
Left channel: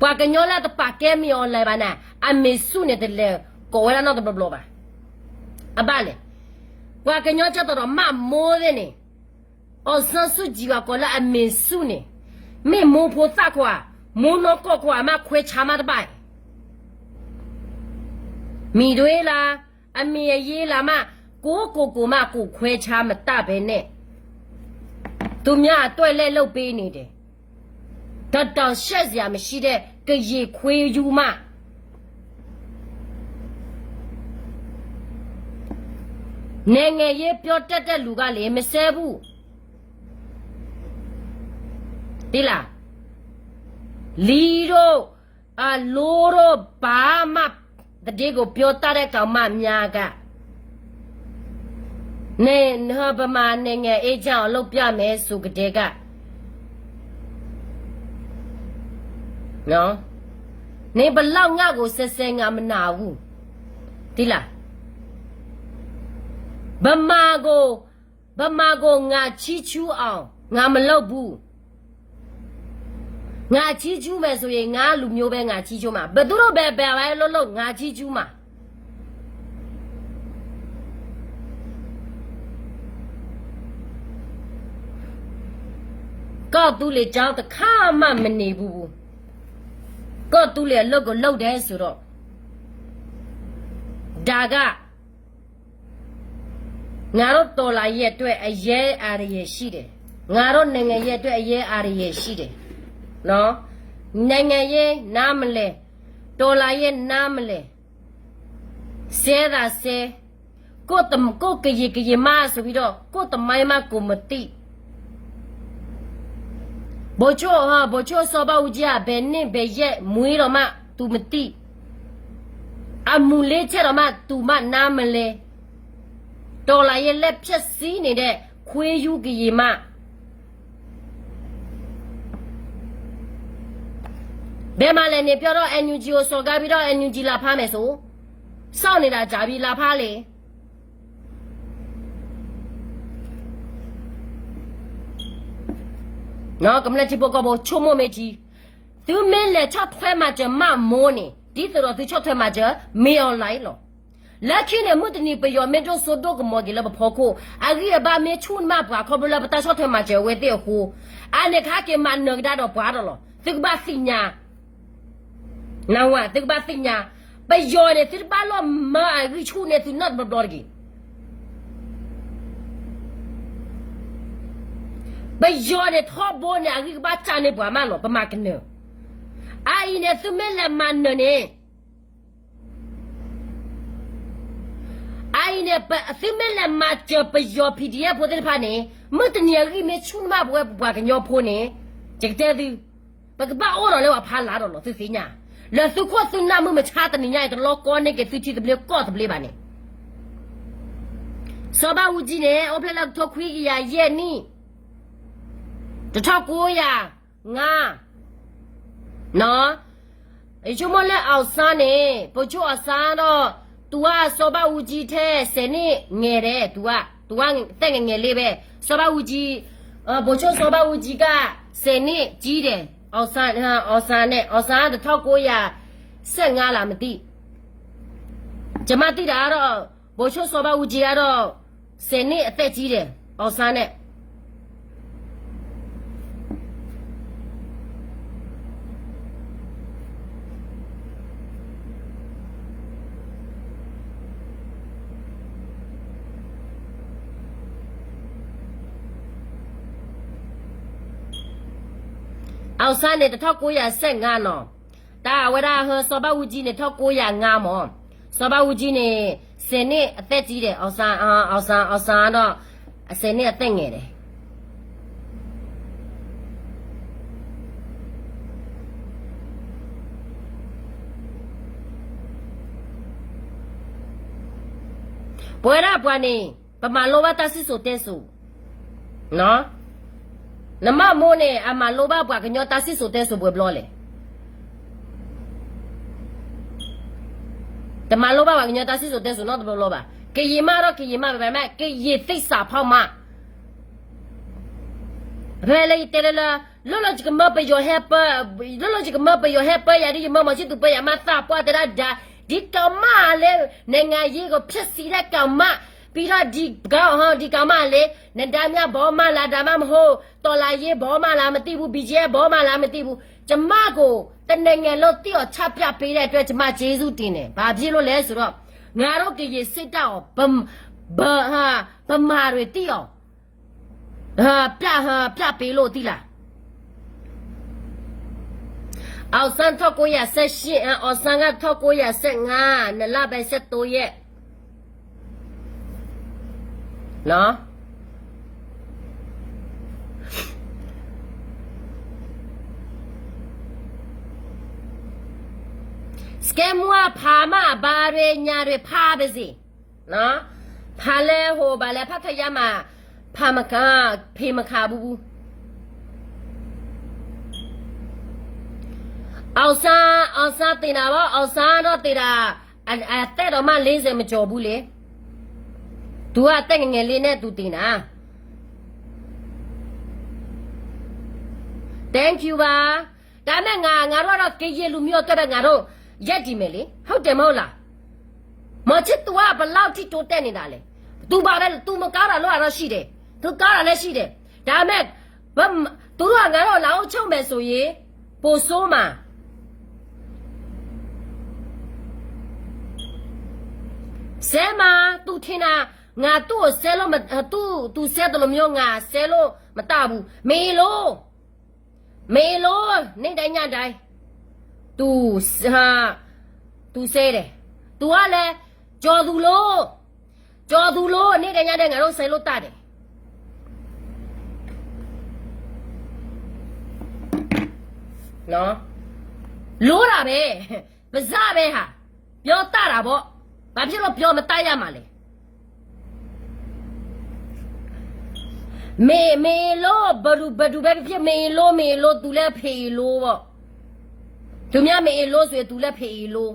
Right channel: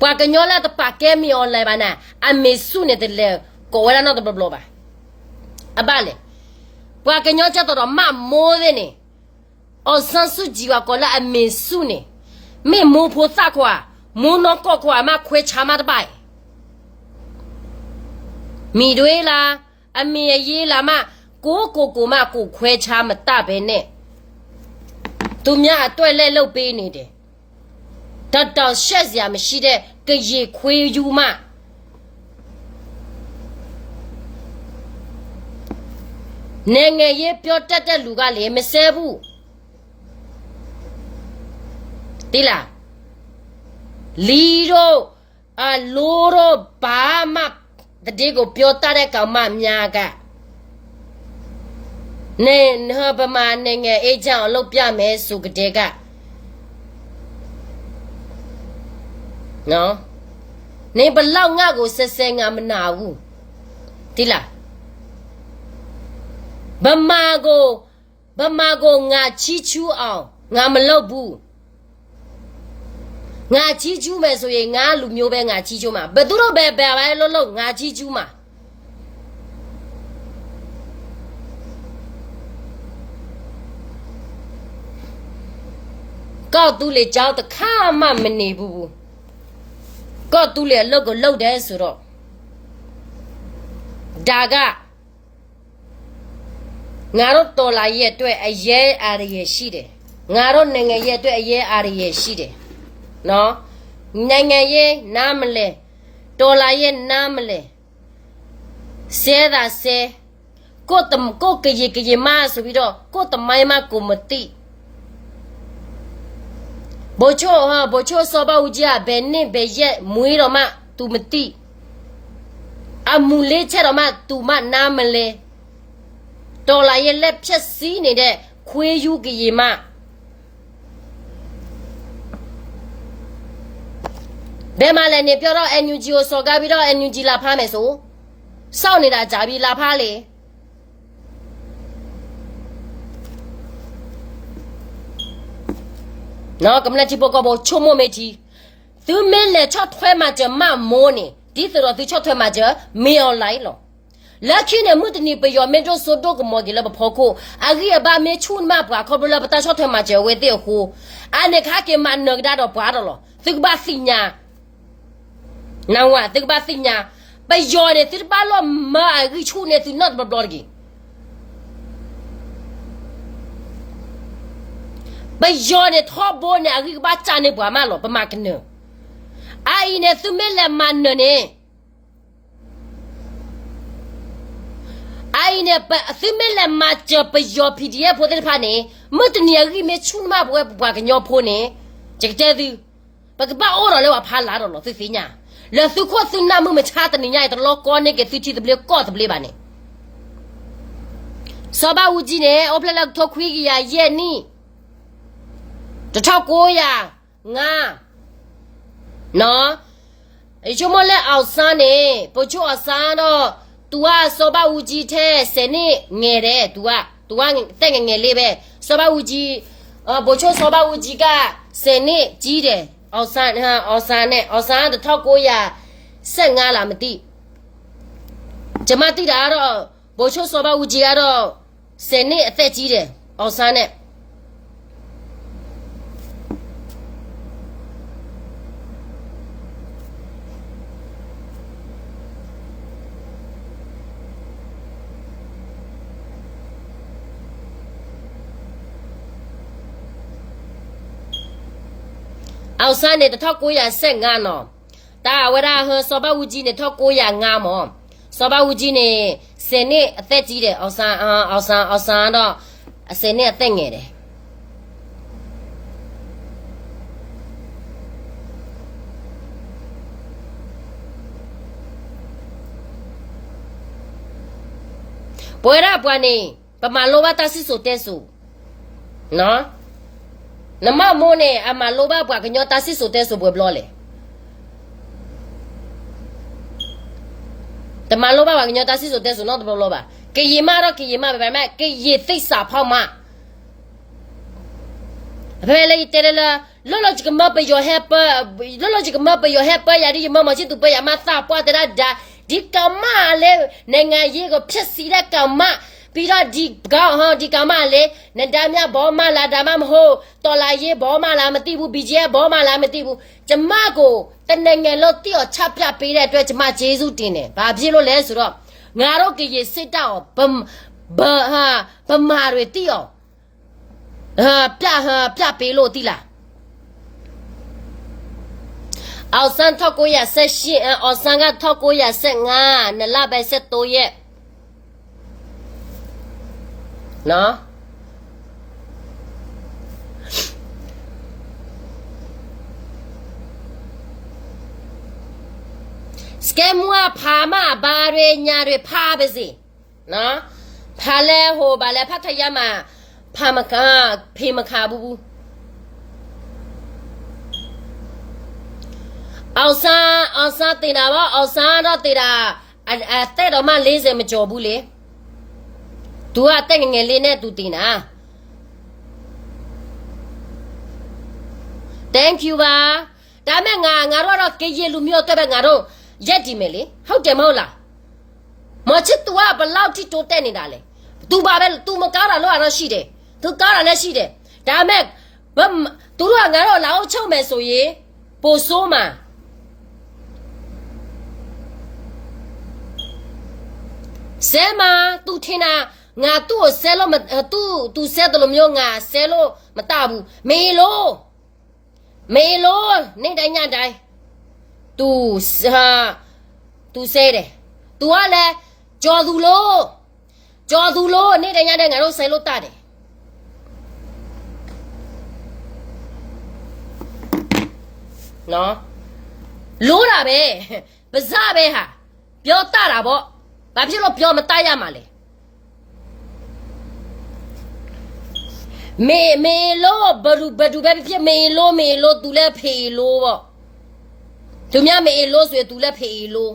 ဘွားကညောလာတပတ်တဲမီော်လဲပါနာအမေစုနေတဲ့လေကိုဝရနော်တဘလပါအပါလေဘွားကညောချက်တော့မမိုးတဲ့နေအော်ဆန်းစုကြည်ကကိုလာအမေစုနေမေမိုးဖို့သခွာမိုးနော်ကော့ခွာမခွေချာမတပိုင်မိတွေလားအမေရေးလားမကိုမကိုခွဲချာမတပဲနဲ့သူများအတွက်လဲလုပ်ပေးနေတယ်တော်ရှက်စရာမရှိတဲ့ကရေခွေယူမနိုင်ငံရေးပြောတတ်တဲ့လူကလည်းမဆဲဘူးဒီလားလီတို့လိုတို့ဘာမှတတိကိုပြောတတ်တဲ့ကောင်မများကနေဗမာနိုင်ငံအေးချောင်းအလုပ်ပြမယ်ဆိုကြတဲ့က နော်နေဘလောက်ငါကိုဆက်ဆက်ငါမနာဘူးဒီလားဗမာကိုငါချီချူးအောင်ငါမလုပ်ဘူးငါချီချူးမယ်ဆိုရင်ငါလူမျိုးပဲငါချီချူးမှာဘယ်သူတော့ပဲလို့ငါချီချူးမှာကောက်သူလေကြောက်တခါမှမနေဘူးကောက်သူလေအလုပ်ကိုလုပ်တယ်ဆိုတော့ဒါကငါတို့တော်လာရဲ့အတွက်အရေးအားရရှိတယ်ငါတို့နိုင်ငံရဲ့အတွက်အရေးအားရရှိတယ်နော်နိုင်ငံရဲ့နားမလဲတော်လာရဲ့နားမလဲဆဲတာဆဲကိုကရေမဆိုပြီးတော့ကိုတမိုင်းမကိုမတိဘိုချိုစောပါဦးကြီးဘယ်နဲ့ဘယ်ရက်မွေးတော့မှ तू မတိအမူလေးချက်တော့မှ तू မနားမလဲတော်လာရဲ့လက်ဖြက်စီးနေတဲ့ခွေးယူကရေမဘယ်မှာလဲနေပြောတော့ NUG ကိုစော်ကားပြီးတော့ NUG လာဖားမယ်ဆိုစောင့်နေတာကြာပြီလာဖားလေနော်ကမ္လချီပိုကဘောချုံမမေတီသူမင်းလေချော့ထွဲမှာကြမမိုးနေဒီတော့သူချော့ထွဲမှာကြမေအောင်လိုက်လောလက်ခင်းနဲ့မတ်နီပယောမေဒိုဆိုဒိုကမော်ဂီလဘဖောကိုအဂီအဘာမေချွန်းမပွားခေါဘလဘတာချော့ထွဲမှာကြဝဲတဲ့ဟိုအနေခါကေမနဂဒါတော့ပွားတော့လောသူကဘာစညာနောင်ဝသူကဘာစညာပယောနေသူပါလောမာအဂီချူနေသူနတ်ဘဒေါ်ဂီဘယ်ရောတဲ့ထောဘိုးနဲ့အကြီးကပါချာနေပွားမလို့ပမာကနအိုင်နဲ့သူမဲလက်မန်နေအိုင်နဲ့သူမဲလက်မချပယော PDF ဖို့တဲ့ဖာနေမတ်နီအကြီးမေချူမဘွယ်ပွားကညောဖို့နေကြတဲ့သူပကပါအော်တော့လေဖာလာတော့လို့သူစညာလဲသူခေါ်သူနာမှုမချတဲ့ညိုင်တော့လောကောနေကသူချီတဘလေကောတဘလေပါနေစဘာဦးကြီးနဲ့အော်ပလက်ထောခွေးကြီးရဲ့နီ1900နော်အချို့မလဲအောင်စမ်းနေပို့ချို့အစမ်းတော့ तू ကစောဘဦးကြီးထဲစနေငယ်တယ် तू ကတက်ငယ်လေးပဲစောဘဦးကြီးပို့ချို့စောဘဦးကြီးကစနေကြီးတယ်အောင်စမ်းအောင်စမ်း1915လားမသိကျမသိတာတော့ပို့ချို့စောဘဦးကြီးကတော့စနေအသက်ကြီးတယ်အောင်စမ်းနဲ့အောက်ဆန်းနေ1915နော်တာဝရဟစောဘဦးကြီးနေ1905မောစောဘဦးကြီးနေစနေအသက်ကြီးတယ်အောက်ဆန်းတော့စနေအသက်ငယ်တယ်ဘွယ်ရပွားနေပမာလောဘတဆစ်ဆိုတဲဆိုနော်နမမိုးနဲ့အမလောဘပွားကညောတာစစ်ဆိုတဲ့ဆိုပွဲဘလောလေတမလောဘပွားကညောတာစစ်ဆိုတဲ့ဆိုတော့ဘလောပါကေရီမတော့ကေရီမပဲမဲ့ကေရီသိစာဖောက်မဘယ်လေတဲလာလောလောချကမပယောဟက်ပယာဒီမမချစ်သူပယာမသာပွားတဲ့ဒါဒီကမလေနိုင်ငံရေးကိုဖြစ်စီတဲ့ကမပြီးတော့ဒီကမလေနဒါမြဘောမလာဒါမှမဟုတ်တော်လာရေးဘောမလာမသိဘူး BGF ဘောမလာမသိဘူးကျမကိုတနိုင်ငံလို့တိော့ချပြပေးတဲ့အတွက်ကျမကျေးဇူးတင်တယ်ဘာဖြစ်လို့လဲဆိုတော့ငါတို့ကရေစစ်တော့ဗမာတွေတိော့ပြပေးလို့တိလားအောက်ဆန်း1918အောက်ဆန်းက1915နလပဲ73ရက်နော်စကဲမွာဖာမဘာရညာရဖာပဲစီနော်ဖာလဲဟိုဘာလဲဖတ်ထရမှာဖာမကဖေမခါဘူး အောင်ဆန်းတင်တာပါအောင်ဆန်းတော့တင်တာတဲ့တော့မှ40မကျော်ဘူးလေသူကတက်ငယ်ငယ်လေးနဲ့သူတင်တာ Thank you ပါဒါမဲ့ငါတို့တော့ကေဂျီလူမျိုးတက်ပဲငါတို့ရက်ကြည့်မယ်လေဟုတ်တယ်မဟုတ်လားမချစ် तू ကဘလောက်ထိတိုးတက်နေတာလဲ तू ပါပဲ तू မကားတာလို့တော့ရှိတယ် तू ကားတာလည်းရှိတယ်ဒါမဲ့သူတို့ကငါတို့လာအောင်ချုပ်မယ်ဆိုရင်ပိုဆိုးမှာဆဲမှာ तू ထင်တာငါသူ့ကိုဆဲလို့မ तू ဆဲတယ်လို့မျိုးငါဆဲလို့မတဘူးမေလို့နေ့တိုင်းညတိုင်း तू ဆဲတယ် तू ကလည်းကြော်သူလို့နေ့တိုင်းညတိုင်းငါတို့ဆဲလို့တတယ်နော်လို့တာပဲပဇပဲဟာပြောတတာပေါ့ဘာဖြစ်လို့ပြောမတရမှာလဲမေလို့ဘဒူပဲဖြစ်မေလို့သူလည်းဖေလို့ပေါ့သူများမေလို့ဆိုရင်သူလည်းဖေလို့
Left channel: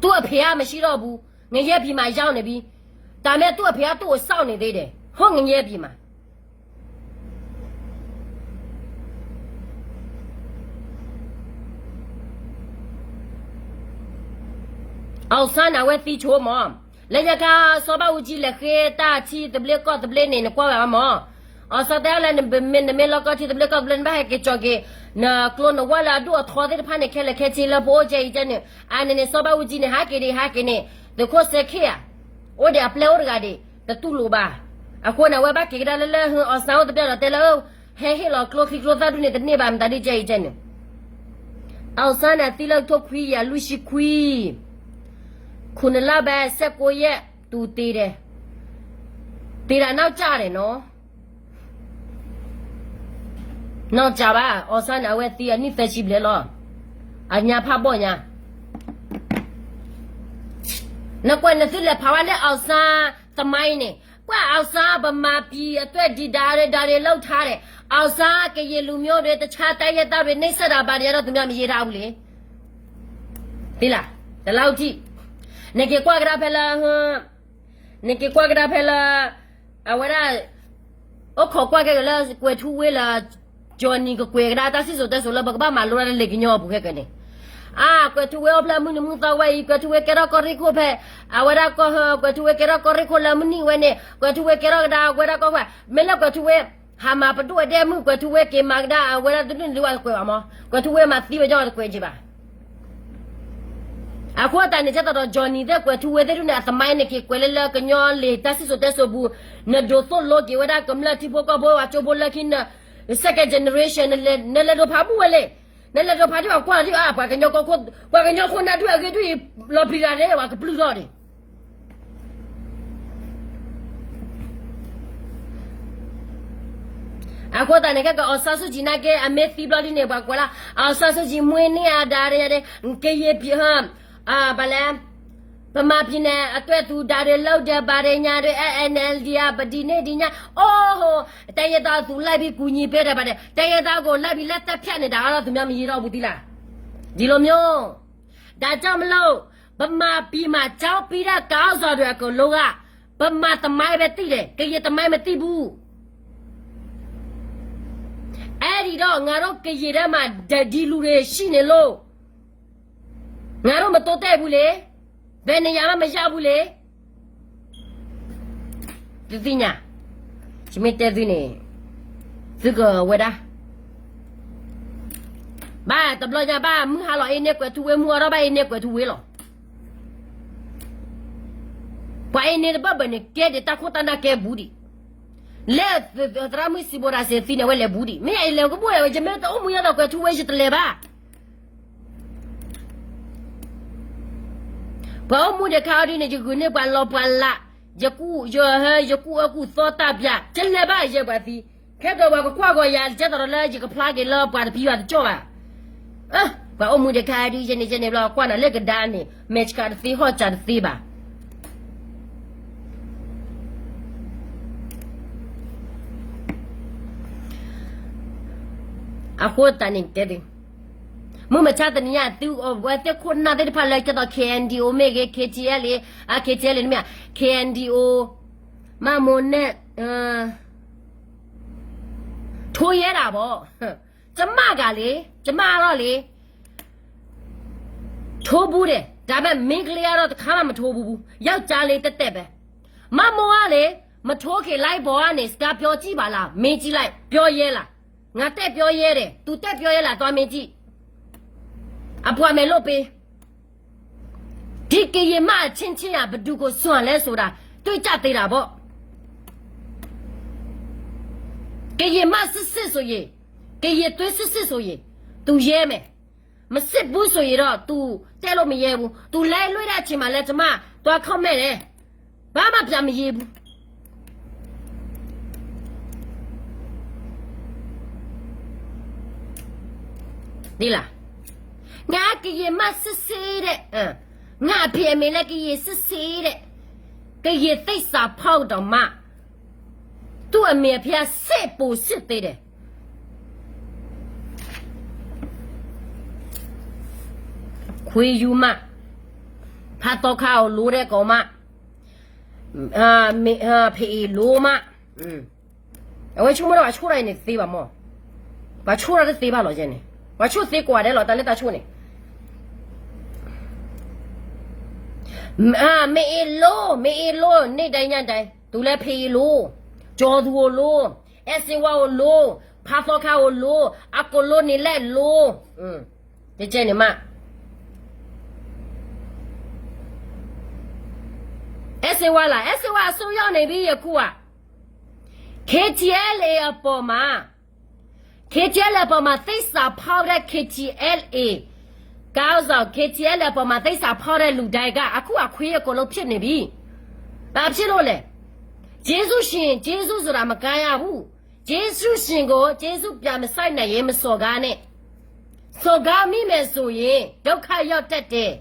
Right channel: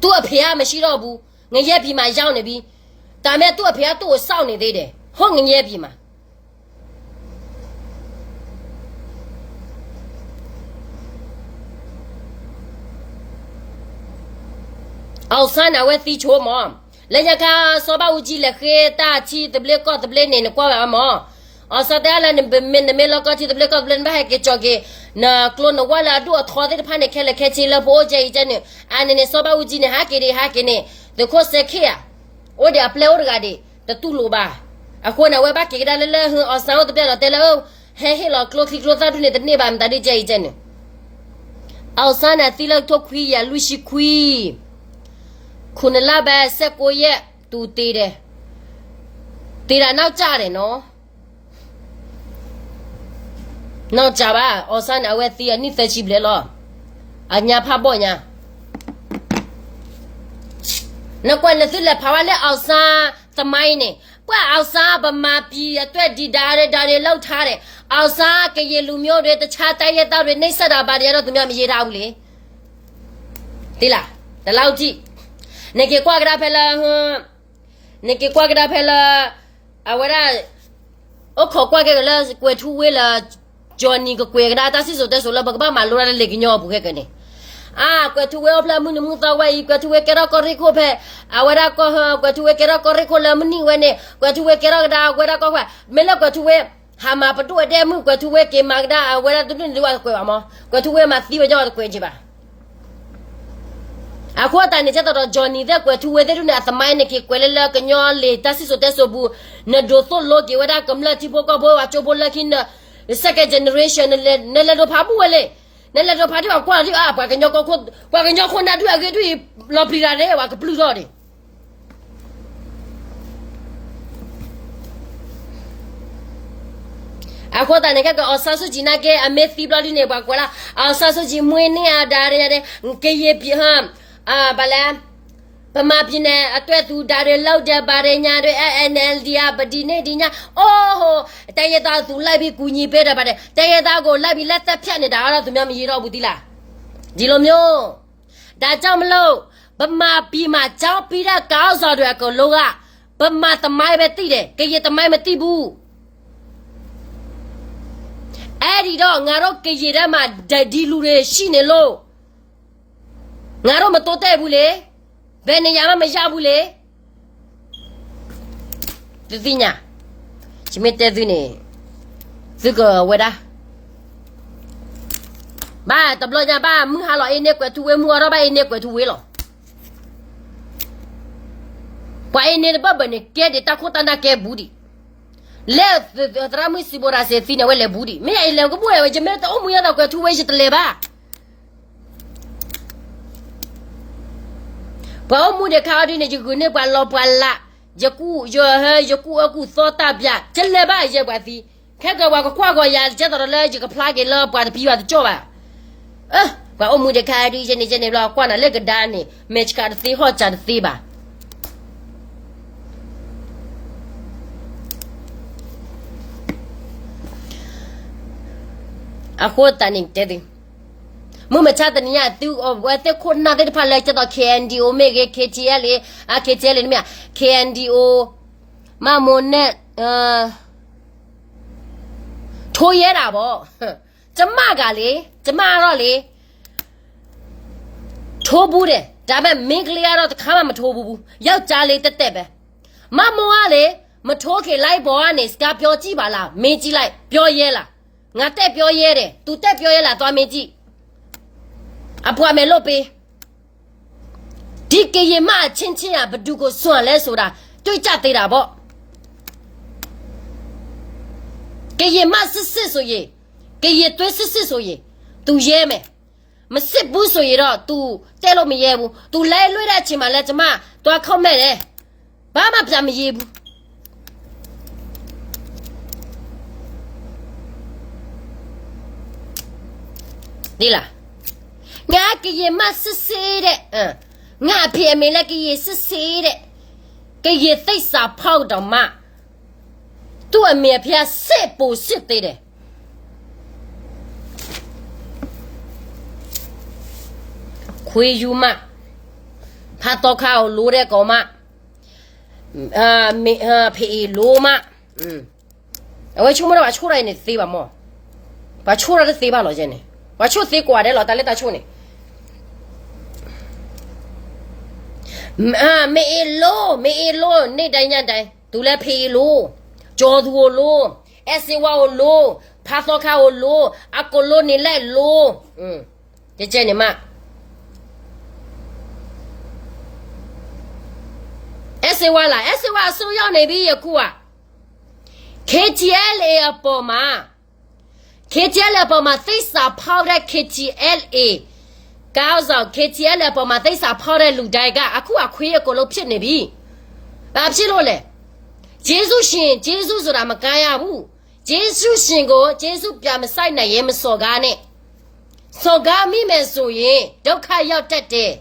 သူ့အဖေကမရှိတော့ဘူးငရဲပြီမှာရောက်နေပြီဒါမဲ့သူ့အဖေကသူ့ကိုစောင့်နေသေးတယ်ဟုတ်ငရဲပြီမှာအောင်ဆန်းနာဝဲသီချိုးမောလေညခါစောပါဦးကြီးလက်ခဲတာချီတဘလက်ကောတဘလက်နေကွာမောအစတဲ့လာနေမင်းလောကချီတဘလက်ကောတဘလက်ဘာကချောကေနာကလောနဝလာဒူအထောတဲ့ဖာနေခဲလက်ခဲချီလပိုဂျေဂျနေအနနေစောပါဦးကြီးနေဟာကေနေတခိုစခေယာအိုဒီအပလောရဂါဒီတတူလိုပါအခုနဝဲဘာကေဒါလဲဟောအဆောတပြတော့တဲလောဟဲလောကလောခီကလောသားဒူနေတနေပါမတဒီဂျေဂျနေအောင်ဆန်းနာတီလောက်ထုတ်ခွီရလူရှိခွီခုနလပဲ19ရက်သူတည်တာနောက်ကြတယ်နော်နောက်ကြပါအော်ဆန်အဝဲတီးအနိသက်ရှိပလေလောအညာဖပေါ့ညာနကွနသိလက်ဖာဝလဲအောက်ဆာသမိုင်းနေပွာအောက်ဆာဗမာပြည်အတွက်ဒီဒါတွေလောက်ထားတယ်အောက်ဆာကရေလူမျိုးတွေတခြားတိုက်ရတောက်တွေနှိမ့်ဆက်တာပါတွေတော့သူများမရေးထားဘူးလေဒီလားဒီလောက်ကြည့်နေကေကွာကရာဖဲလာအဝရအခုကွာကလာကွေထူဝဲလာဂျွန်နီကကွေကရာတာစစ်ဆိုတဲ့ဆိုလာဘကဘာမလိုရလေကညောဘူးခဲ့ကနေကွေထူဝဲဖလာမှုနမှုသဝဲကွေထူဝဲကရာကော်ရီခိုဖဲအဝရကောကွေထူဝဲကရာကော်ရီခိုလာမနီဝဲနေကွေထူဝဲကရာဒါကွေရာကောဖဲမဲလကွေထူဝဲဟာမပတူတဲ့မှုကွေထူဝဲကေမဂဒါအဝရတူတူကွေအမကွေထူဝဲမှာသီးဝကြောကွေကြပါအခုအတိုင်းနဲ့ချက်တော့ဂျွန်နီတဲ့ကွယ်သူဝဲတဲ့လူနဲ့အသမိုင်းနဲ့ကွယ်လဲကညောလေတဆစ်ဆိုတဲ့ဆိုဘူးနဒိုဆိုလိုဒီဝဒါကမလာတီဘောကဘောအချိုဘောလခင်နာ second generation နဲ့လဲတော့ဖာဘူးလေနဲ့လဲတော့ဖာဒီကွာဒီပွားကညောခွန်နာတူအကေတူလော်ပီရာတဲ့ဝါကပလူတော့တယ်အခုတည်းကအဆဆူဂျီနာကအမေသီဘလဒီနေပါကွာလားအဆဆူဂျီမွေးနေရတာတဲ့ကေယေပြဟမ်ဘာလဲပမာပြနေအတွက်သူဒါတွေလောက်တဲ့ဗာရညာတွေ NLD ကပဒီနေဒီညာအိုးဟိုတရသားသူလိုက်ပြီးကူညီပေးတယ်ပါတယ်တရသားကိုလိုက်ပြီးလက်သက်ဖြတ်နေတာတော့သူများမရတော့ဘူးသီလားဒီလိုမျိုးဒါကြောင့်မလို့ပမာပြီးမှကြောက်ပြီးတဲ့ကောင်းစော်တွေအကုန်လုံးကပမာသမိုင်းပဲသိတယ်ကေယေသမိုင်းမသိဘူးအဲ့ဒီတော့ငါတို့ကေရီထဲမှာဒီလူတွေရှိနေလို့ငါတို့မတိုးတဲ့ဘူးလေဘယ်နေရာမှမရဘူးလေဒီညာချမတဲ့ဒီနေဒီကဝဒါဘာတဘလကြဘာမဟာလောအင်းနဲ့ကွယ်သူဝဲမှုရောဘာအင်းနဲ့ကွယ်သူဝဲလောဘာအင်းနဲ့ဘာဘနဲ့ကဲတဲ့တခုတန်းကဲဘူးဒီလဲတရာမစီဘောရာစေဖီနဝဲလေဘူးဒီမင်းအလေကဘူးရဲ့ဂျမဲတော့မူရတော့ကွယ်သူဝဲရှိတလေပါဘာမှုတဲ့ခါဒီနေကြကုနေပါလောပါလာယကူအခုသောတာပြကျလဲပါရဲ့ပါသီခဲကဝါကခွာခွာရကျတော့လဲကြကဖလာကလောပါပြီးပါကြောပါဘာမှုတဲ့ခါဒီနေလောကွာနာလက်ကဒါနေမက်ချ်ကာသီဟောချာသီပါအခုတန်နေတဲ့ mo ma cha tani ya tu wa te ko na te pha lai cha to KNDO me ke KTL KTL ni me KNDO ma mo net ထိုးရဲတာဗောကျမကလေကျမတော့လေထိုးဘူးတယ်ဒါပေမဲ့မင်းကလေးကတော့တစ်ခါမှမထိုးဘူးယောက်ျားလေးတက်တက်ပဲမမောကလေမထိုးခင်လိုက်ဘောကနေစကားပြောကြည့်ပါလားမင်းကြည့်လိုက်ပြောရဲလားငါတက်ပြောရဲတယ် तू တက်ပြောရဲလားသွားမင်းကြည့်အပွားမယ်လို့ပေးဒီကရင်မအချင်းချင်းကဘသူကိုစွန့်လဲဆိုတာတွေ့ကြသေးတာဗောကရင်မစစ်ဆိုရင်ကရင်သွေးစစ်ဆိုရင် तू ရဲမယ်မစစ်ဘူးဆိုရင်တော့ तू တဲလို့မရဲဘူး तू လဲလွှဲတဲ့အချိန်မှာလဲကျမတွားခောက်မဲ့တယ်ဘာမှပြန်မရဲဘူးဒီလားငါကရင်မစစ်တဲ့ငါအဖေအမေလည်းကရင်စစ်တဲ့ကရင်သိစာဖောက်တော့မှသူ့အမေဖေစစ်ပူစစ်သေးတယ်ခွေယူမဖတ်တော့ခေါလိုတဲ့ကောင်မမေဖေလိုမအဝဲချုံမတော့အချိုးရိုင်းနေသေးပါမောဘာချိုးရတဲ့သေးပါလို့ကျင်းနေဘာချိုးသေးกว่าတယ်လို့တလက်တာချိုးနေမေလိုနေတိုင်းညတိုင်းသူလည်းဖေလိုကျော်သူကိုလိုအစင်ဝါကိုလိုဖတ်တော့ခေါလိုအကိုလိုနေလိုက်လိုကြဲနေမအစဝါလာအစဝါဆိုရောက်နေပြီယခုอ่ะ KTL အပေါ်မှာ KTL အပေါ်မှာသိစာဖောက်တဲ့ KTL ကောင်းဆောင် KTL အပေါ်မှာသိစာဖောက်တဲ့လူတိုင်းကအခုအခွေးအကုန်လုံးဖြစ်နေပြီဘာဖြစ်လို့လဲဂျေဇုရှင်ဂျေဇုဆိုတာမကမ်းရဘူးဂျေဇုရှင်ကိုဂျေဇုပြန်မဆိုင်နိုင်ရင်မစော်ကားနဲ့စော်ကားမိမယ်ဆိုရင်ဒုက္ခရောက်တတ်တယ်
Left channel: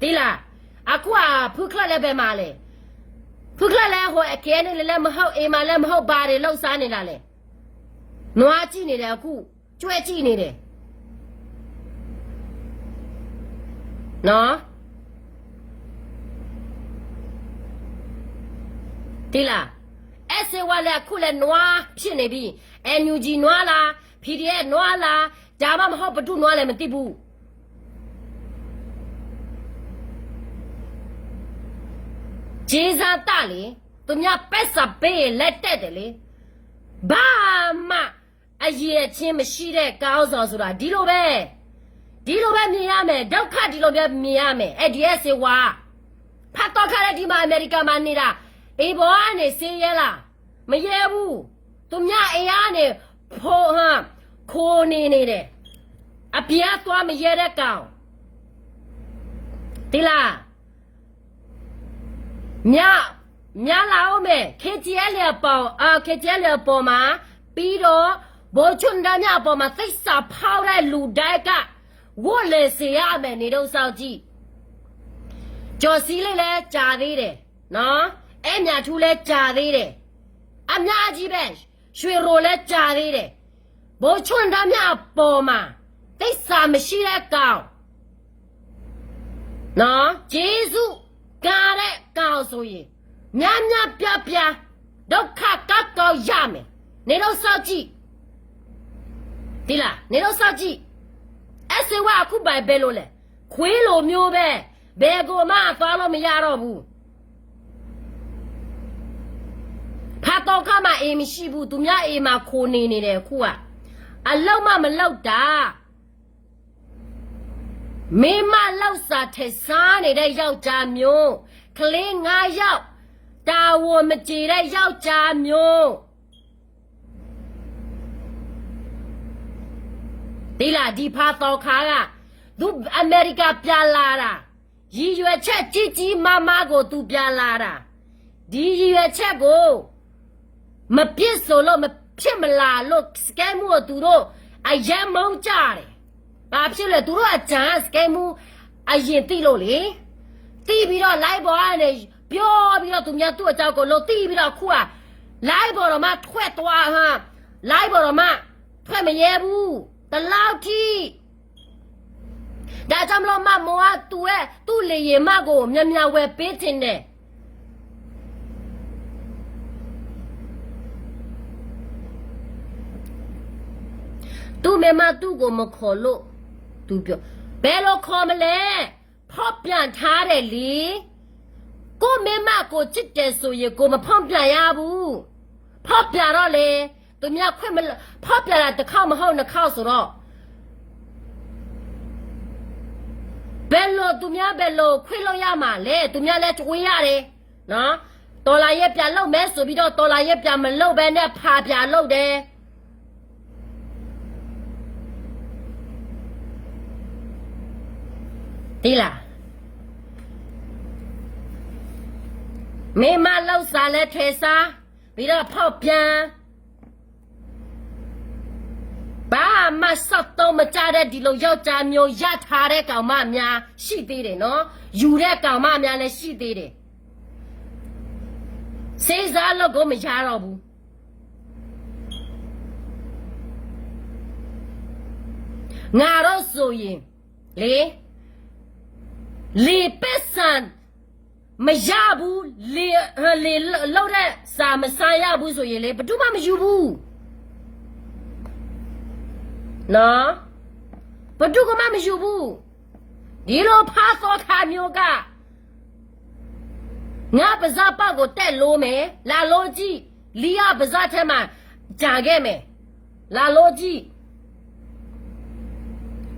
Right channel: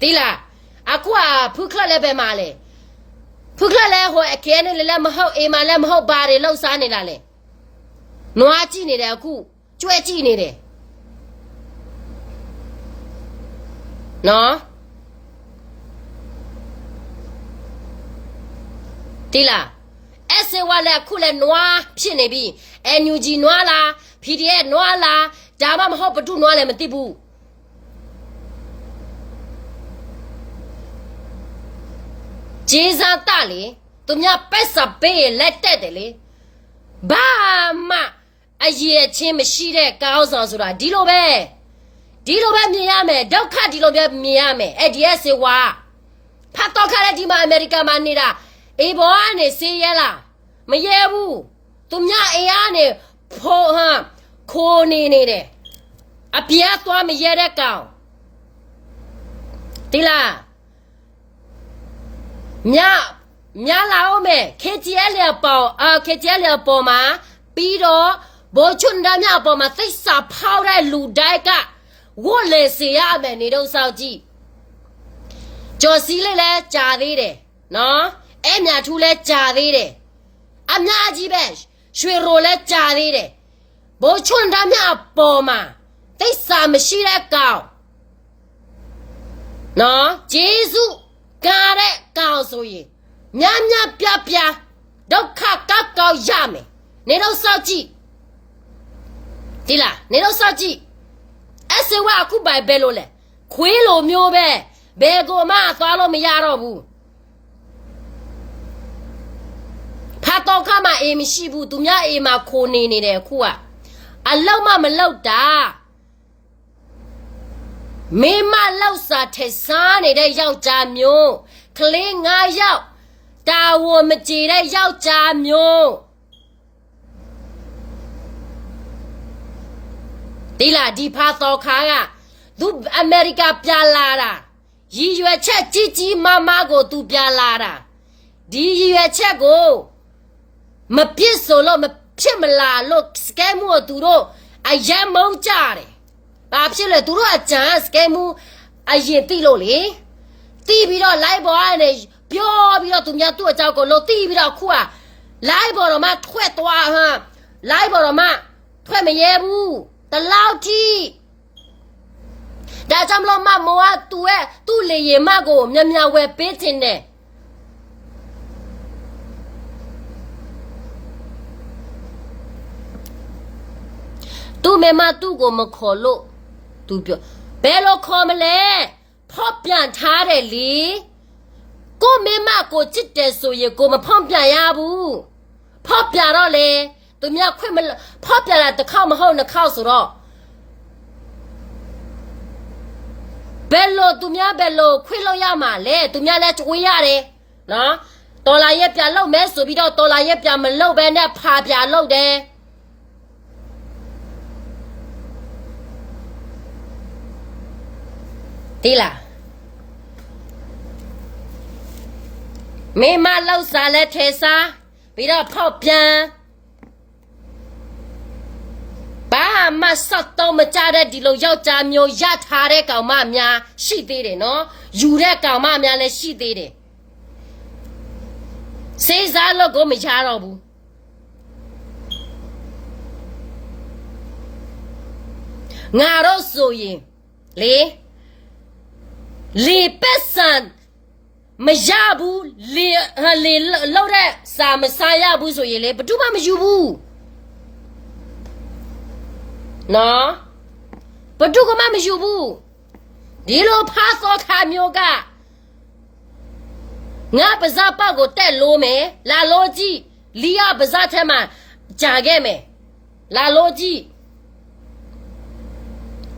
သိလားအခုကဖုခလက်လည်းပဲမှာလေဖုခလက်လည်းဟိုအကဲနဲ့လည်းမဟုတ်အိမ်မှာလည်းမဟုတ်ဘာတွေလောက်စားနေတာလေနွားကြည့်နေတယ်အခုကြွဲကြည့်နေတယ်နော်ဒီလားအစဝါလည်းအခုလည်းနွားဖြစ်နေပြီ NUG နွားလား PDF နွားလားဒါမှမဟုတ်ဘသူနွားလည်းမသိဘူးဂျေဇာတလေသူများပက်စာပေးလက်တက်တယ်လေဘာမှအရေးချင်းမရှိတဲ့ကောင်းဆောင်ဆိုတာဒီလိုပဲမြင်ရမယ်ဒုက္ခဒီလိုပဲမြင်ရမယ်အဲ့ဒီအစေဝါဖတ်တော့ခါတဲ့ဒီမှာအမေရိကန်မှာနေတာအေဘောကနေစေးရလားမရဲဘူးသူများအေးကနေဖိုးဟမ်ခိုးနေတယ်အပြားသွားမရဲတဲ့ကောင်ဒီလားမြလာအောင်မယ် KTL ပေါ်မှာပြီးတော့ဘိုးချွန်းသားများပေါ်မှာသိစာဖောက်တဲ့လူတိုင်းကဝတ်လေစေရမယ်နေတော့စောက်ကြည့်ကျော်စည်းလေးလည်းကြာသေးတယ်နော်အဲ့မြထူးလည်းကြာသေးတယ်အများကြီးပဲရွှေရိုလည်းကြာသေးတယ်ဘိုးချွန်းသားများပေါ်မှာသိစာမရှိတဲ့ကောင်နော်ဂျေဇုကားတဲ့ကောင်ဆိုရင်များပြဒုက္ခကောက်ရမယ်နေတော့စောက်ကြည့်ဒီလားနေတော့စောက်ကြည့်အစဝါအခုပိုင်ပဲလို့လဲခွေးလိုမျိုးပဲဘယ်ကိုမှသွားလို့မရတော့ဘူးဖတ်တော့ခါမှအေးမရှိဘူးသူများအေးမှခိုးနေတယ်အခုကအလောက်မှမလောက်တာမိမလောက်စာထဲစားနေတဲ့ယောက်ျားမျိုးကလေး9ယောက်တာဝန်မကြေတဲ့ယောက်ျားမျိုးဒီလားဒီဖာတော်ခါကသူအမေရိကပြန်လာတာရည်ရွယ်ချက်ကြီးမားမားကိုသူပြန်လာတာဒီရည်ရွယ်ချက်ကိုမပြစ်ဆိုလို့မဖြစ်မလားလို့စကဲမှုကိုသူတို့အယံမုန်းကြတယ်ဘာဖြစ်လဲသူတို့အကြံစကဲမှုအရင်တိလို့လေတီးပြီးတော့ live ပေါ်ကနေပြောပြီးတော့သူများသူ့အကြောင်းကိုလို့တီးပြီးတော့ခုက live ပေါ်တော့မှထွက်သွားlive ပေါ်တော့မှထွက်မရဲဘူးတလောက်ထိ ဒါကြောင့်မလို့မမောကသူ့လေရင်မကိုမြန်ဝယ်ပေးတင်တယ်သူ့မေမသူ့ကိုမခေါ်လို့သူပြောဘယ်လိုခေါ်မလဲဖောက်ပြန်ထားတယ်လေကိုမေမကိုချစ်တယ်ဆိုရင်ကိုမဖောက်ပြန်ရဘူးဖောက်ပြန်တော့လေသူများခွင့်မဖောက်ပြန်လာတစ်ခေါက်မဟုတ်နှစ်ခေါက်ဆိုတော့ဘယ်လိုသူများဘယ်လိုခွင့်လို့ရမှာလဲသူများလည်းကြွေးရတယ်နော်တော်လာရဲ့ပြန်လောက်မဲဆိုပြီးတော့တော်လာရဲ့ပြန်မလောက်ပဲနဲ့ဖာပြန်လောက်တယ်ဒီလားမေမလောက်စားလဲထဲစားပြီးတော့ဖောက်ပြန်ဘာမှစောက်တော့မကြတဲ့ဒီလိုယောက်ျားမျိုးရထားတဲ့ကောင်မများရှိသေးတယ်နော်ယူတဲ့ကောင်မများလည်းရှိသေးတယ်စေးစားလို့ကိုမရတော့ဘူးငါတော့ဆိုရင်လေပက်ဆန်မရဘူးလေလောက်တဲ့စာမစားရဘူးဆိုရင်လေဘယ်သူမှမယူဘူးနော်ဘယ်သူမှမယူဘူးဒီလိုဖားစောခါမျိုးကငါပါဇာပေါက်ကိုတက်လို့မယ်လာလို့ကြည့်လီယာပါဇာထဲမှာကြာခဲ့မယ်လာလို့ကြည့်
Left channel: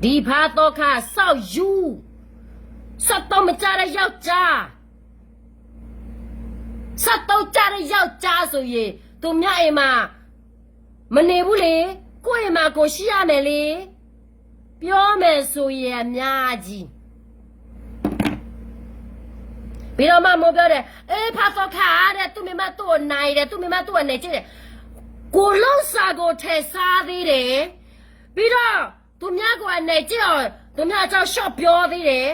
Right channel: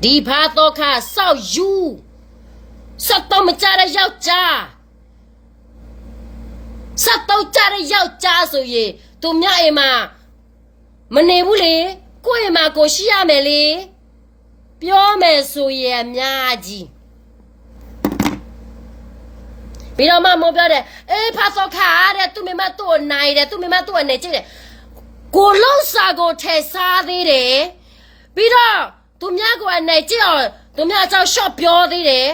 ဒီဖားစောခါစောက်ယူစက်တော့မကြတဲ့ယောက်ျားစက်တော့ကြတဲ့ယောက်ျားဆိုရင်သူမြအိမ်မှာမနေဘူးလေကိုယ့်အိမ်မှာကိုရှိရမယ်လေပြောမယ်ဆိုရင်အများကြီးပြီးတော့မှမောပြောတယ်အေးဖာစောခါတဲ့သူမိမသူ့ကိုနိုင်တယ်သူမိမသူ့ကိုနေကြည့်တယ်ကိုလုံးစာကိုထဲစားသေးတယ်ပြီးတော့သူများကိုအနေကြည့်အောင်သူများအကြောင်းရှော့ပြောသေးတယ်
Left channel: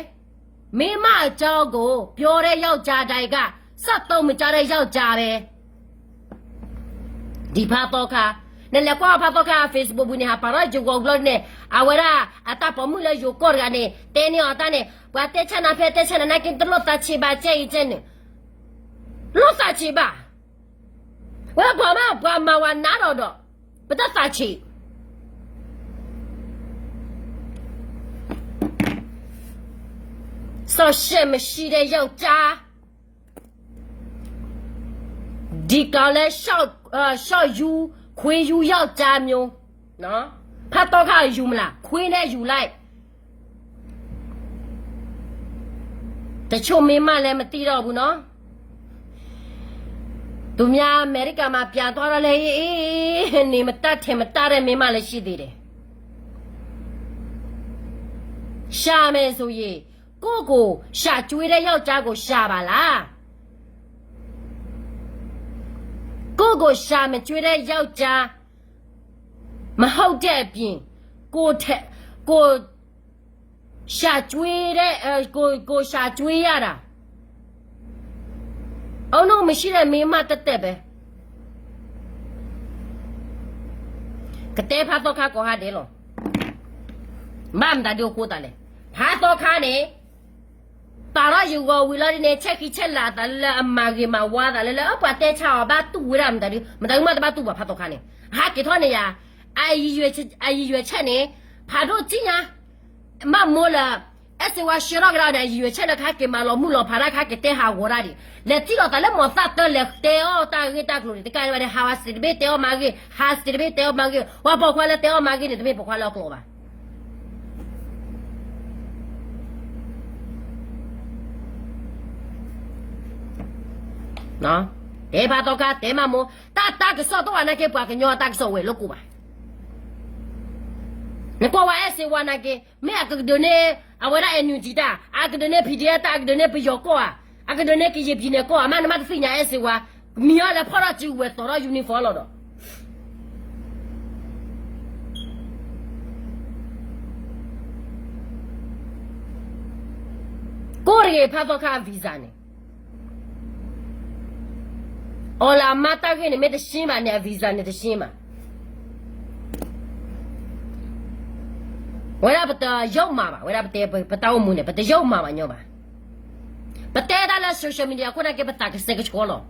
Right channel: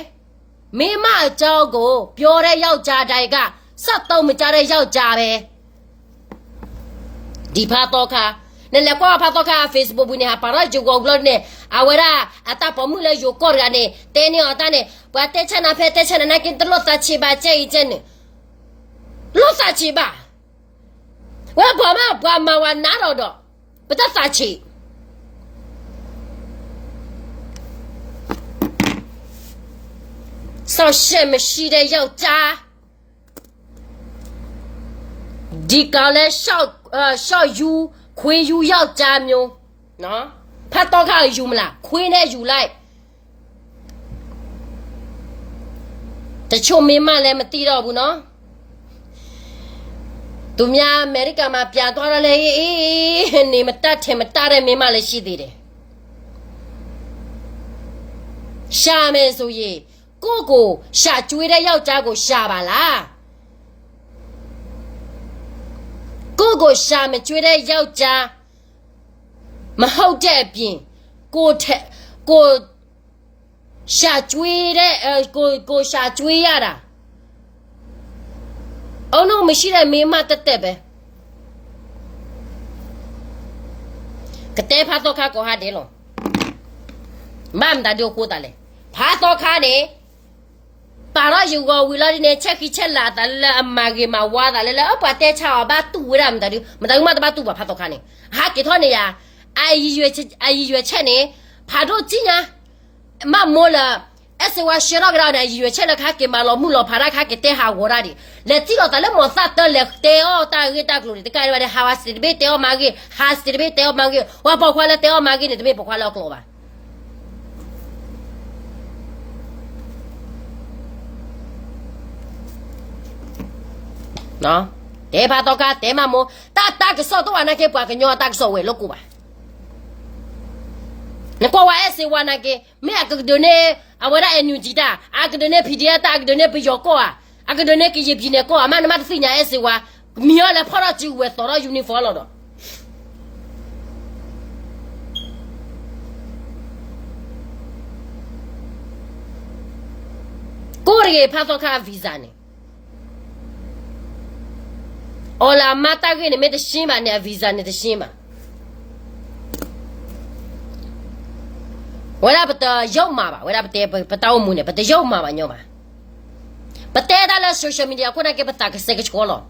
မိမအကြောင်းကိုပြောတဲ့ယောက်ျားတိုင်ကစက်တော့မကြတဲ့ယောက်ျားပဲဒီဖာတော့ခါနဲ့လည်းကွာဖာတော့ခါ Facebook ဘူးနေဟာပါရဂျူကိုဂလော့နဲ့အဝရာအတာပေါ်မှုလေယူကော်ရနဲ့တဲနေအတာနဲ့ဘွားတက်ချနာဖဲတက်ချနာကင်တလို့တာချီပါချေချင်လို့စာချီပါဝါဘာမဝနာတော့ပတစာချီဆောရှယ်မရှိတဲ့ယောက်ျားဒီကလည်းရှော့ယူခွေးယူယောက်ျားမျိုးနော်ဖတ်တော့ခါယူမလားခွေးနဲ့ယူလိုက်တချို့မင်းမလည်းမသိတော့ဘူးနော်သူများအမေရိကန်မှာပြန်သွားတော့လေအေးနေမတတ်ထင်မတတ်တဲ့မင်းမလည်းရှိသေးတယ်ရှာမယ်ဆိုရင်ကိုရှာကျွေးတဲ့ယောက်ျားကိုရှာပါလားကိုရှာမကျွေးတဲ့ယောက်ျားမဟုတ်တဲ့အပြင်ကိုရှာကျွေးတဲ့ကိုရှာကျွေးရတာအောင်တော့မရှိတဲ့မင်းမတက်ပဲကတဲ့ဖာတော့ခါကိုဟာတယ်လို့မမ်ဒါတို့ကိုတာလေဖာတော့ခါနေပါရယူကိုဝီလာဒီနဲ့ချက်လာတယ်အမကြီးမဝါတာလေအပတ်တဲ့ချောဘာတူရမ်းတယ်မတော်မတတူပါဖတ်တော့ခါနေဟာကေထောနေရအာရွယ်ချက်နေဖာတော့ကြည့်ညာမမောလာအစဝါရှေရောဂရာတဲ့ရွယ်ချက်လက်ခါကေမလောမှုလောဖာရခါကေတဲ့ဟာဝရာဒီလက်တီတော့တယ်မောသတ်တယ်လက်တေအောတာဂီတာကလိုဒီကဲရတဲ့ဟာဝစတီဘေတေအောမကြီးဟာစတီဘေတေအောမကြီးဝါပေါ်ခွာလက်တေအောမကြီးနေတဘေပေါ်ခွာလောက်ကလောပါနော်တေဘာတော့ကတေမမိုတာကစောတော့အနာကေပွားကညောတာကစောဝဲလောက်ကူပါne kwa wa ese wana ke me akadone awara enujita akadone pidiata akadone piyoko akadone ke yebine ko amana ma tsinya ese wa miyo la phara ji we soro uniform lo do Korea phaso kha visa ne ola mata ke ne me de shin ba ne visa ne de shin ba 为了不得要嘛吧，为了不得不到我们呢，不得要嘛吧，鸟嘛。不得到了social media，过来给不打个谁个错了。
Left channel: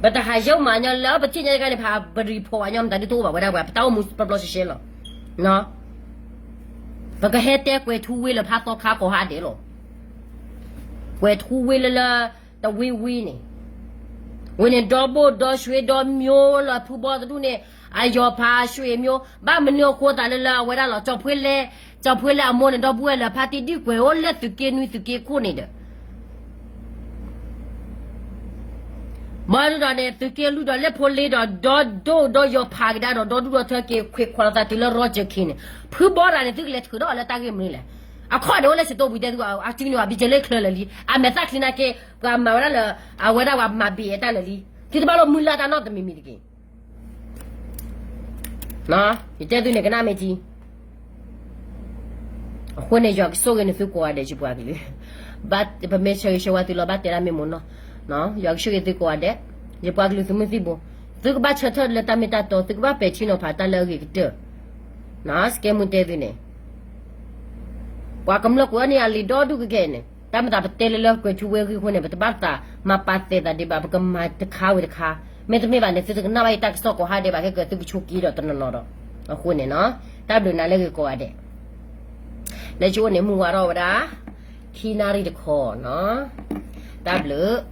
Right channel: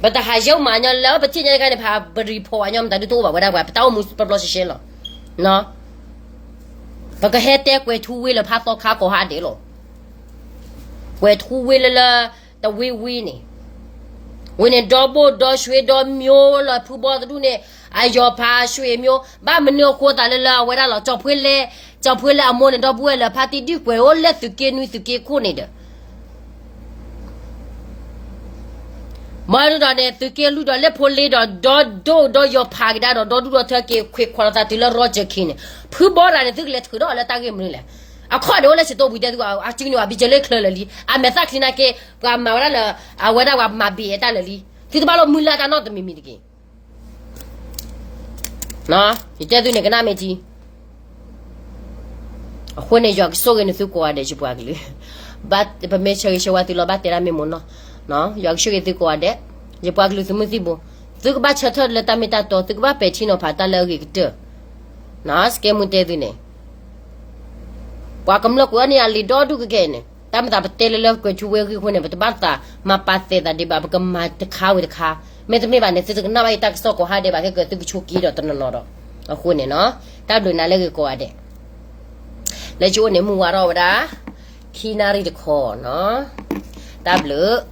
不得还要嘛，鸟老不听人家的怕不 report，鸟们到底多吧，为了不到我们不老是些了，喏。不个还得过土为了怕到卡过下的了，过土为了的微呢。我那找不到水到苗了，铺包的路呢，哎呀，怕水苗，把门了扩大了，为了找回来，莫呢找不回来，怕弟弟过我来就给女就给过来的。马路上呢，就给路上来破来的，到要爬给他到路上他给快快他对了绕着去呢，铺包上呢这个来头到来打给门了。啊，看到我那些都不得的啊，今年比较来看了哩，啊，没啥听那个，我买完了，啊，我那我买别的了哩，就是把老木拉到那都没米的给，那，你这对那个哪没记？婚内就说个你是过的就不阿个哩，把不没吃个些话对了，把对了没么呢，那，要说个对过的，就不阿个哩什么事不？这个把车头了，他没打到，这个把白天了怕打了个的，那是给么对的呢？Wa kamla ko ni ali do du ke ne tam ta tele le ko chu we ko ne ba ta ma pa te da de ba ka ma te kha we kha me te ne ba ne te na ba ta so ko ha de ba ke te chu ki do to no ro ko ne no ta do na le ko ade le chu ne mu wa ro da ki na ri de ko no ta blu